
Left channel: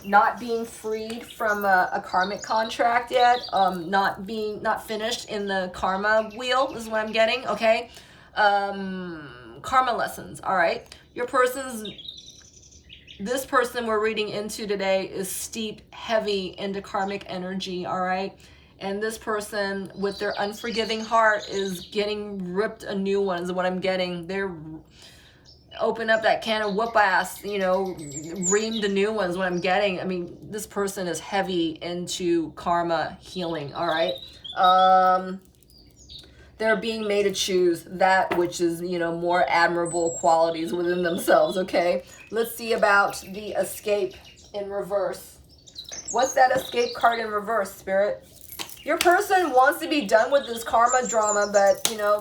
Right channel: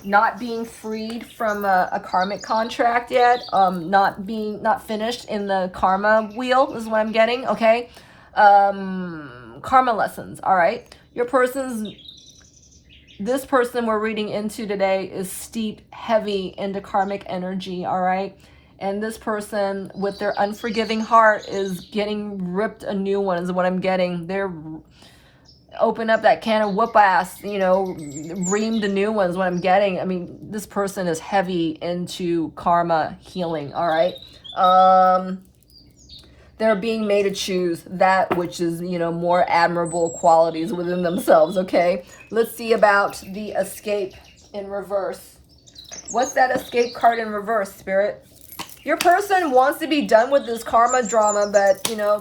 not being freed from a karmic contract yet, not finished in the karma wheel is what I'm getting. Okay. Karma lessons. All right. This person we're reading into today is steep, heavy into karmic energy. All right. And this person with their unforgiving heart is getting ripped a new one is what I'm getting. They're open up that can of whoop ass, you know, ream the new one is what I'm getting. I mean, this person is heavy into karma healing. All right. They're being made to choose that which is, you know, more admirable qualities within themselves. Okay. Let's see about the escape in reverse. What's that escape card in reverse, Spirit? Your person wants to be done with this karma drama, but, you know,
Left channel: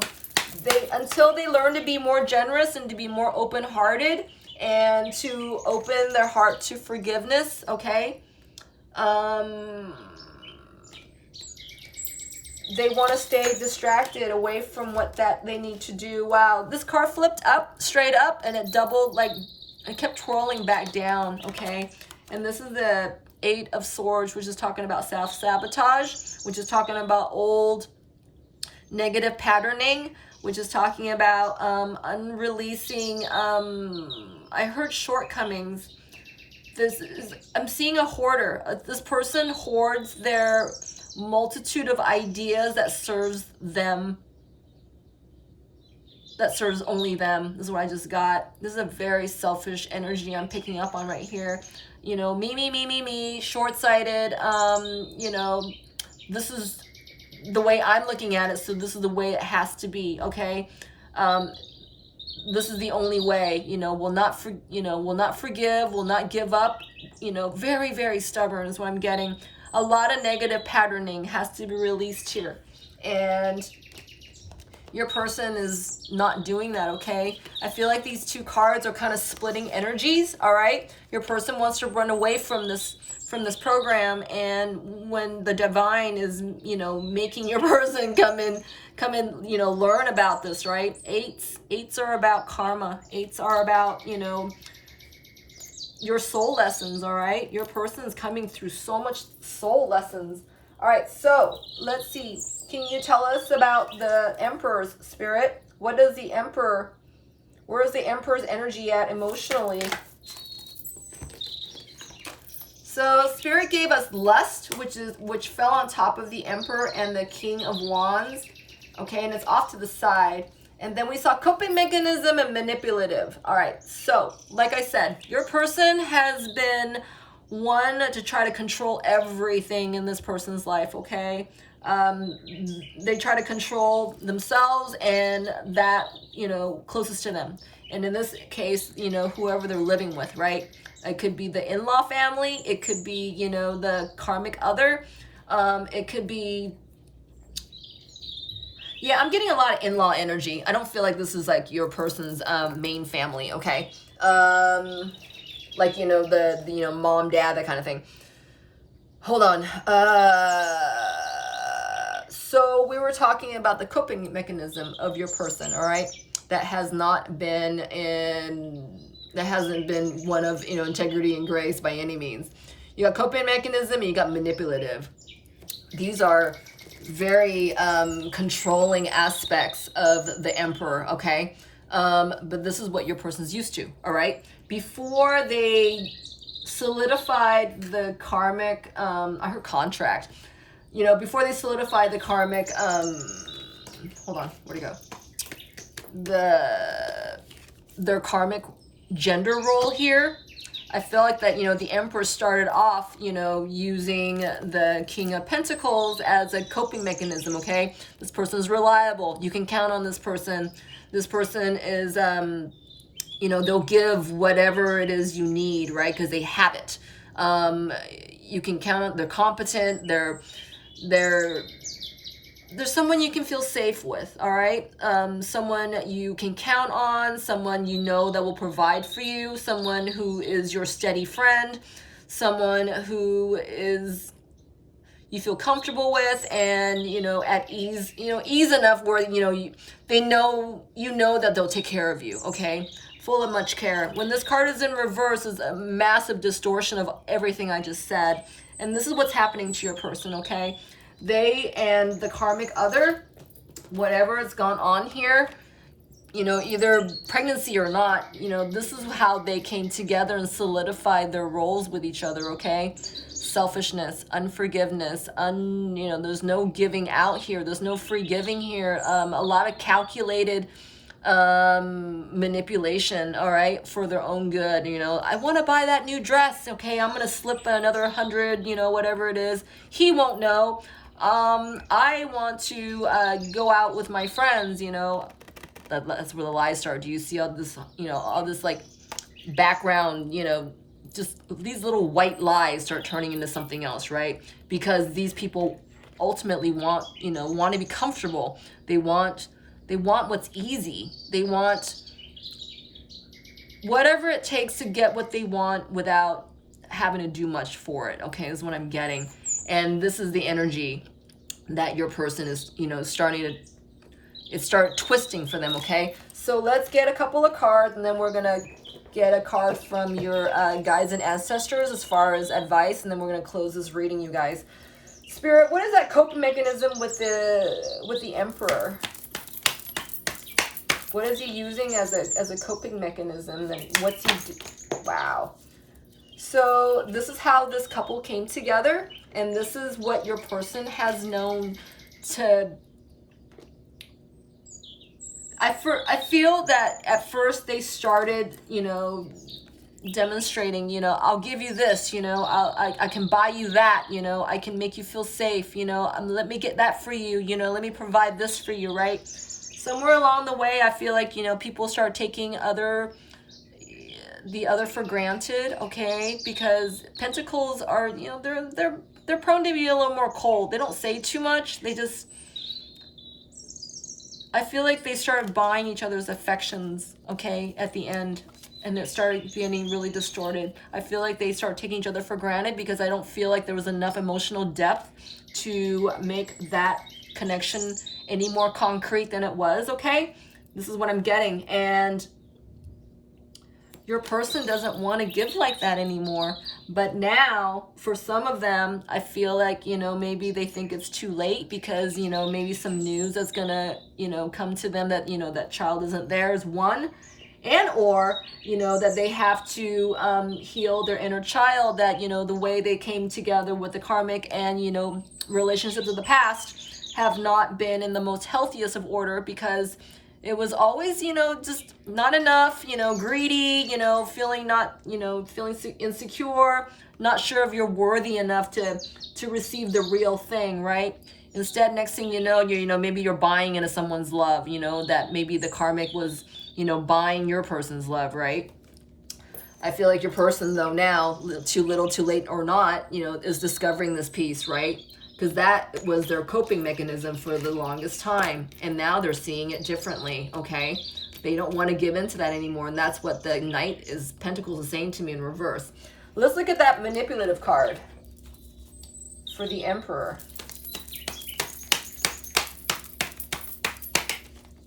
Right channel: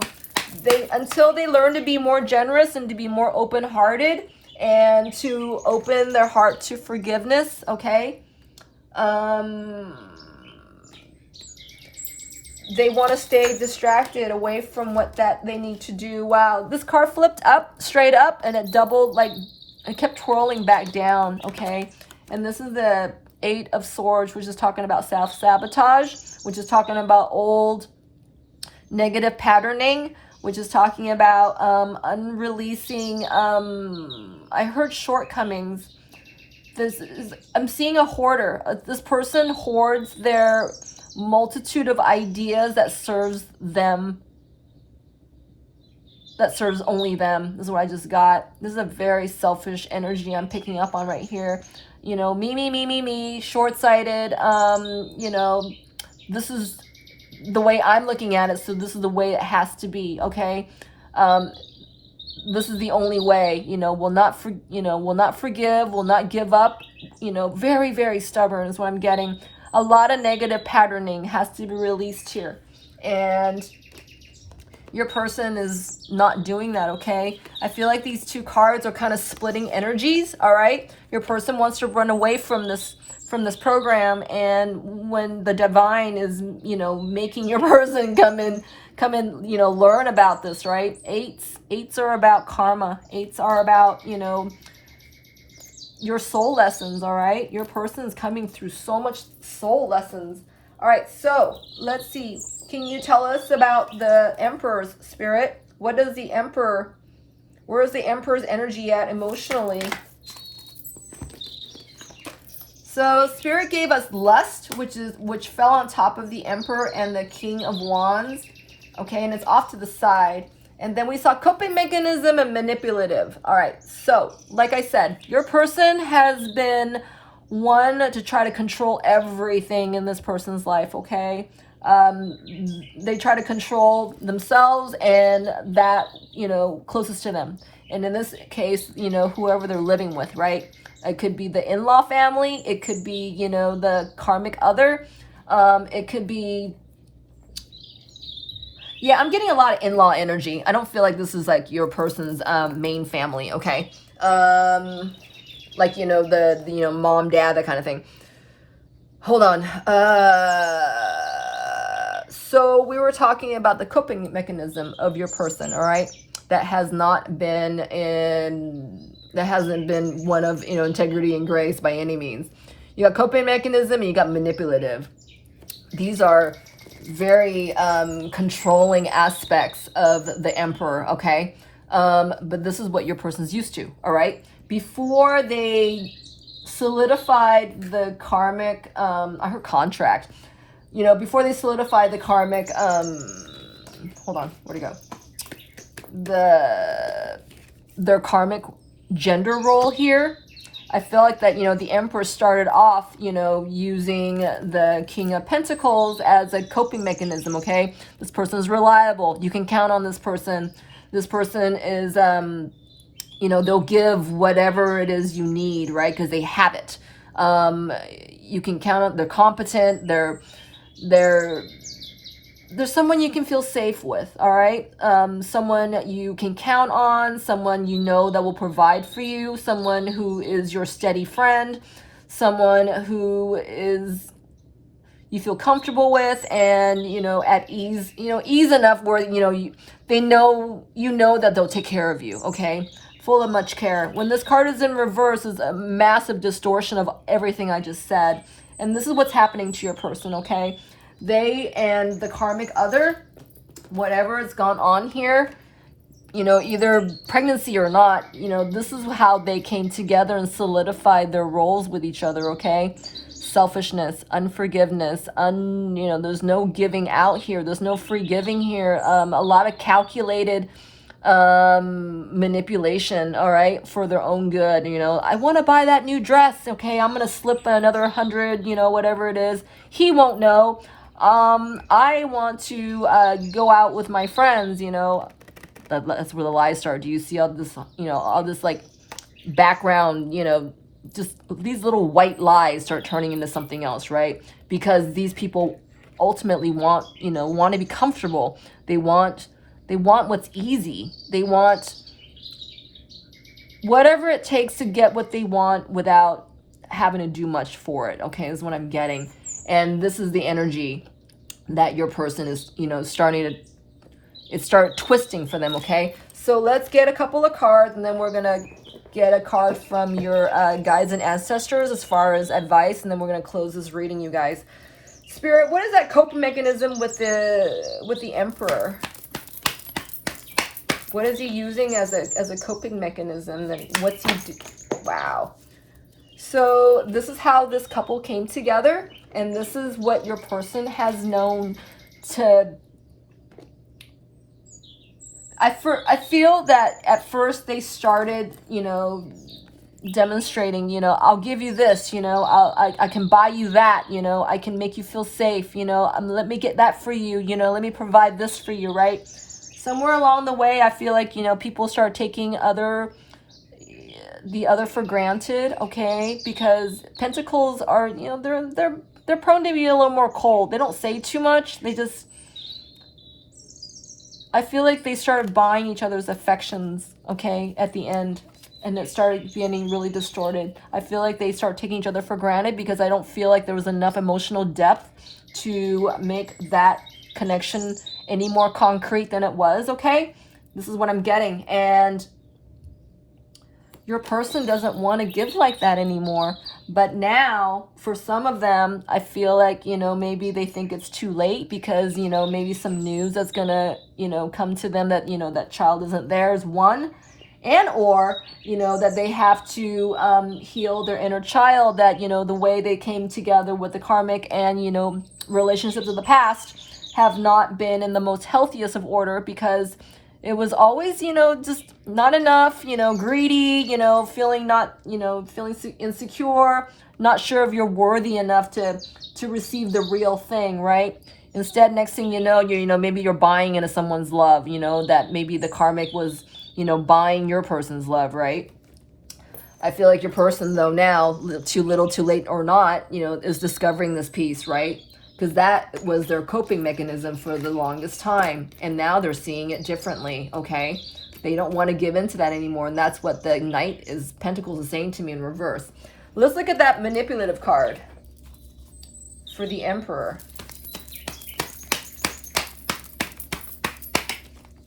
until they learn to be more generous and to be more open-hearted and to open their heart to forgiveness, okay? They want to stay distracted away from what that they need to do. Wow, this card flipped up, straight up, and it doubled, like, it kept twirling back down, okay? And this is the Eight of Swords, which is talking about self-sabotage, which is talking about old negative patterning, which is talking about unreleasing, I heard shortcomings. I'm seeing a hoarder. This person hoards their multitude of ideas that serves them, that serves only them. This is what I just got. This is a very selfish energy I'm picking up on right here. You know, me, short-sighted. You know, this is the way I'm looking at it, so this is the way it has to be, okay? This is the only way, you know, will not forgive, will not give up, you know, very, very stubborn is what I'm getting. A lot of negative patterning has to be released here. And your person is not doing that, okay? I feel like these two cards are kind of splitting energies, all right? Your person wants to run away from this program, and when the divine is, you know, making your person come in, you know, learn about this, right? Eights are about karma. Eights are about, you know, your soul lessons, all right? Your person is coming through so much soul lessons. All right, so let's see. Can you tell us about the Emperor's Spirit? What does the Emperor, where is the Emperor's energy at emotionally? So Spirit gave us lust, which fell on top of the Emperor and the King of Wands. Okay, and it's off to the side. And then we saw coping mechanism and manipulative. All right, so like I said, your person has been one to try to control everything in this person's life, okay? They try to control themselves and that, you know, closest to them. And in this case, you know, whoever they're living with, right? It could be the in-law family. It could be, you know, the karmic other. It could be, yeah, I'm getting a lot of in-law energy. I don't feel like this is like your person's main family, okay? Like, you know, the you know, mom, dad, that kind of thing. Hold on. So we were talking about the coping mechanism of your person, all right? That has not been that hasn't been one of, you know, integrity and grace by any means. You got coping mechanism and you got manipulative. These are very controlling aspects of the Emperor, okay? But this is what your person's used to, all right? Before they solidified the karmic, I heard contract. you know, before they solidify the karmic, hold on, where'd it go? Their karmic gender role here. I feel like that, you know, the Emperor started off, you know, using the King of Pentacles as a coping mechanism, okay? This person is reliable. You can count on this person. This person is, you know, they'll give whatever it is you need, right? Because they have it. You can count on, they're competent. There's someone you can feel safe with, all right? Someone you can count on, someone you know that will provide for you, someone who is your steady friend, someone who is you feel comfortable with and, you know, at ease, you know, ease enough where, you know, they know, you know that they'll take care of you, okay? Full of much care. When this card is in reverse, is a massive distortion of everything I just said. And this is what's happening to your person, okay? They and the karmic other, whatever has gone on here, you know, either pregnancy or not, you know, this is how they came together and solidified their roles with each other, okay? Selfishness, unforgiveness, you know, there's no giving out here. There's no free giving here. A lot of calculated manipulation, all right, for their own good. You know, I want to buy that new dress, okay? I'm going to slip another 100, you know, whatever it is. He won't know. I want to go out with my friends, you know. That's where the lies start. Do you see all this, you know, all this like background, you know, just these little white lies start turning into something else, right? Because these people ultimately want, you know, want to be comfortable. They want what's easy. They want whatever it takes to get what they want without having to do much for it, okay, is what I'm getting. And this is the energy that your person is, you know, starting to start twisting for them, okay? So let's get a couple of cards, and then we're going to get a card from your guides and ancestors as far as advice, and then we're going to close this reading, you guys. Spirit, what is that coping mechanism with the Emperor? What is he using as a coping mechanism? And what's he do? Wow. So this is how this couple came together, and this is what your person has known to... I feel that at first they started, you know, demonstrating, you know, I'll give you this, you know, I can buy you that, you know, I can make you feel safe, you know, let me get that for you, you know, let me provide this for you, right? Somewhere along the way, I feel like, you know, people start taking the other for granted, okay? Because Pentacles are, you know, they're prone to be a little more cold. They don't say too much. They just, I feel like they started buying each other's affections, okay, at the end. And it started getting really distorted. I feel like they start taking each other for granted because I don't feel like there was enough emotional depth to make that connection any more concrete than it was, okay? This is what I'm getting. And your person doesn't want to give like that anymore. But now, for some of them, I feel like, you know, maybe they think it's too late because, you know, maybe some news that's going to, you know, come to them that, you know, that child isn't theirs, one. And or, you know, that they have to heal their inner child, that, you know, the way they came together with the karmic and, you know, relationships of the past have not been in the most healthiest of order because it was always, you know, just not enough, you know, greedy, you know, feeling not, you know, feeling insecure, not sure if you're worthy enough to receive the real thing, right? Instead, next thing you know, you know, maybe you're buying into someone's love, you know, that maybe the karmic was, you know, buying your person's love, right? I feel like your person, though, now, too little, too late or not, you know, is discovering this piece, right? Because that was their coping mechanism for the longest time. And now they're seeing it differently, okay? They don't want to give into that anymore. And that's what the Knight is Pentacles is saying to me in reverse. Let's look at that manipulative card for the Emperor.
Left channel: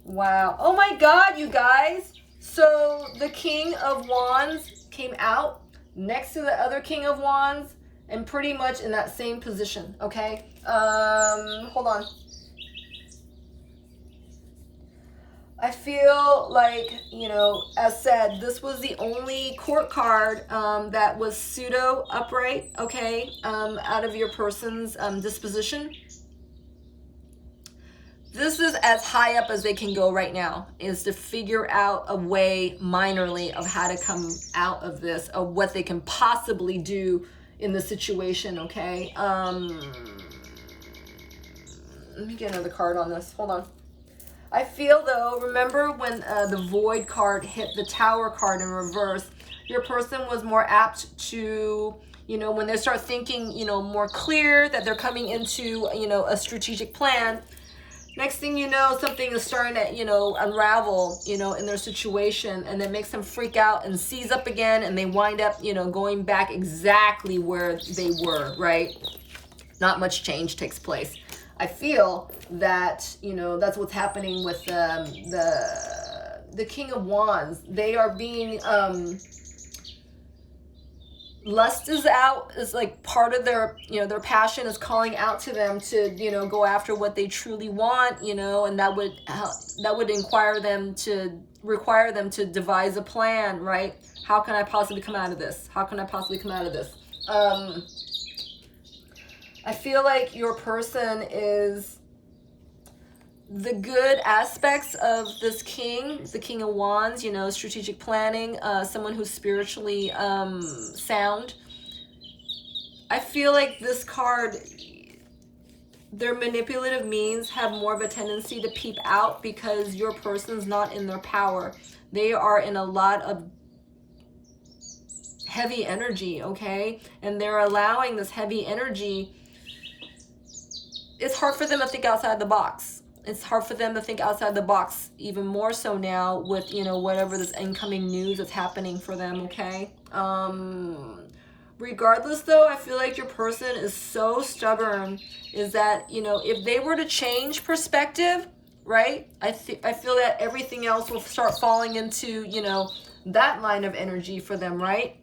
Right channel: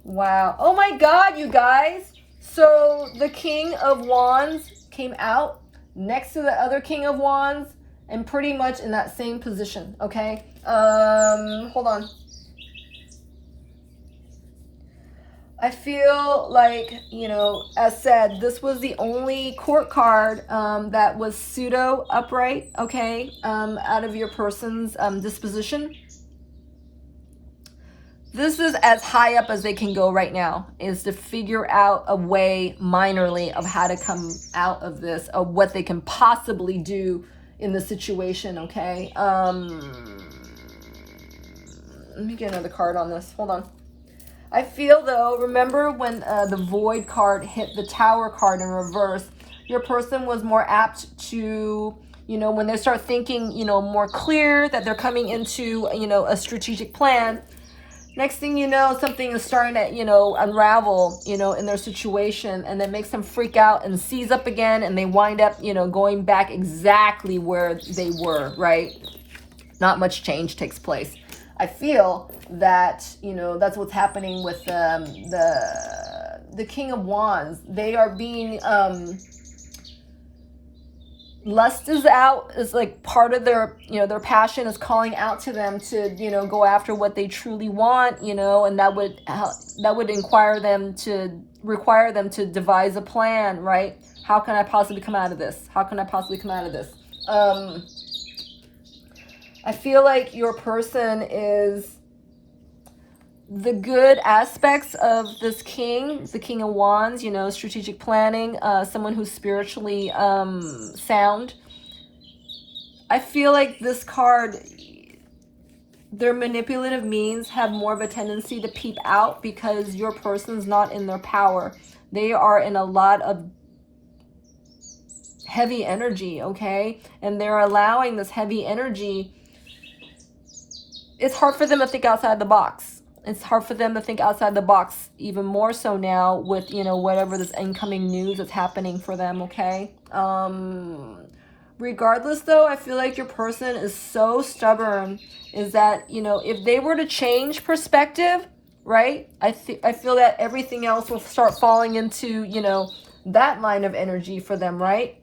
Wow. Oh my God, you guys. So the King of Wands came out next to the other King of Wands and pretty much in that same position, okay? Hold on. I feel like, you know, as said, this was the only court card that was pseudo upright, okay, out of your person's disposition. This is as high up as they can go right now, is to figure out a way minorly of how to come out of this, of what they can possibly do in the situation, okay? Let me get another card on this. Hold on. I feel though, remember when the Void card hit the Tower card in reverse, your person was more apt to, you know, when they start thinking, you know, more clear that they're coming into, you know, a strategic plan. Next thing you know, something is starting to, you know, unravel, you know, in their situation, and that makes them freak out and seize up again, and they wind up, you know, going back exactly where they were, right? Not much change takes place. I feel that, you know, that's what's happening with the King of Wands. They are being, lust is out, is like part of their, you know, their passion is calling out to them to, you know, go after what they truly want, you know, and that would require them to devise a plan, right? How can I possibly come out of this? How can I possibly come out of this? I feel like your person is the good aspects of this king, the King of Wands, you know, strategic planning, someone who's spiritually sound. I feel like this card, their manipulative means have more of a tendency to peep out because your person's not in their power. They are in a lot of heavy energy, okay? And they're allowing this heavy energy. It's hard for them to think outside the box. It's hard for them to think outside the box, even more so now with, you know, whatever this incoming news that's happening for them, okay? Regardless, though, I feel like your person is so stubborn, is that, you know, if they were to change perspective, right, I feel that everything else will start falling into, you know, that line of energy for them, right?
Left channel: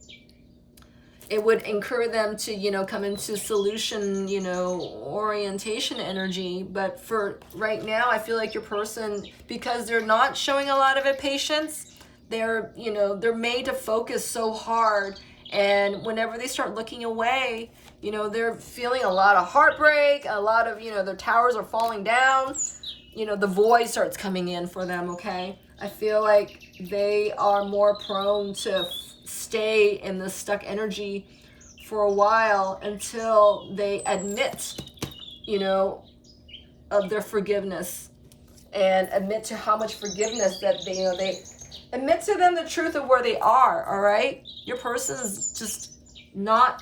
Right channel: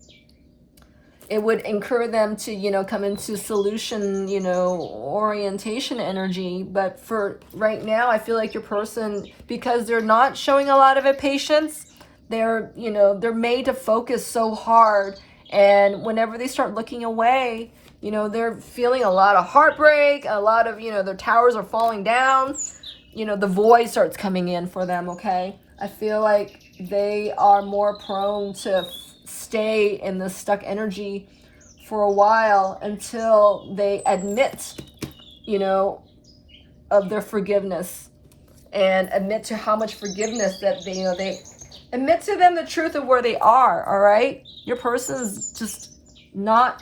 It would encourage them to, you know, come into solution, you know, orientation energy. But for right now, I feel like your person, because they're not showing a lot of impatience, they're, you know, they're made to focus so hard. And whenever they start looking away, you know, they're feeling a lot of heartbreak, a lot of, you know, their towers are falling down. You know, the void starts coming in for them, okay? I feel like they are more prone to stay in the stuck energy for a while until they admit, you know, of their forgiveness, and admit to how much forgiveness that they, you know, they admit to them the truth of where they are. All right, your person's just not,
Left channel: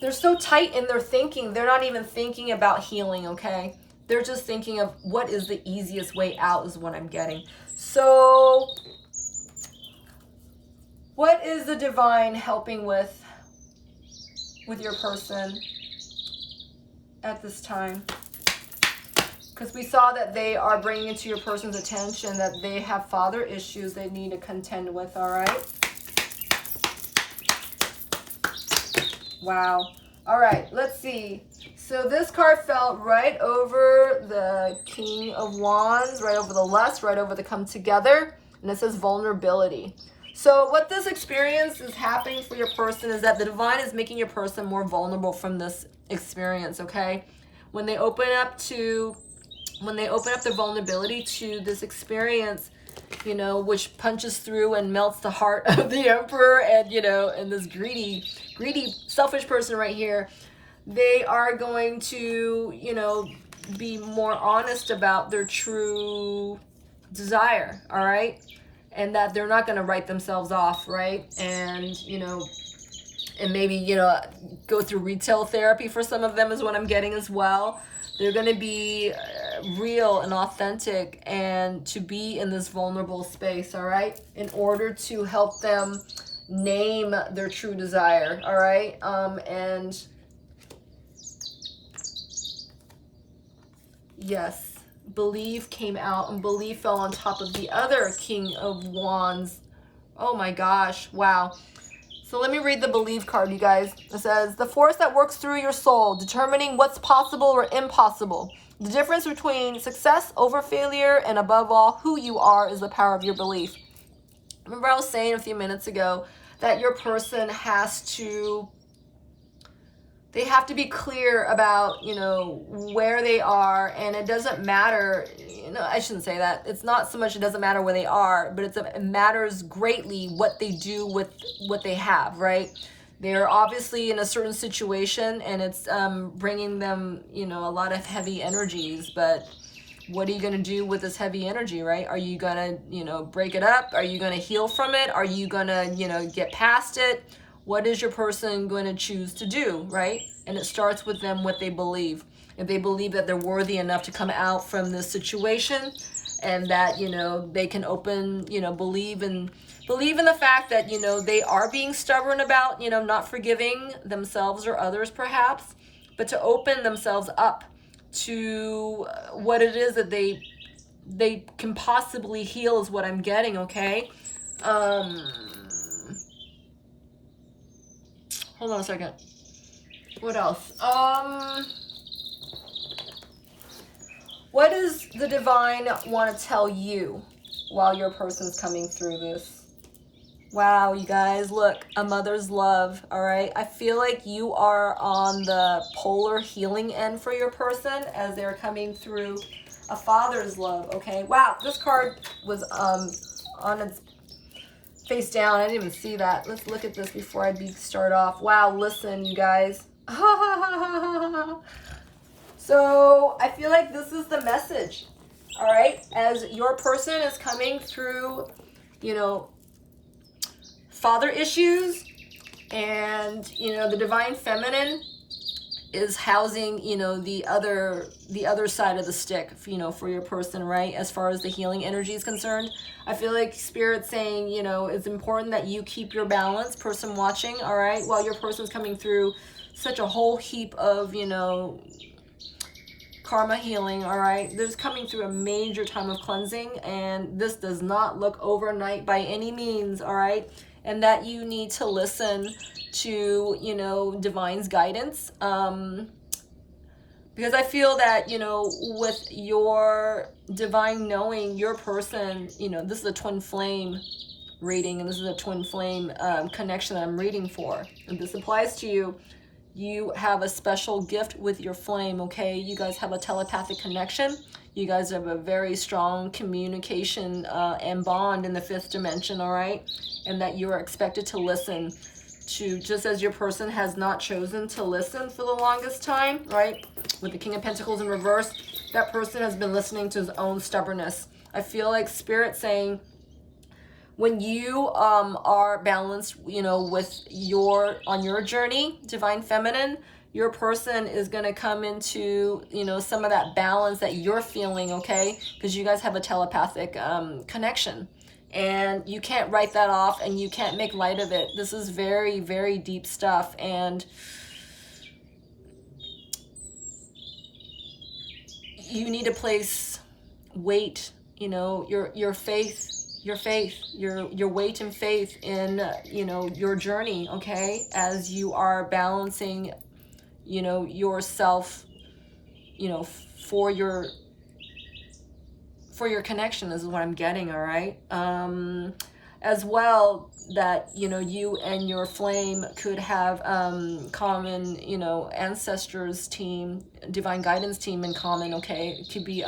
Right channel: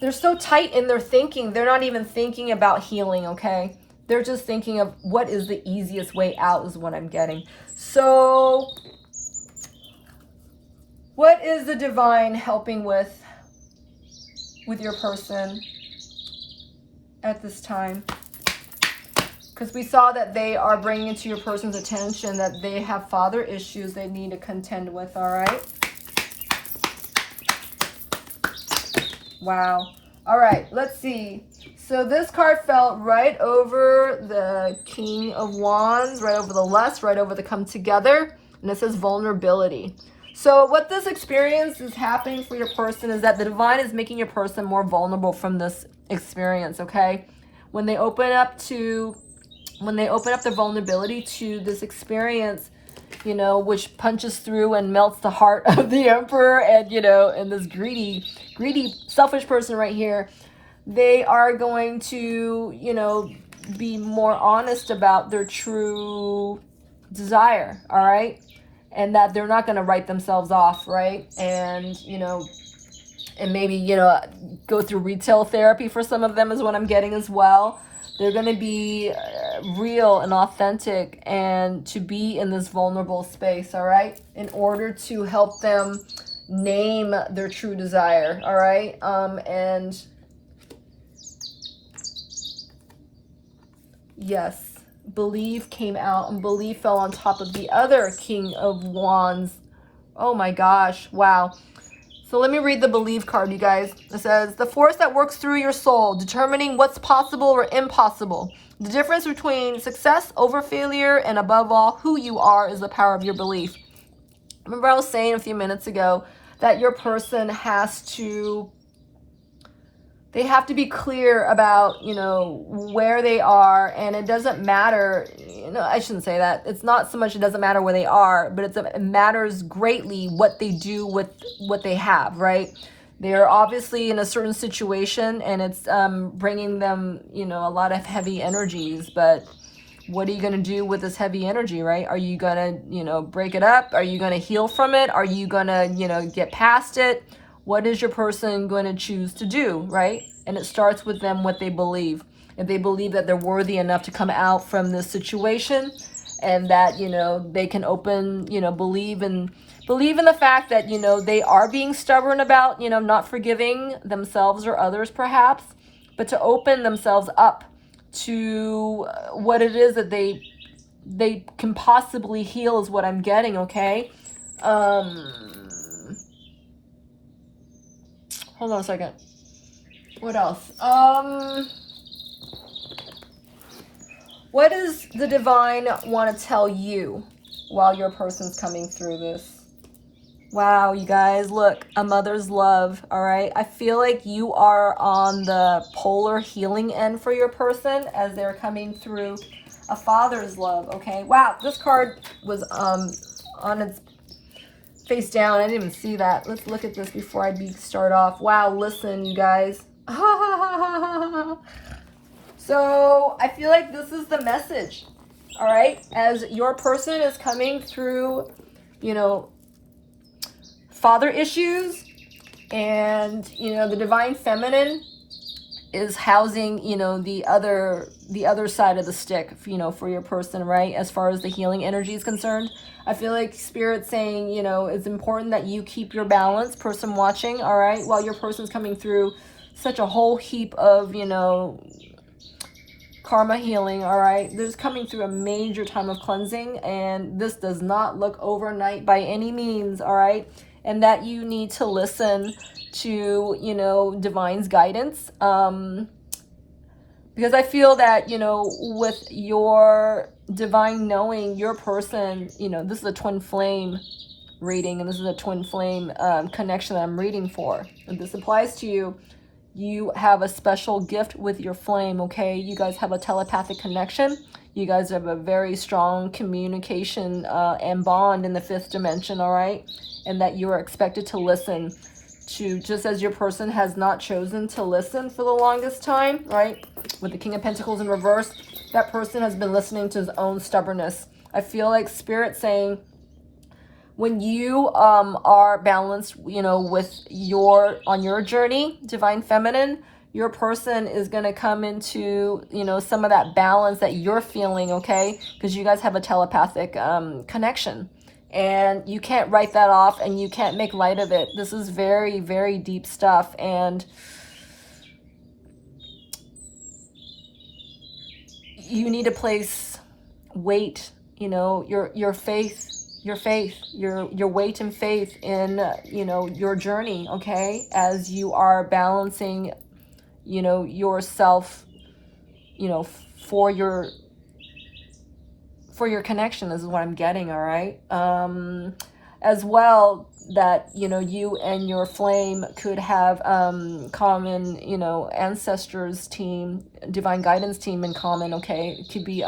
they're so tight in their thinking, they're not even thinking about healing, okay? They're just thinking of what is the easiest way out is what I'm getting. So what is the divine helping with your person at this time? Because we saw that they are bringing it to your person's attention that they have father issues they need to contend with, all right? Wow. All right, let's see. So this card fell right over the King of Wands, right over the lust, right over the come together, and it says vulnerability. So what this experience is happening for your person is that the divine is making your person more vulnerable from this experience, okay? When they open up the vulnerability to this experience, you know, which punches through and melts the heart of the emperor and, you know, and this greedy, selfish person right here, they are going to, you know, be more honest about their true desire, all right? And that they're not going to write themselves off, right? And, you know, and maybe, you know, go through retail therapy for some of them is what I'm getting as well. They're going to be real and authentic and to be in this vulnerable space, all right? In order to help them name their true desire, all right? And yes, believe came out, and believe fell on top of the other King of Wands. Oh my gosh, wow. So let me read the belief card, you guys. It says, the force that works through your soul, determining what's possible or impossible. The difference between success over failure and above all, who you are is the power of your belief. Remember I was saying a few minutes ago that your person has to, they have to be clear about, you know, where they are, and it doesn't matter, you know, I shouldn't say that. It's not so much it doesn't matter where they are, but it matters greatly what they do with what they have, right? They're obviously in a certain situation, and it's bringing them, you know, a lot of heavy energies, but what are you going to do with this heavy energy, right? Are you going to, you know, break it up? Are you going to heal from it? Are you going to, you know, get past it? What is your person going to choose to do, right? And it starts with them, what they believe. If they believe that they're worthy enough to come out from this situation, and that, you know, they can open, you know, believe in the fact that, you know, they are being stubborn about, you know, not forgiving themselves or others perhaps, but to open themselves up to what it is that they can possibly heal is what I'm getting, okay? Hold on a second. What else? What does the divine want to tell you while your person's coming through this? Wow, you guys, look, a mother's love, all right? I feel like you are on the polar healing end for your person as they're coming through a father's love, okay? Wow, this card was on its face down. I didn't even see that. Let's look at this before I start off. Wow, listen, you guys. So I feel like this is the message, all right? As your person is coming through, you know, father issues, and, you know, the divine feminine is housing, you know, the other side of the stick, you know, for your person, right? As far as the healing energy is concerned, I feel like Spirit's saying, you know, it's important that you keep your balance, person watching, all right? While your person's coming through such a whole heap of, you know, karma healing, all right? There's coming through a major time of cleansing, and this does not look overnight by any means, all right? And that you need to listen to, you know, divine's guidance, because I feel that, you know, with your divine knowing, your person, you know, this is a twin flame reading, and this is a twin flame connection that I'm reading for. If this applies to you, you have a special gift with your flame, okay? You guys have a telepathic connection. You guys have a very strong communication and bond in the fifth dimension, all right? And that you are expected to listen to, just as your person has not chosen to listen for the longest time, right? With the King of Pentacles in reverse, that person has been listening to his own stubbornness. I feel like Spirit saying, when you are balanced, you know, with on your journey, divine feminine, your person is going to come into, you know, some of that balance that you're feeling, okay? Because you guys have a telepathic connection. And you can't write that off, and you can't make light of it. This is very, very deep stuff. And you need to place weight, you know, your faith, your weight and faith in, you know, your journey, okay? As you are balancing, you know, yourself, you know, for your connection. This is what I'm getting, all right? As well, that, you know, you and your flame could have common, you know, ancestors team, divine guidance team in common, okay? It could be,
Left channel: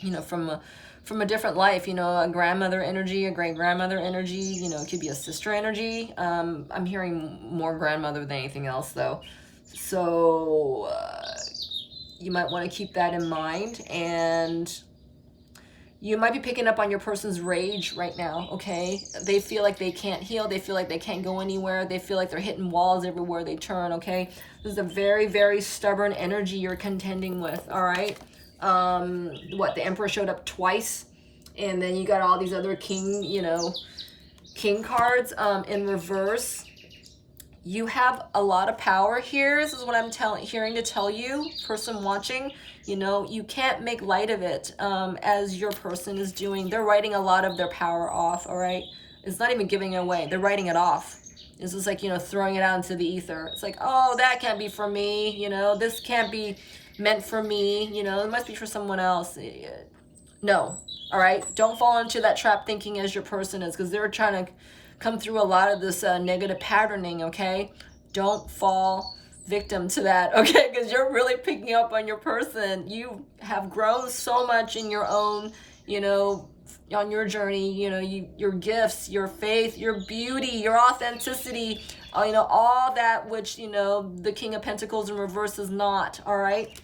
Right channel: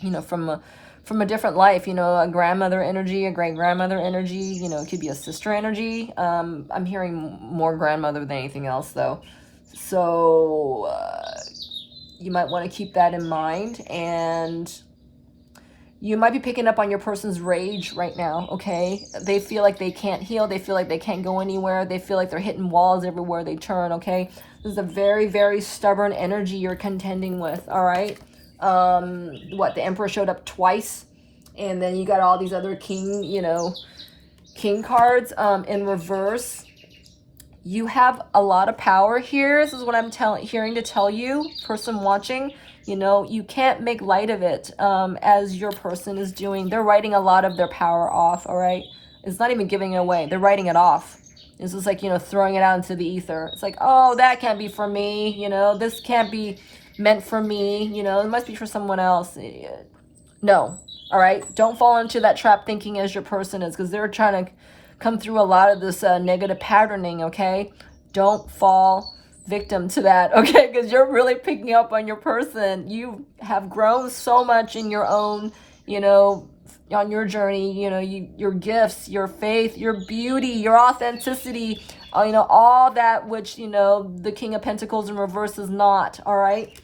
you know, from a different life, you know, a grandmother energy, a great-grandmother energy, you know, it could be a sister energy. I'm hearing more grandmother than anything else, though. So you might want to keep that in mind, and you might be picking up on your person's rage right now, okay? They feel like they can't heal. They feel like they can't go anywhere. They feel like they're hitting walls everywhere they turn, okay? This is a very, very stubborn energy you're contending with, all right? The Emperor showed up twice, and then you got all these other king, you know, king cards in reverse. You have a lot of power here. This is what I'm hearing to tell you, person watching. You know, you can't make light of it as your person is doing. They're writing a lot of their power off, all right? It's not even giving it away. They're writing it off. It's just like, you know, throwing it out into the ether. It's like, oh, that can't be for me. You know, this can't be meant for me. You know, it must be for someone else. No. All right. Don't fall into that trap thinking as your person is, because they're trying to come through a lot of this negative patterning. Okay. Don't fall victim to that. Okay. Because you're really picking up on your person. You have grown so much in your own, you know, on your journey, you know, your gifts, your faith, your beauty, your authenticity, you know, all that which, you know, the King of Pentacles in reverse is not. All right.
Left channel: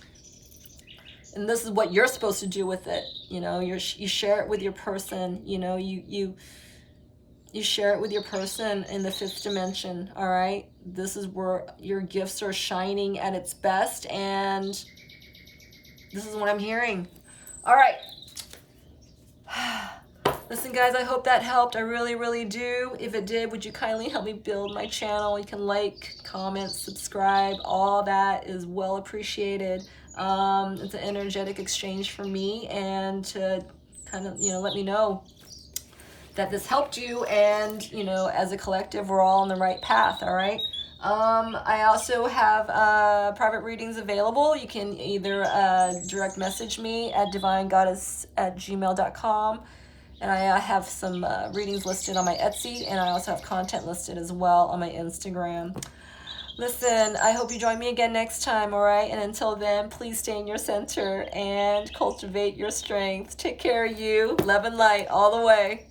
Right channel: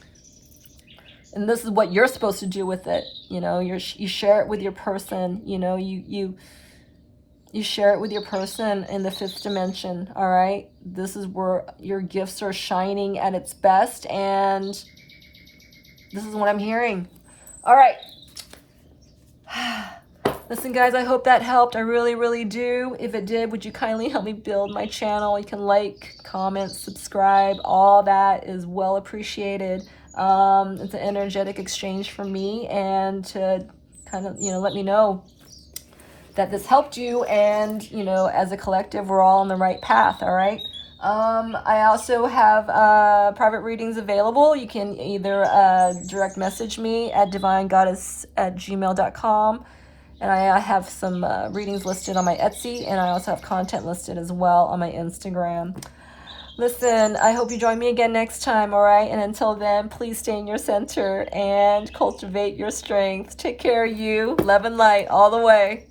And this is what you're supposed to do with it. You know, you share it with your person. You know, you share it with your person in the 5th dimension. All right. This is where your gifts are shining at its best. And this is what I'm hearing. All right. Listen, guys, I hope that helped. I really, really do. If it did, would you kindly help me build my channel? You can like, comment, subscribe. All that is well appreciated. It's an energetic exchange for me, and to kind of, you know, let me know that this helped you, and, you know, as a collective, we're all on the right path. All right. I also have private readings available. You can either direct message me at divinegoddess@gmail.com. And I have some readings listed on my Etsy, and I also have content listed as well on my Instagram. Listen, I hope you join me again next time, all right? And until then, please stay in your center and cultivate your strength. Take care of you. Love and light all the way.